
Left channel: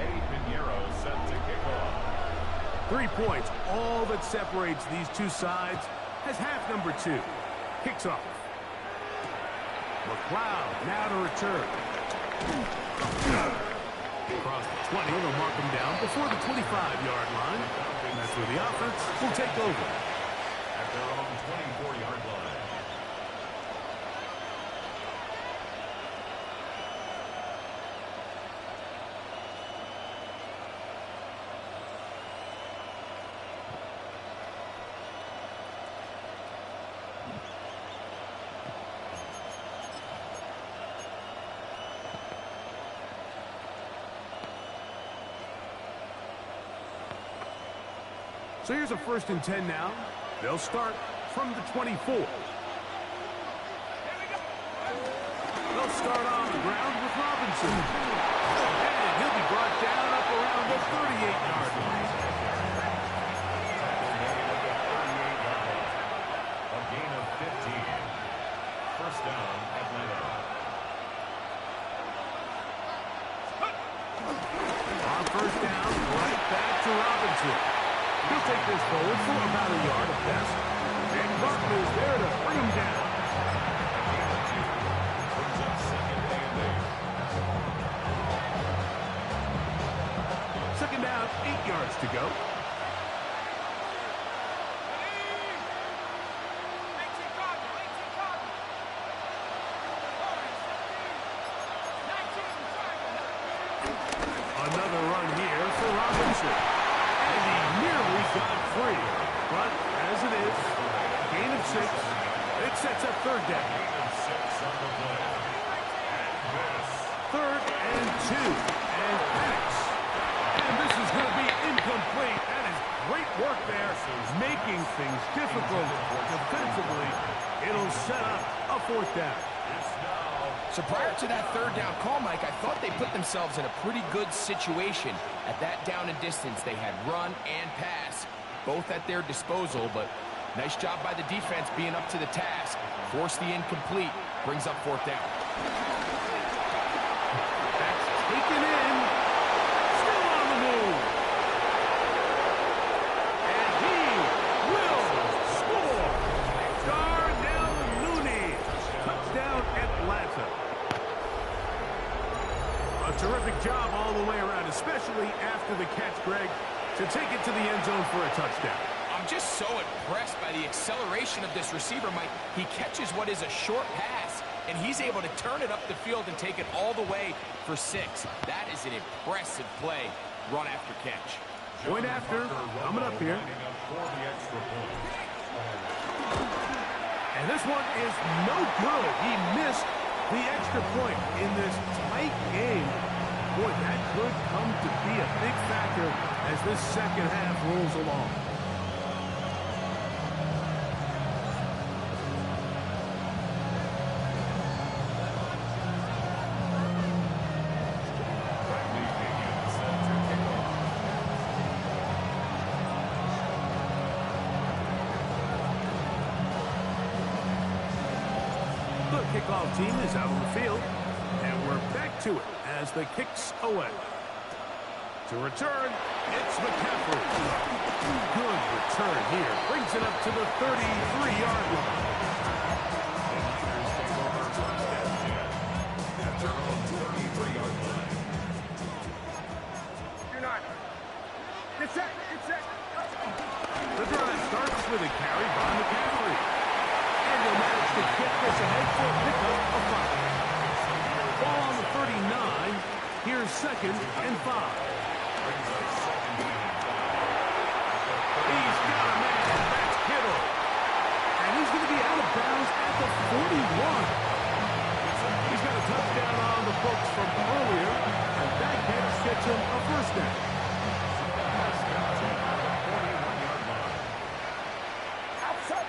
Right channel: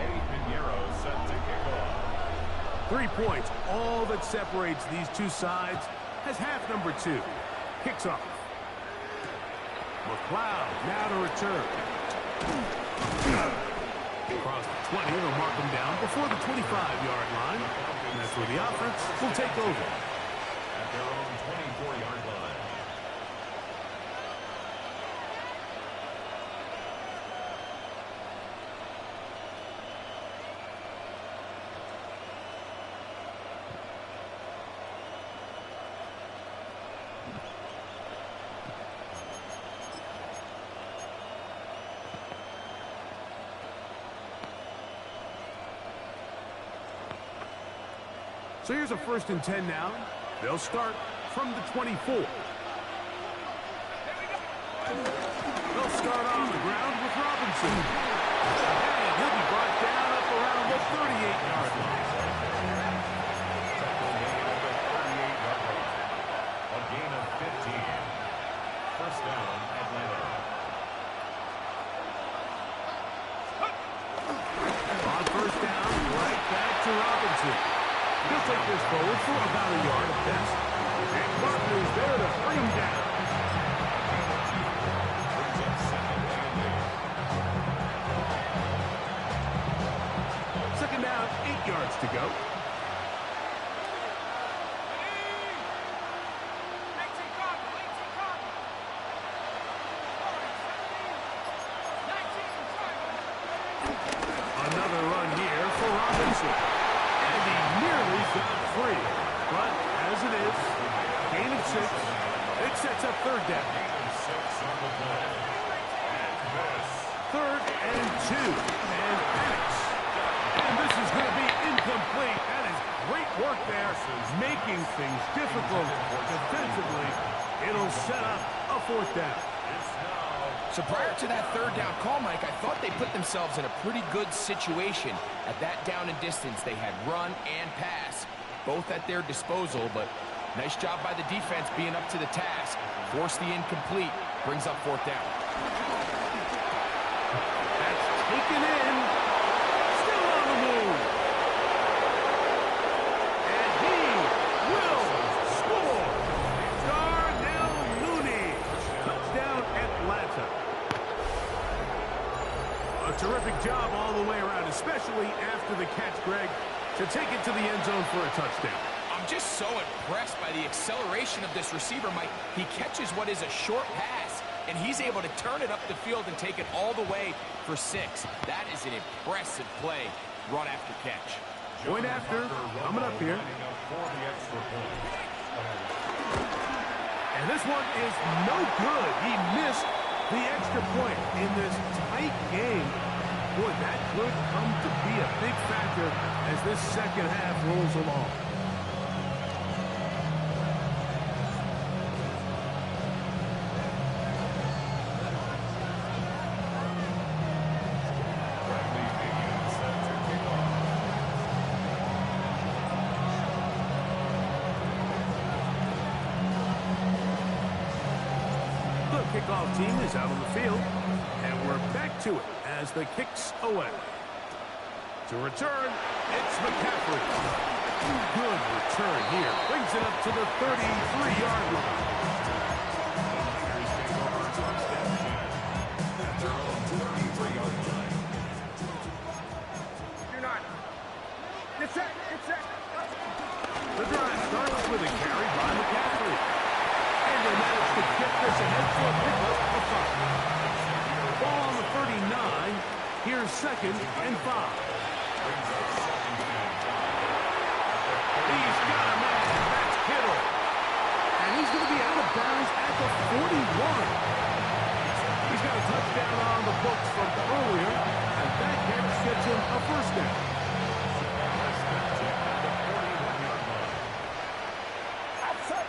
Eddie Pinheiro set to kick off. 3 points, all that separates these two sides, has half number 2. Kicks off. McLeod now to return. Across the 20, they'll mark him down before the 25-yard line. And that's where the offense will take over. At their own 24-yard line. So here's a 1st and 10 now. They'll start from the 24. They'll start on the ground with Robinson. And he'll be brought down up around the 38-yard line. Tackle made at the 38-yard line. A gain of 15. First down, Atlanta. On first down, right back to Robinson. He'll take this forward for about a yard at best. And Barton is there to bring him down. A gain of 2. Brings up 2nd and 8. Second down, 8 yards to go. Another run here for Robinson. And he nearly got free. But as it is, gain of 6. It sets up 3rd down. Gain of 6 on the play. And this. 3rd and 2. And Penix. And this is going to be incomplete. That is great work there, making things difficult defensively. It'll set up a 4th down. So prior to that 3rd down call, Mike, I thought they put themselves in a pretty good situation at that down and distance. They had run and pass, both at their disposal, but nice job by the defense being up to the task. Force the incomplete, brings up 4th down. That's taken in, still on the move. And he will score. Darnell Mooney, touchdown Atlanta. A terrific job all the way around, especially after the catch, Greg, to take it to the end zone for a touchdown. I'm just so impressed by the acceleration of this receiver, Mike. He catches what is a short pass, and he's able to turn it up the field and take it all the way for 6. That is an impressive play, run after catch. Point after, coming up here. And this one is no good. He missed the extra point in this tight game. Boy, that could come to be a big factor as this second half rolls along. kickoff team is out on the field. And we're back to it as the kick's away. To return, it's McCaffrey. Good return here. Brings it up to the 33-yard line. The Niners take over first and 10 at their own 33-yard line. You're not. Get set. Get set. The drive starts with a carry by McCaffrey. And he'll manage to get this ahead for a pickup of 5. Ball on the 39. Here's 2nd and 5. He's got a man. That's Kittle. And he's going to be out of bounds at the 41. He's got a touchdown on the books from earlier, and that catch gets him a first down. First and 10 at the 41-yard line. Outside.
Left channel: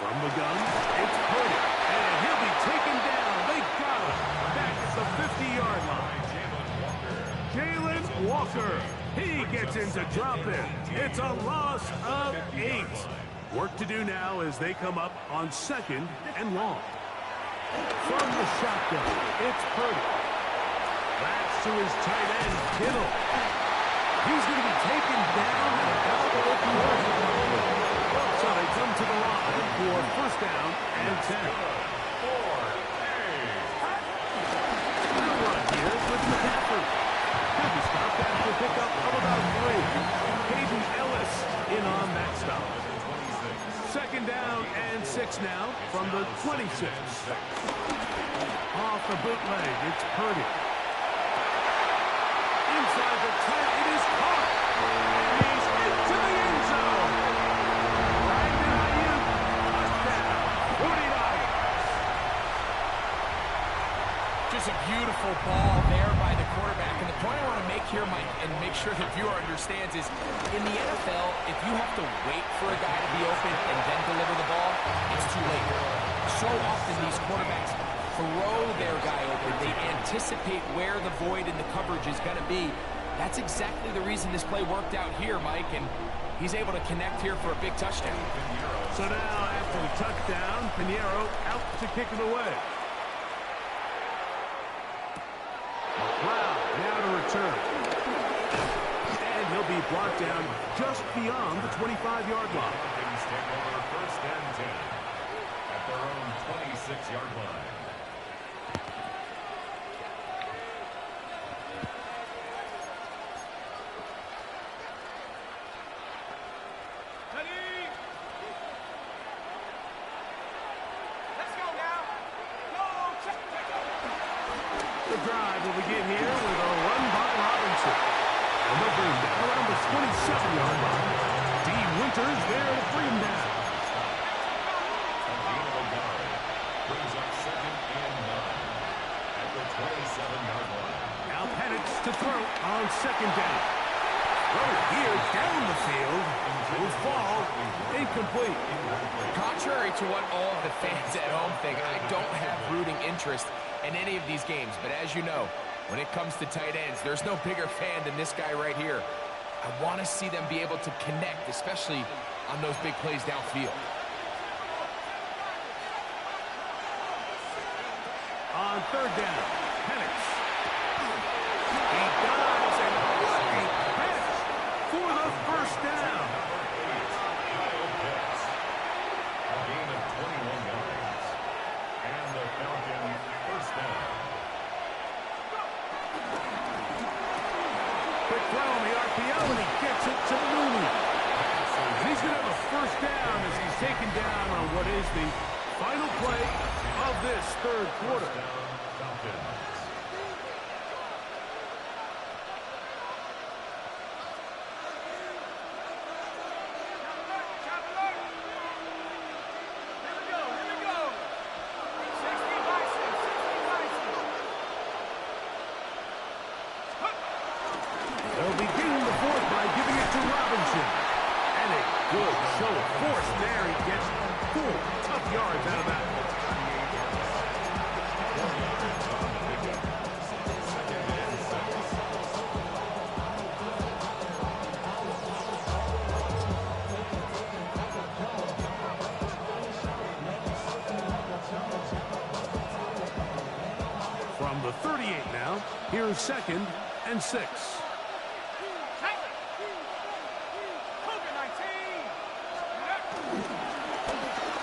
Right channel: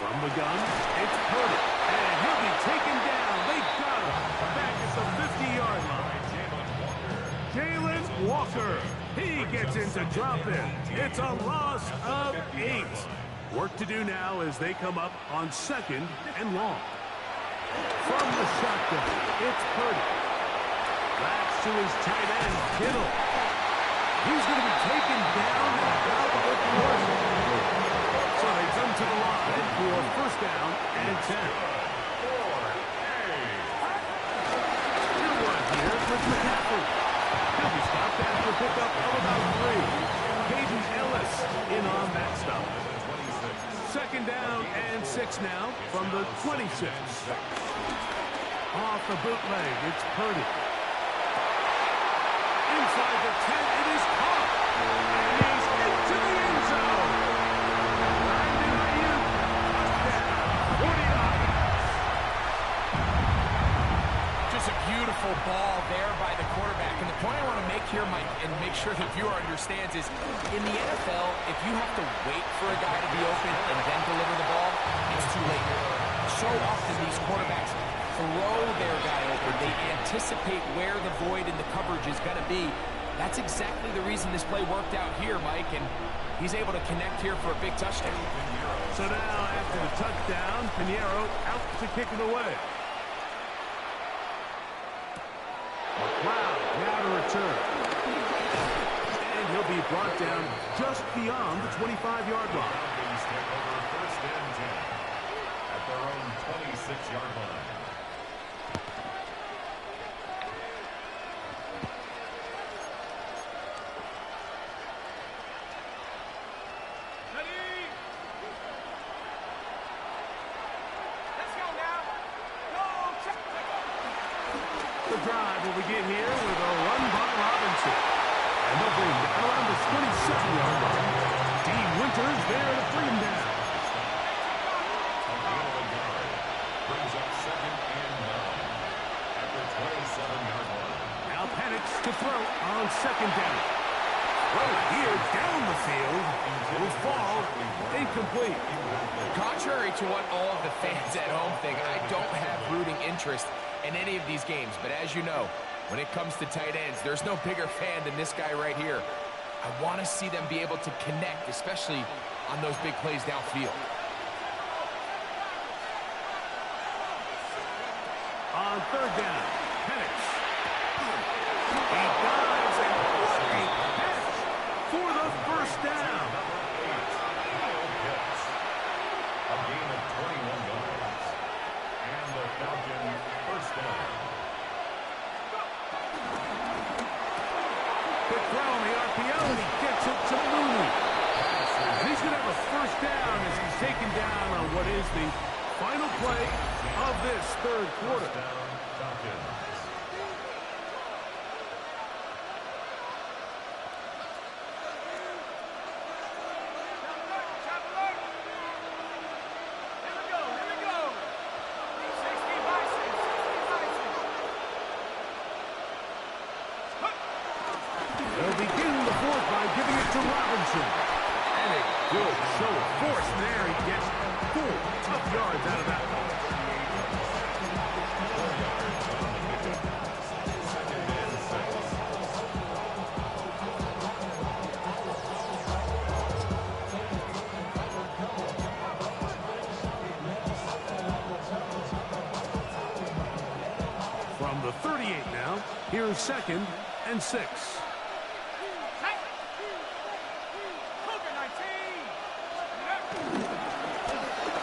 From the gun, it's Purdy. And he'll be taken down. They got him back at the 50-yard line. Jalen Walker. He gets into drop in. It's a loss of 8. Work to do now as they come up on 2nd and long. From the shotgun, it's Purdy. Backs to his tight end, Kittle. He's going to be taken down at about the 40. So they come to the line for first down and 10. Still run here with McCaffrey. He'll be stopped after a pickup of about 3. Caden Ellis in on that stop. 2nd down and 6 now from the 26. Off the bootleg, it's Purdy. Inside the 10, it is caught. And he's into the end zone. Brandon Ayuk, touchdown, 49. Just a beautiful ball there by the quarterback. And the point I want to make here, Mike, and make sure the viewer understands is, in the NFL, if you have to wait for a guy to be open and then deliver the ball, it's too late. So often these quarterbacks throw their guy open. They anticipate where the void in the coverage is going to be. That's exactly the reason this play worked out here, Mike, and he's able to connect here for a big touchdown. So now, after the touchdown, Pinheiro out to kick it away. McLeod now to return. And he'll be brought down just beyond the 25-yard line. Falcons take over first and 10 at their own 26-yard line. The drive will begin here with a run by Robinson. And they'll bring him down around the 27-yard line. D. Winters there to bring him down. Brings up 2nd and 9 at the 27-yard line. Now Penix to throw on 2nd down. Throw here down the field. Will fall incomplete. Contrary to what all of the fans at home think, I don't have rooting interest in any of these games. But as you know, when it comes to tight ends, there's no bigger fan than this guy right here. I want to see them be able to connect, especially on those big plays downfield. On 3rd down, Penix. He dives, and what a catch for the first down. Number 8, Kyle Pitts. A gain of 21 yards. And the Falcons first down. Quick throw on the RPO, and he gets it to Mooney. And he's going to have a first down as he's taken down on what is the final play of this 3rd quarter. Down, Falcons. They'll begin the 4th by giving it to Robinson. And a good show of force there. He gets 4 tough yards out of that one. 4 yards on the pickup. 2nd and 6. From the 38 now, here's 2nd and 6.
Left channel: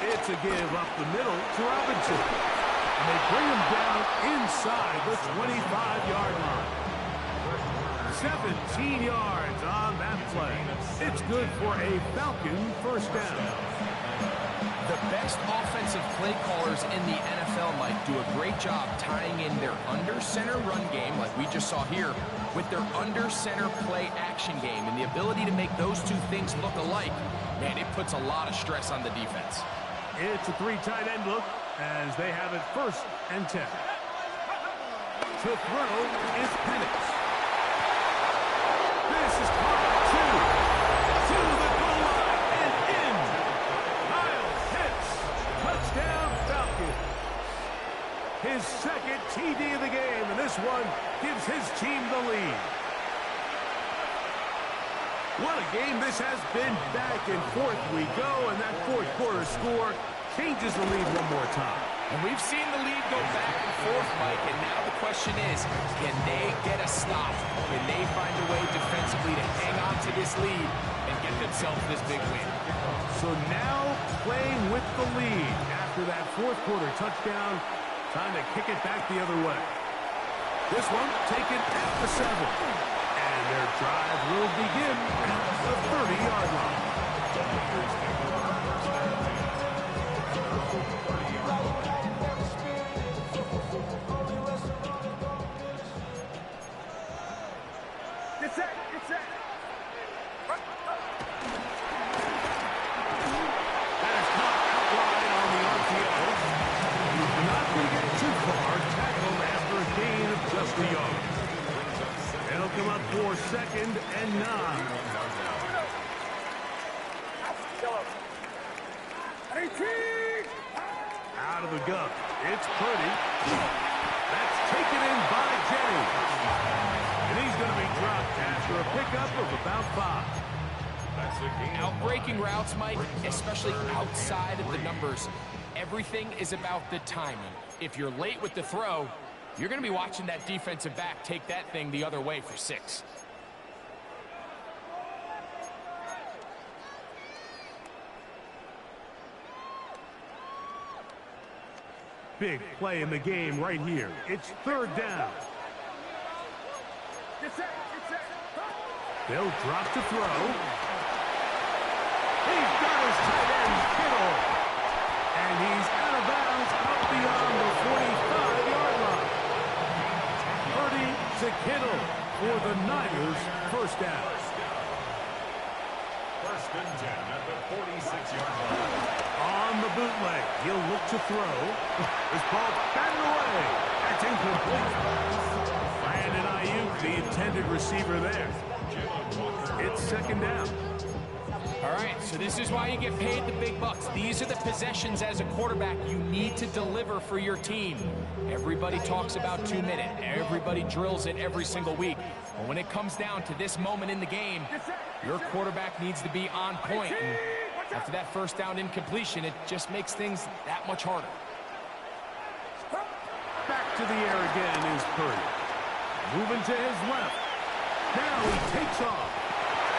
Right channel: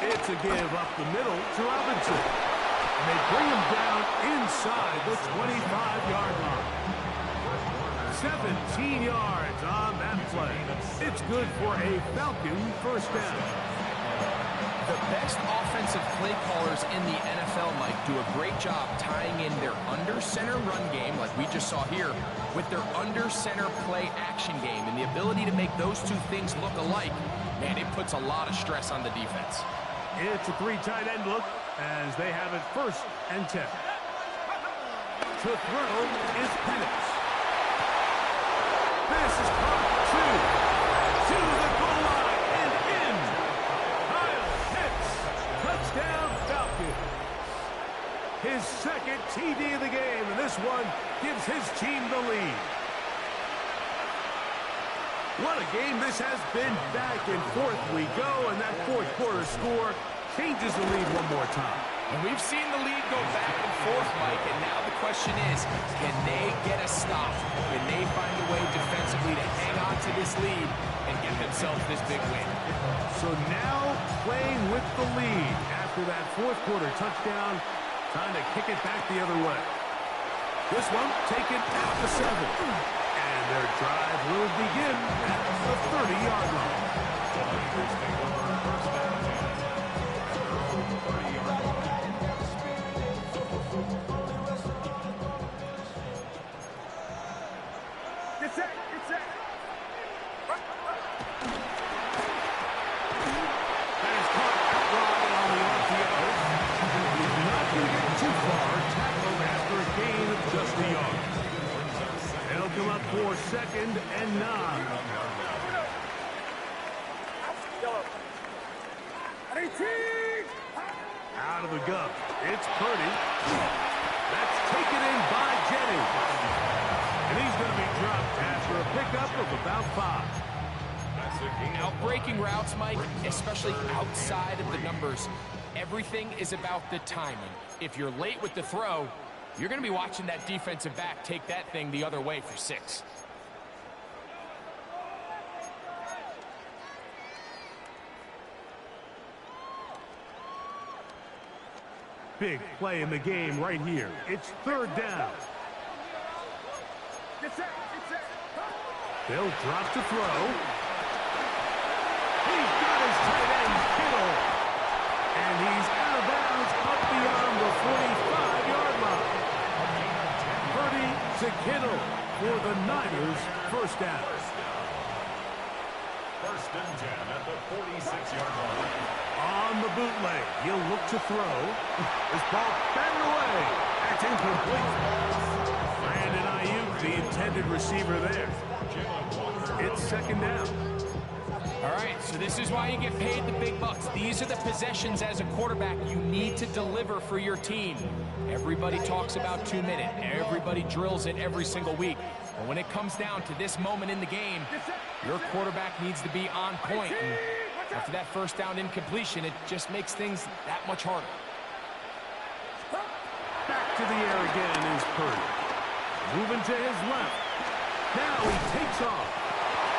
It's a give up the middle to Robinson. And they bring him down inside the 25-yard line. 17 yards on that play. It's good for a Falcon first down. The best offensive play callers in the NFL, Mike, do a great job tying in their under-center run game, like we just saw here, with their under-center play action game. And the ability to make those two things look alike, man, it puts a lot of stress on the defense. It's a 3 tight end look as they have it 1st and 10. To throw is Penix. This is caught 2 to the goal line and in. Kyle Pitts, touchdown Falcons. His 2nd TD of the game, and this one gives his team the lead. What a game this has been. Back and forth we go, and that 4th quarter score changes the lead one more time. And we've seen the lead go back and forth, Mike, and now the question is, can they get a stop? Can they find a way defensively to hang on to this lead and get themselves this big win? So now playing with the lead after that 4th quarter touchdown, time to kick it back the other way. This one taken at the 7. And their drive will begin at the 30-yard line. Get set, get set. That is caught out wide on the RPO. He's not going to get too far. Tackled after a gain of just a yard. They'll come up for 2nd and 9. Out of the gun. It's Purdy. That's taken in by Jennings. And he's going to be dropped after a pickup of about 5. Outbreaking routes, Mike, especially outside of the numbers, everything is about the timing. If you're late with the throw, you're going to be watching that defensive back take that thing the other way for 6. Big play in the game right here. It's 3rd down. They'll drop to throw. He's got his tight end, Kittle. And he's out of bounds up beyond the 45-yard line. Purdy to Kittle for the Niners first down. 1st and 10 at the 46-yard line. On the bootleg, he'll look to throw. This ball batted away. That's incomplete. Brandon Ayuk, the intended receiver there. It's 2nd down. All right, so this is why you get paid the big bucks. These are the possessions as a quarterback you need to deliver for your team. Everybody talks about 2-minute. Everybody drills it every single week. But when it comes down to this moment in the game, your quarterback needs to be on point. And after that 1st down incompletion, it just makes things that much harder. Back to the air again is Purdy. Moving to his left. Now he takes off.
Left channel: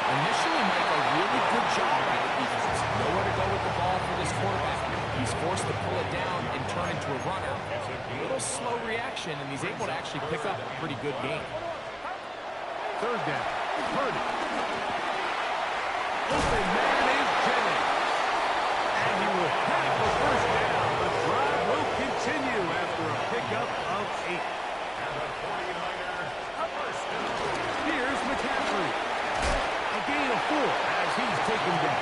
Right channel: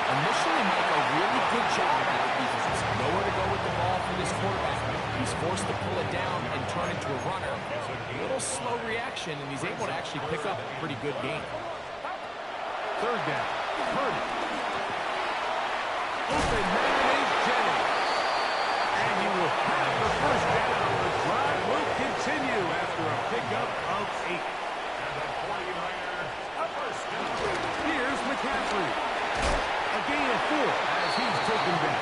Initially, Mike, a really good job by the defense. Nowhere to go with the ball for this quarterback. He's forced to pull it down and turn into a runner. A little slow reaction, and he's able to actually pick up a pretty good game. 3rd down. Purdy. Open man is Jennings. And he will have the first down. The drive will continue after a pickup of 8. And the 49ers, first down. Here's McCaffrey. A gain of 4 as he's taken down.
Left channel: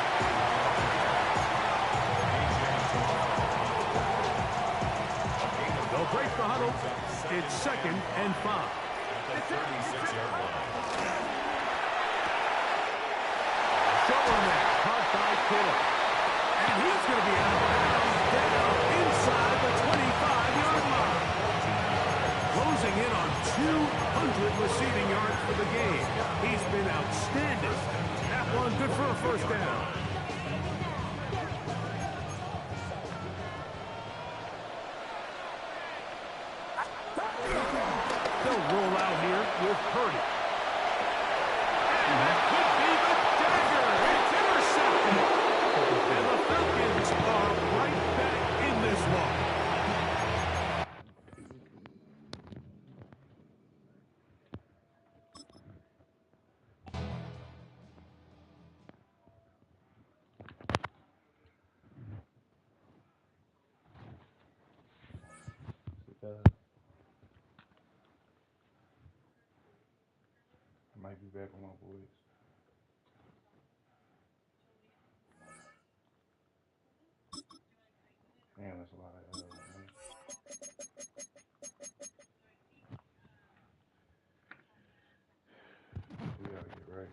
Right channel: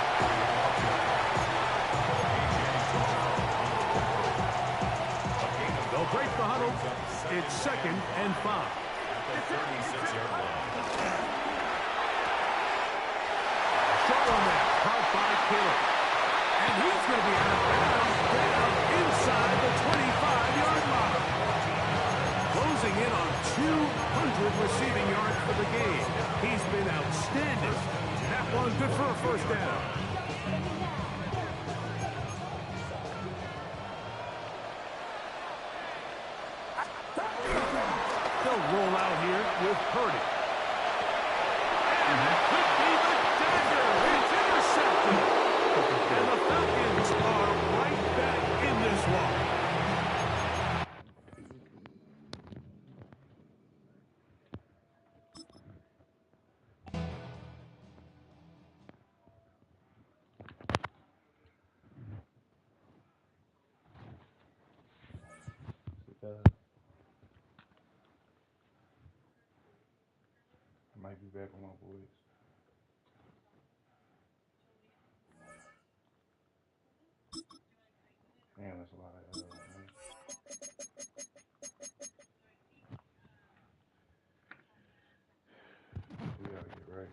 They'll break the huddle. It's 2nd and 5. At the 36-yard line. Short one there, caught by Kittle. And he's going to be out of bounds down inside the 25-yard line. Closing in on 200 receiving yards for the game. He's been outstanding. That one good for a first down. They'll roll out here with Purdy. And that could be the dagger. It's intercepted. And the Falcons are right back in this one. I might be back with my boys. Damn, that's a lot of man. We gotta get right.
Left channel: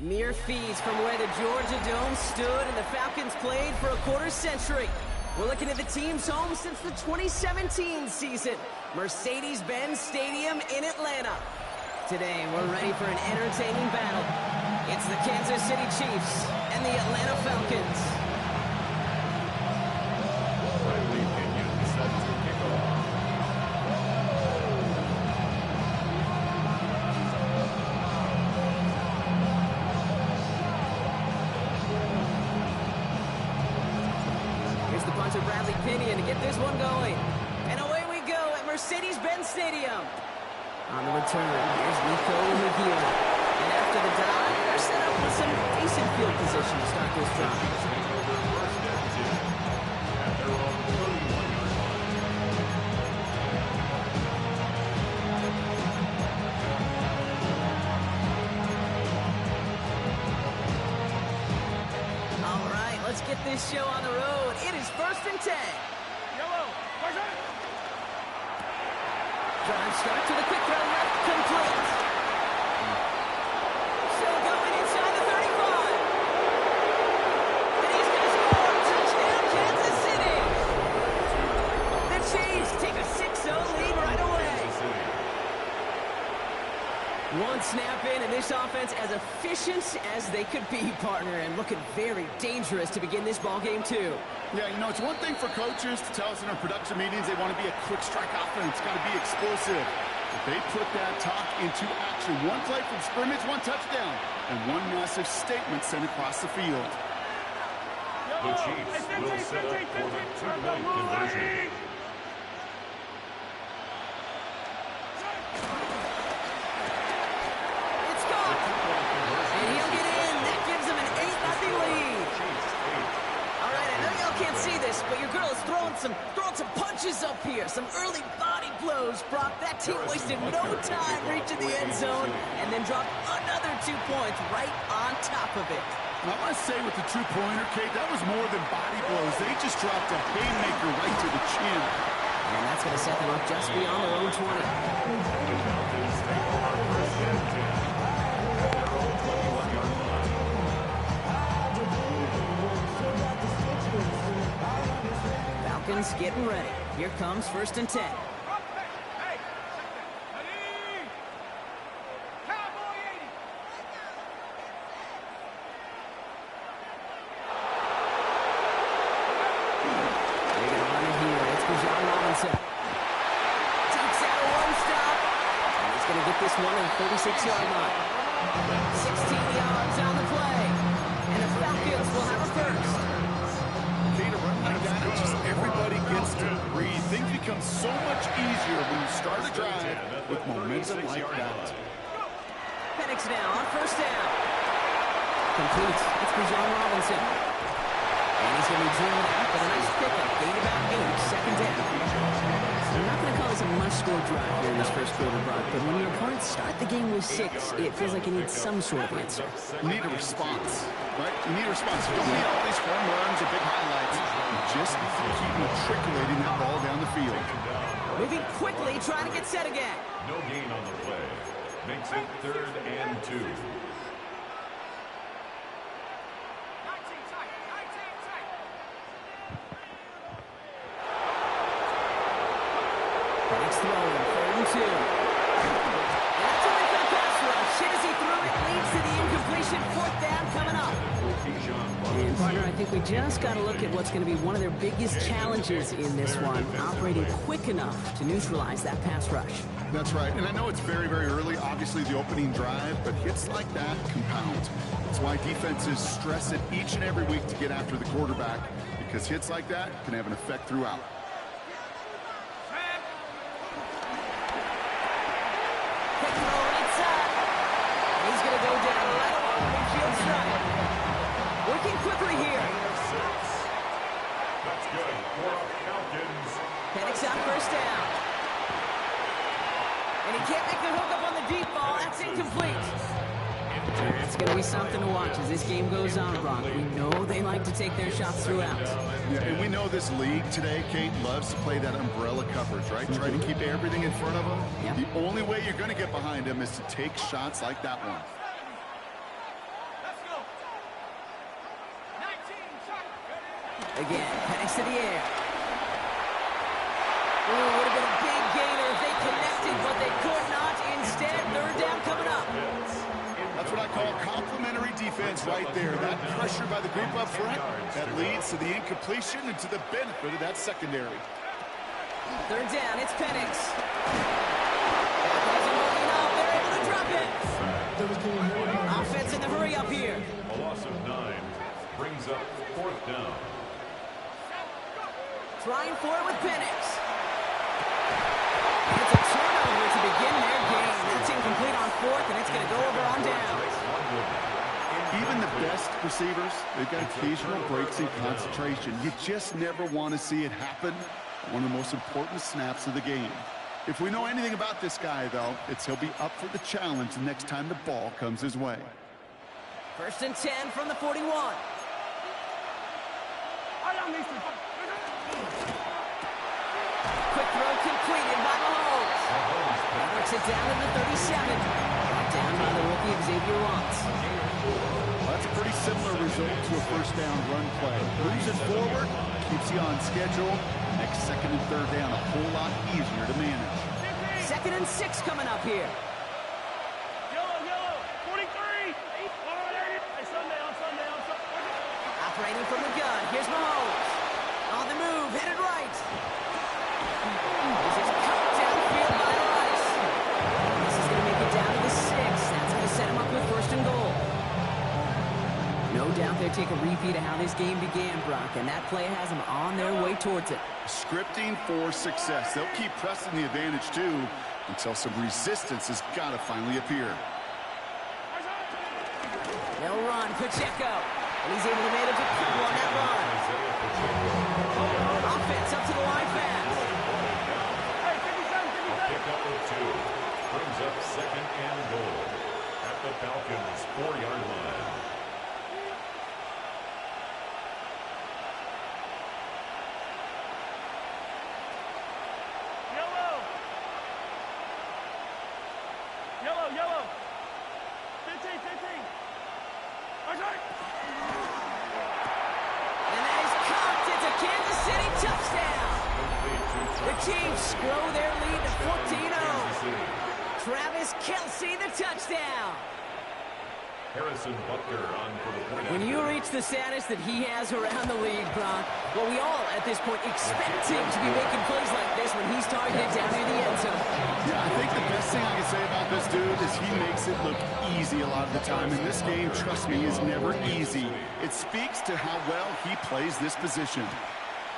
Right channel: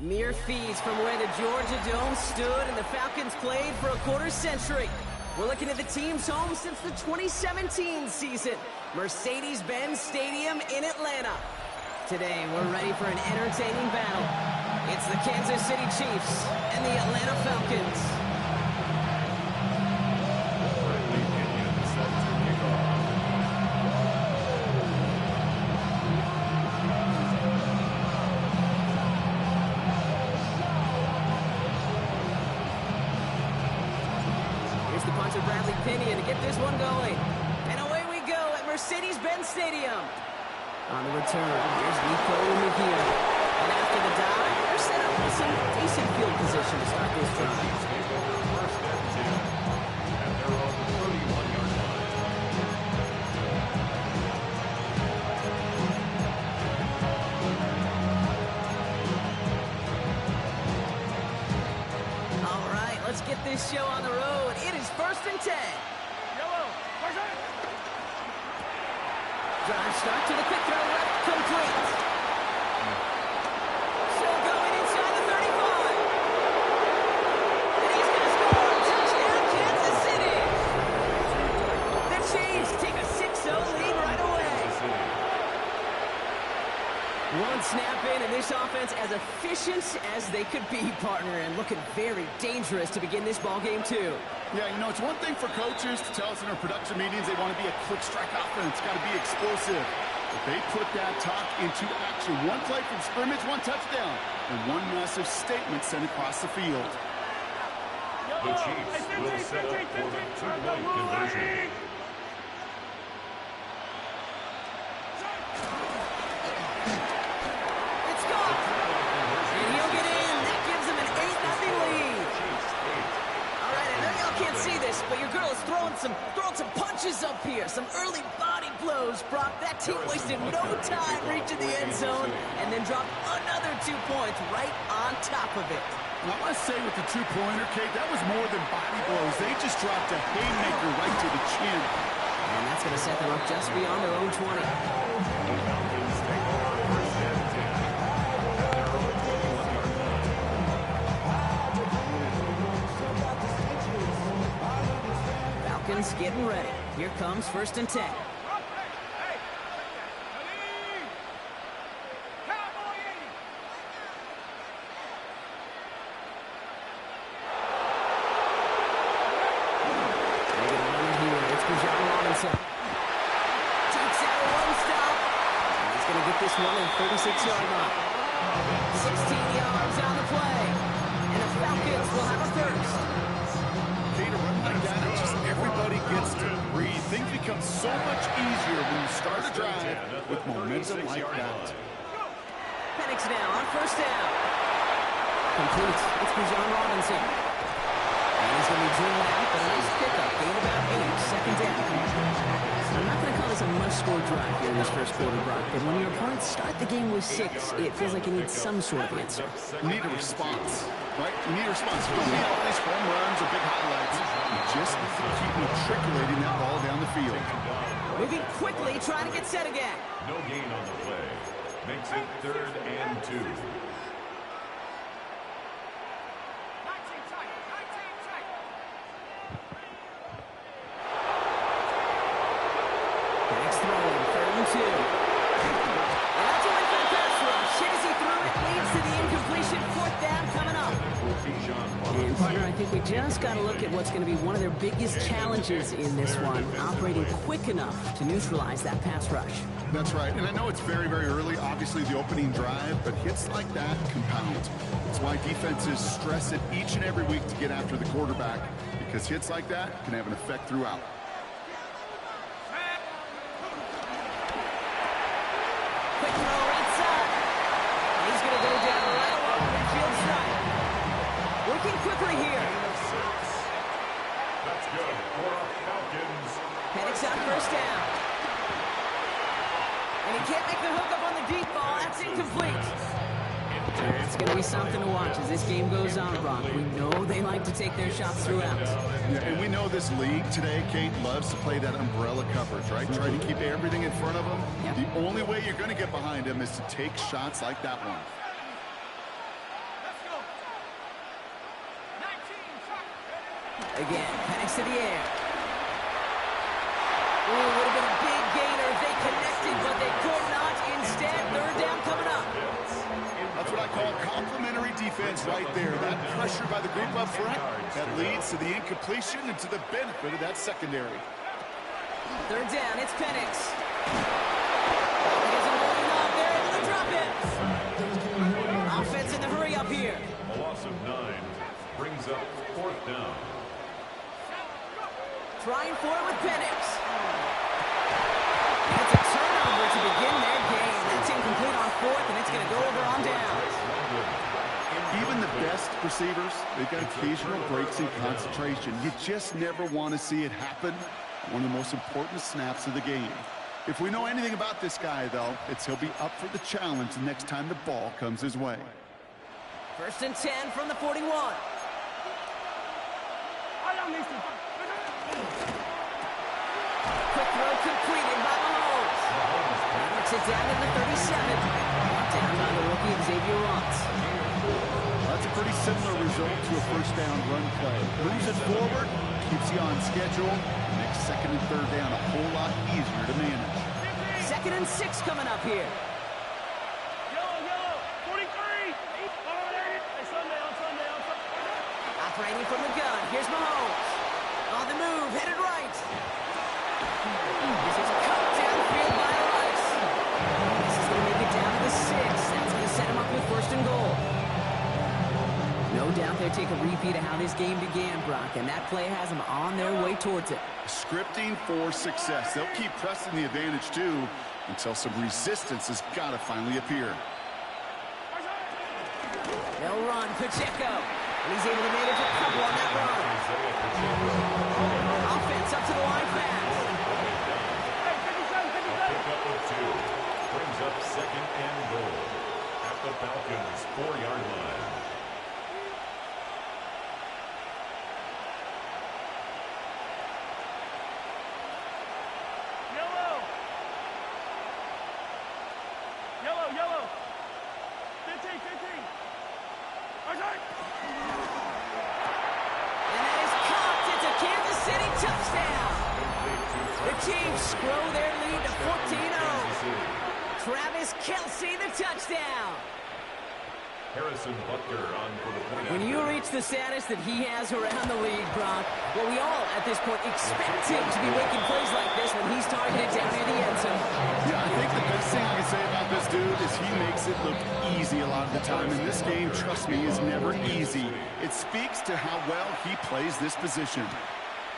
Mere feet from where the Georgia Dome stood and the Falcons played for a quarter century. We're looking at the team's home since the 2017 season, Mercedes-Benz Stadium in Atlanta. Today, we're ready for an entertaining battle. It's the Kansas City Chiefs and the Atlanta Falcons. Friendly opinion set to kick off. Here's the punter, Bradley Pinion, to get this one going. And away we go at Mercedes-Benz Stadium. On the return, here's Nico Mejia. And after the dive, they're set up with some decent field position to start this drive. The Chiefs take over first and 10 at their own 31-yard line. All right, let's get this show on the road. It is 1st and 10. Yellow, push it. Drive start to the quick throw left, complete. Still going inside the 35. And he's going to score. Touchdown, Kansas City. The Chiefs take a 6-0 lead right away. One snap in, and this offense as efficient as they could be, partner, and looking very dangerous to begin this ball game too. Yeah, you know, it's one thing for coaches to tell us in our production meetings they want to be a quick strike offense, got to be explosive. But they put that talk into action. One play from scrimmage, one touchdown, and one massive statement sent across the field. The Chiefs will set up for the two-point conversion. It's gone. And he'll get in. That gives him an 8-0 lead. All right, I know y'all can't see this, but your girl is throwing some punches up here. Some early body blows, Brock. That team wasted no time reaching the end zone and then dropped another 2 points right on top of it. And I must say with the two-pointer, Kate, that was more than body blows. They just dropped a haymaker right to the chin. And that's going to set them up just beyond their own 20. The Falcons take over first and 10 at their own 21-yard line. Falcons getting ready. Here comes 1st and 10. Hey, Cowboy 80. They're going to run it here. It's Bijan Robinson. Takes out a one stop. And he's going to get this one at the 36-yard line. 16 yards on the play. And the Falcons will have a first. Kate, a run like that, it's just everybody gets to breathe. Things become so much easier when you start a drive with momentum like that. Penix now on 1st down. Complete. It's Bijan Robinson. And he's going to be driven out, but a nice pickup. Gain about 8, second down. I'm not going to call this a must-score drive here in this first quarter, Brock, but when your opponents start the game with 6, it feels like you need some sort of answer. You need a response, right? You need a response. You don't need all these home runs or big highlights. You just need to keep matriculating that ball down the field. Moving quickly, trying to get set again. No gain on the play. Makes it 3rd and 2. Next throw, 3rd and 2. And that's a win for the pass rush. Hit as he threw it, leads to the incompletion. 4th down coming up. And partner, I think we just got to look at what's going to be one of their biggest challenges in this one, operating quick enough to neutralize that pass rush. That's right, and I know it's very, very early, obviously the opening drive, but hits like that compound. That's why defenses stress it each and every week to get after the quarterback, because hits like that can have an effect throughout. Quick throw right side. He's going to go down right along the midfield stripe. Working quickly here. That's good for Falcons. Penix on 1st down. And he can't make the hook up on the deep ball. That's incomplete. It's going to be something to watch as this game goes on, Brock. We know they like to take their shots throughout. Yeah, and we know this league today, Kate, loves to play that umbrella coverage, right? Try to keep everything in front of them. Yep. The only way you're going to get behind them is to take shots like that one. Let's go. 19, shot. Again, Penix to the air. Ooh, would have been a big gainer if they connected, but they could not. Instead, 3rd down coming up. That's what I call complimentary defense right there. That pressure by the group up front, that leads to the incompletion and to the benefit of that secondary. 3rd down, it's Penix. He isn't holding up. They're able to drop it. Offense in the hurry up here. A loss of 9 brings up 4th down. Trying for it with Penix. And it's a turnover to begin their game. That's incomplete on 4th, and it's going to go over on downs. Even the best receivers, they've got occasional breaks in concentration. You just never want to see it happen on one of the most important snaps of the game. If we know anything about this guy, though, it's he'll be up for the challenge the next time the ball comes his way. 1st and 10 from the 41. Quick throw completed by Mahomes. He works it down to the 37. Brought down by the rookie Xavier Watts. Well, that's a pretty similar result to a 1st down run play. Moves it forward, keeps you on schedule. Makes 2nd and 3rd down a whole lot easier to manage. 2nd and 6 coming up here. Yellow, 43. On Sunday. Operating from the gun. Here's Mahomes. On the move, headed right. This is cut downfield by Rice. This is going to make it down to the 6. That's going to set him up with 1st and goal. No doubt they'll take a repeat of how this game began, Brock, and that play has them on their way towards it. Scripting for success. They'll keep pressing the advantage, too, until some resistance has got to finally appear. They'll run, Pacheco, and he's able to manage a couple on that run. Offense up to the line fast. Hey, 57. Pick up of 2. Brings up 2nd and goal at the Falcons' 4-yard line. Yellow. 15. And that is caught. It's a Kansas City touchdown. The Chiefs grow their lead to 14-0. Travis Kelce, the touchdown. Harrison Butker on for the point. When you reach the status that he has around the league, Brock, well, we all at this point expect him to be making plays like this when he's targeted down near the end zone. Yeah, I think the best thing I can say about this dude is he makes it look easy a lot of the time. And this game, trust me, is never easy. It speaks to how well he plays this position.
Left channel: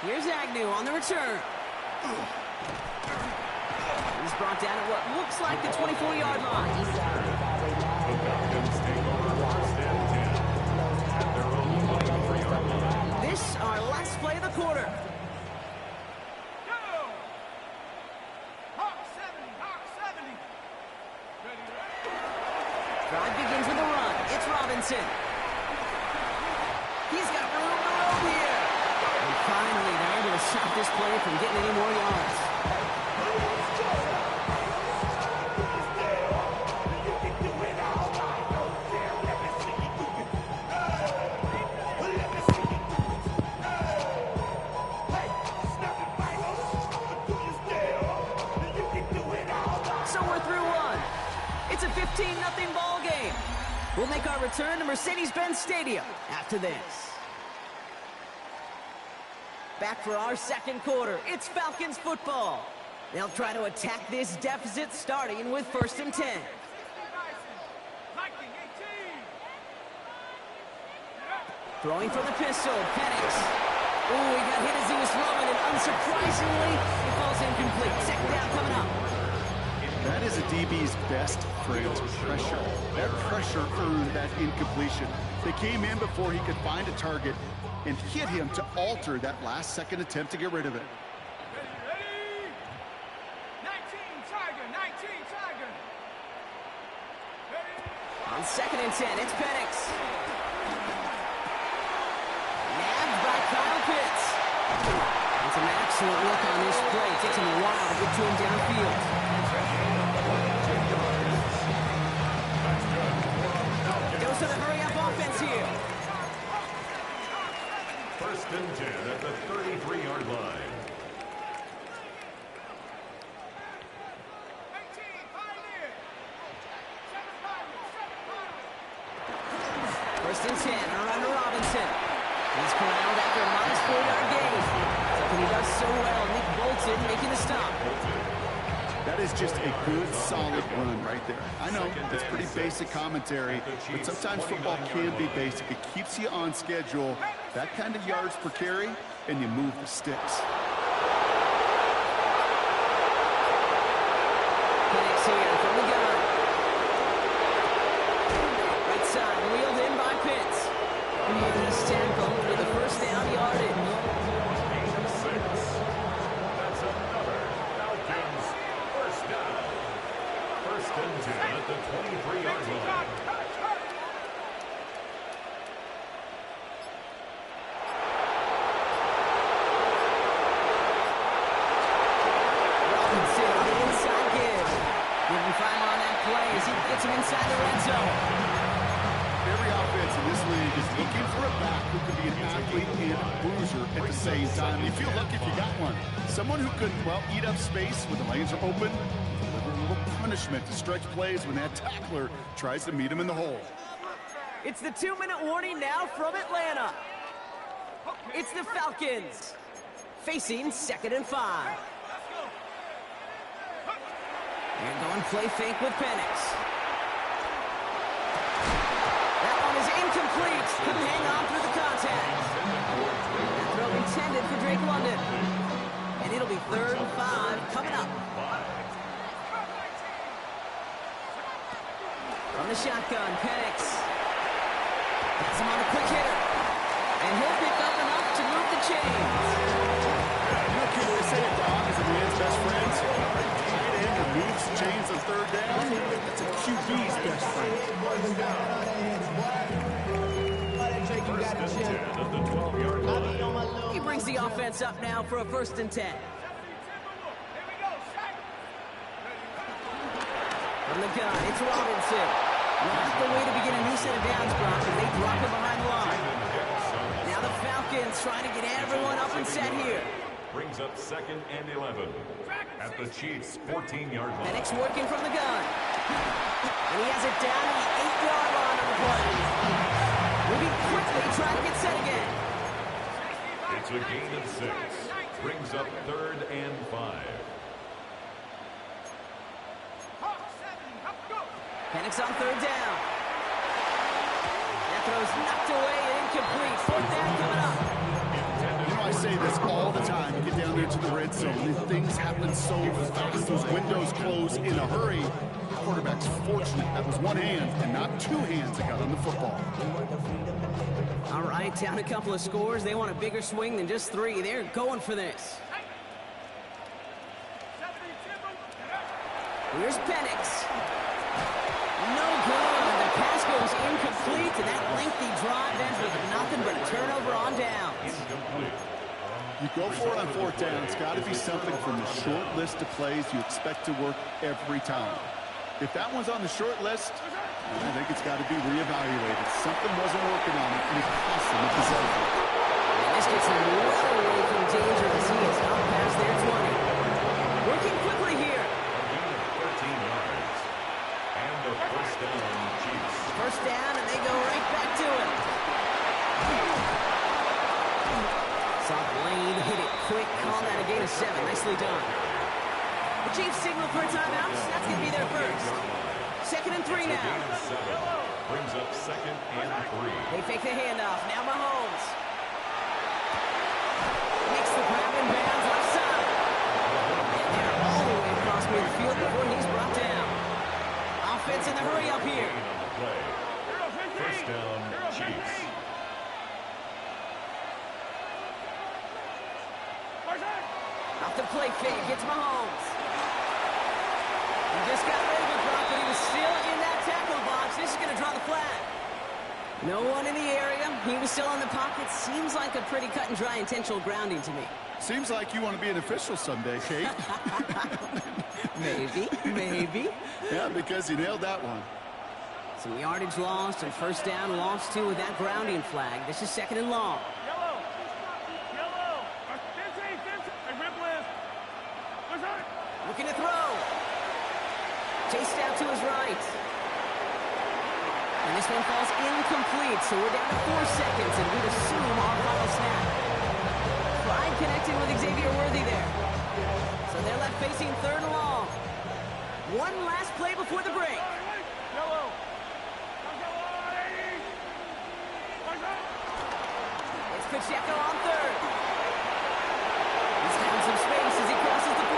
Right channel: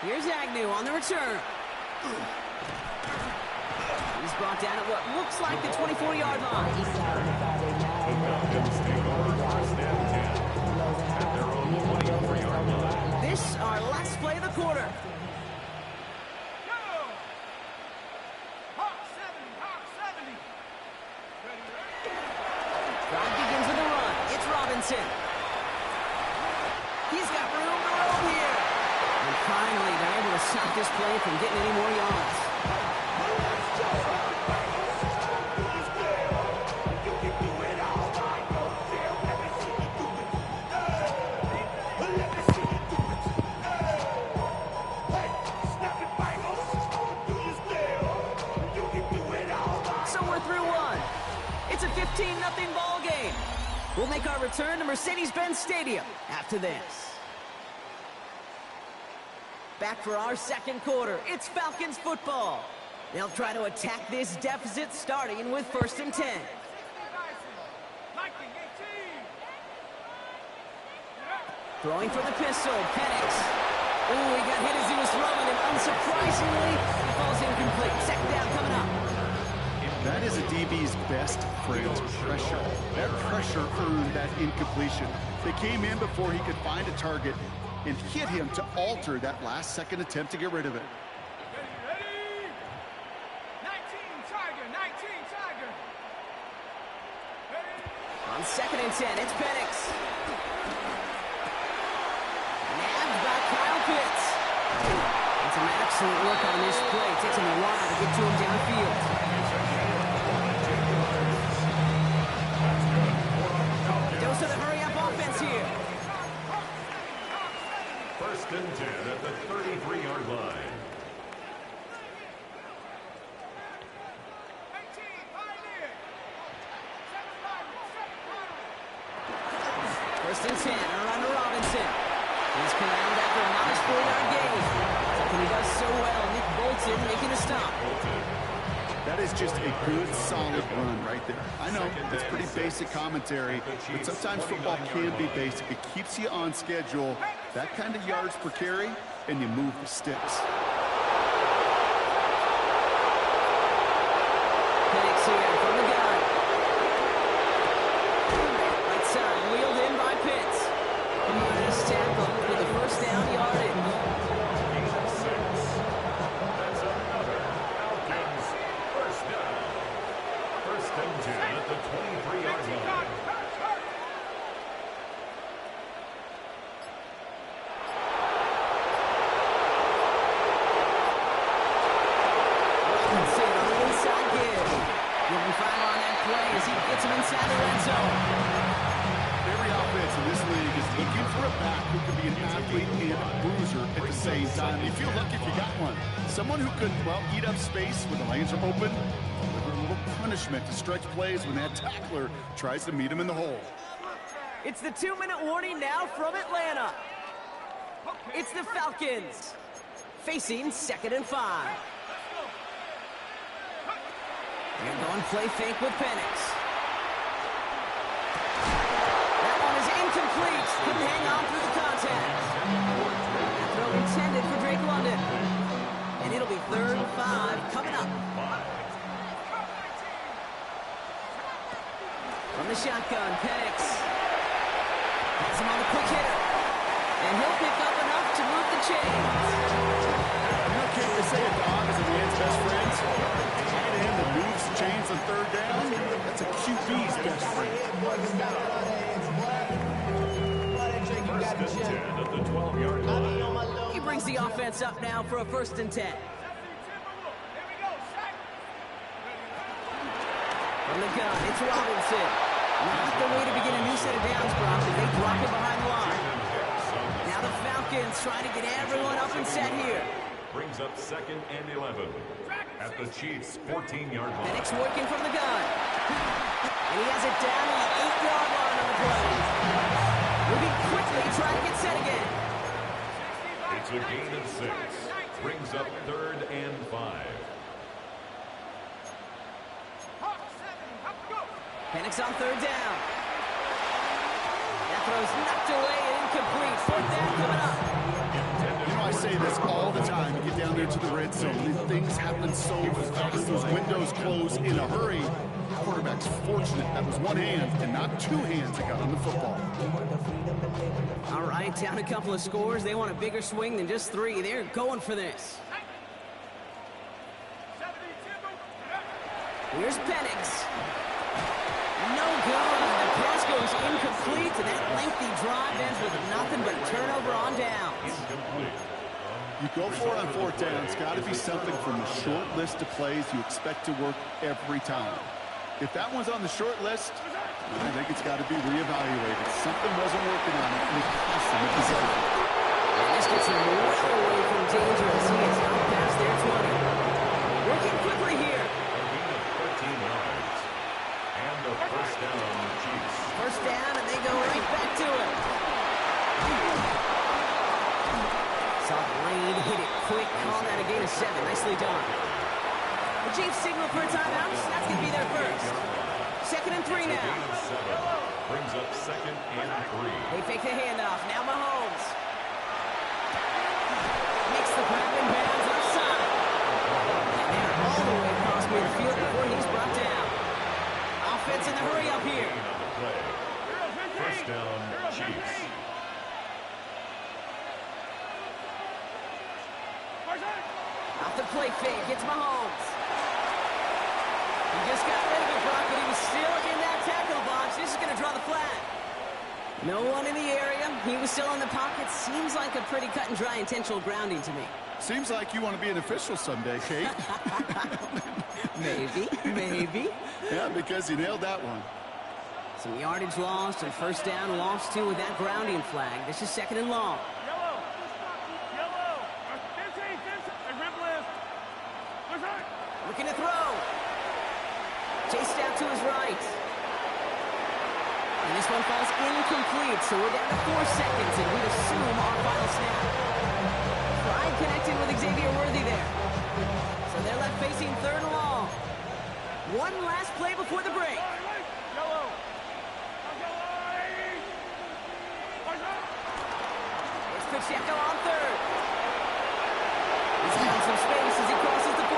Here's Agnew on the return. He's brought down at what looks like the 24-yard line. The Falcons take over 1st and 10 at their own 23-yard line. This Robinson. He's got room to roam here. And finally, they're able to stop this play from getting any more yards. So we're through one. It's a 15-0 ball game. We'll make our return to Mercedes-Benz Stadium after this. Back for our second quarter. It's Falcons football. They'll try to attack this deficit starting with 1st and 10. Throwing for the pistol, Penix. Ooh, he got hit as he was throwing, and unsurprisingly, he falls incomplete. Second down coming up. That is a DB's best friend, pressure. That pressure earned that incompletion. They came in before he could find a target and hit him to alter that last-second attempt to get rid of it. Ready? 19 Tiger. On 2nd and 10, it's Penix. Nabbed by Kyle Pitts. And some excellent work on this play. It takes him a while to get to him downfield. Goes to the hurry-up offense here. 1st and 10 at the 33-yard line. 1st and 10, a run to Robinson. He's corralled after a modest 4-yard gain. Something he does so well. Nick Bolton making the stop. That is just a good, solid run right there. I know, it's pretty basic commentary, but sometimes football can be basic. It keeps you on schedule, that kind of yards per carry, and you move the sticks. Penix here from the gun. Right side, wheeled in by Pitts. And he's tackled for the 1st down yardage. Gain of 6. That's another Falcons 1st down. 1st and 10 at the 23-yard line. Robinson on the inside give. Give him 5 on that play as he gets him inside the red zone. Every offense in this league is looking for a back who can be an athlete and a bruiser at the same time. You feel lucky if you got one. Someone who can, well, eat up space when the lanes are open, deliver a little punishment to stretch plays when that tackler tries to meet him in the hole. It's the 2-minute warning now from Atlanta. It's the Falcons facing 2nd and 5. They're going play fake with Penix. That one is incomplete. Couldn't hang on through the contact. That throw intended for Drake London. And it'll be 3rd and 5 coming up. From the shotgun, Penix. Has him on the quick hitter. And he'll pick up enough to move the chains. You know, Kate, they say a dog is a man's best friend. Tight end that moves chains on 3rd down, that's a QB's best friend. 1st and 10 at the 12-yard line. He brings the offense up now for a 1st and 10. From the gun, it's Robinson. Not the way to begin a new set of downs, Brock, as they drop it behind the line. Now the Falcons trying to get everyone up and set here. Brings up 2nd and 11 at the Chiefs' 14-yard line. Penix working from the gun. And he has it down to the 8-yard line on the play. Moving quickly, trying to get set again. It's a gain of 6. Brings up 3rd and 5. Penix on 3rd down. That throw's knocked away and incomplete. 4th down coming up. You know, I say this all the time. You get down there to the red zone, and things happen so fast. Those windows close in a hurry. The quarterback's fortunate. That was one hand and not 2 hands that got on the football. All right, down a couple of scores. They want a bigger swing than just 3. They're going for this. Here's Penix. No good. The pass goes incomplete, and that lengthy drive ends with nothing but a turnover on downs. You go for it on fourth down. It's got to be something from the short list of plays you expect to work every time. If that one's on the short list, I think it's got to be reevaluated. Something wasn't working on it, and it cost them a possession. And this gets him well away from danger as he is out past their 20. Working quickly here. A gain of 13 yards. And a first down, Chiefs. First down, and they go right back to it. Saw Lane hit it quick, call that a gain of 7. Nicely done. The Chiefs signal for a timeout. That's going to be their first. 2nd and 3 now. Gain of 7. Brings up 2nd and 3. They fake the handoff. Now Mahomes. Makes the grab in bounds left side. And they're all the way across midfield before he's brought down. Offense in the hurry up here. Gain on the play. First down, Chiefs. Off the play fake, gets Mahomes. He just got rid of it, Brock, but he was still in that tackle box. This is going to draw the flag. No one in the area. He was still in the pocket. Seems like a pretty cut and dry intentional grounding to me. Seems like you want to be an official someday, Kate. Maybe. Yeah, because you nailed that one. Some yardage lost and first down lost too with that grounding flag. This is 2nd and long. Yellow. 15. Looking to throw. Chased out to his right. And this one falls incomplete, so we're down to 4 seconds, and we'd assume our final snap. Pride connecting with Xavier Worthy there. So they're left facing 3rd and long. One last play before the break. Yellow. It's Pacheco on 3rd. He's found some space as he crosses the 40.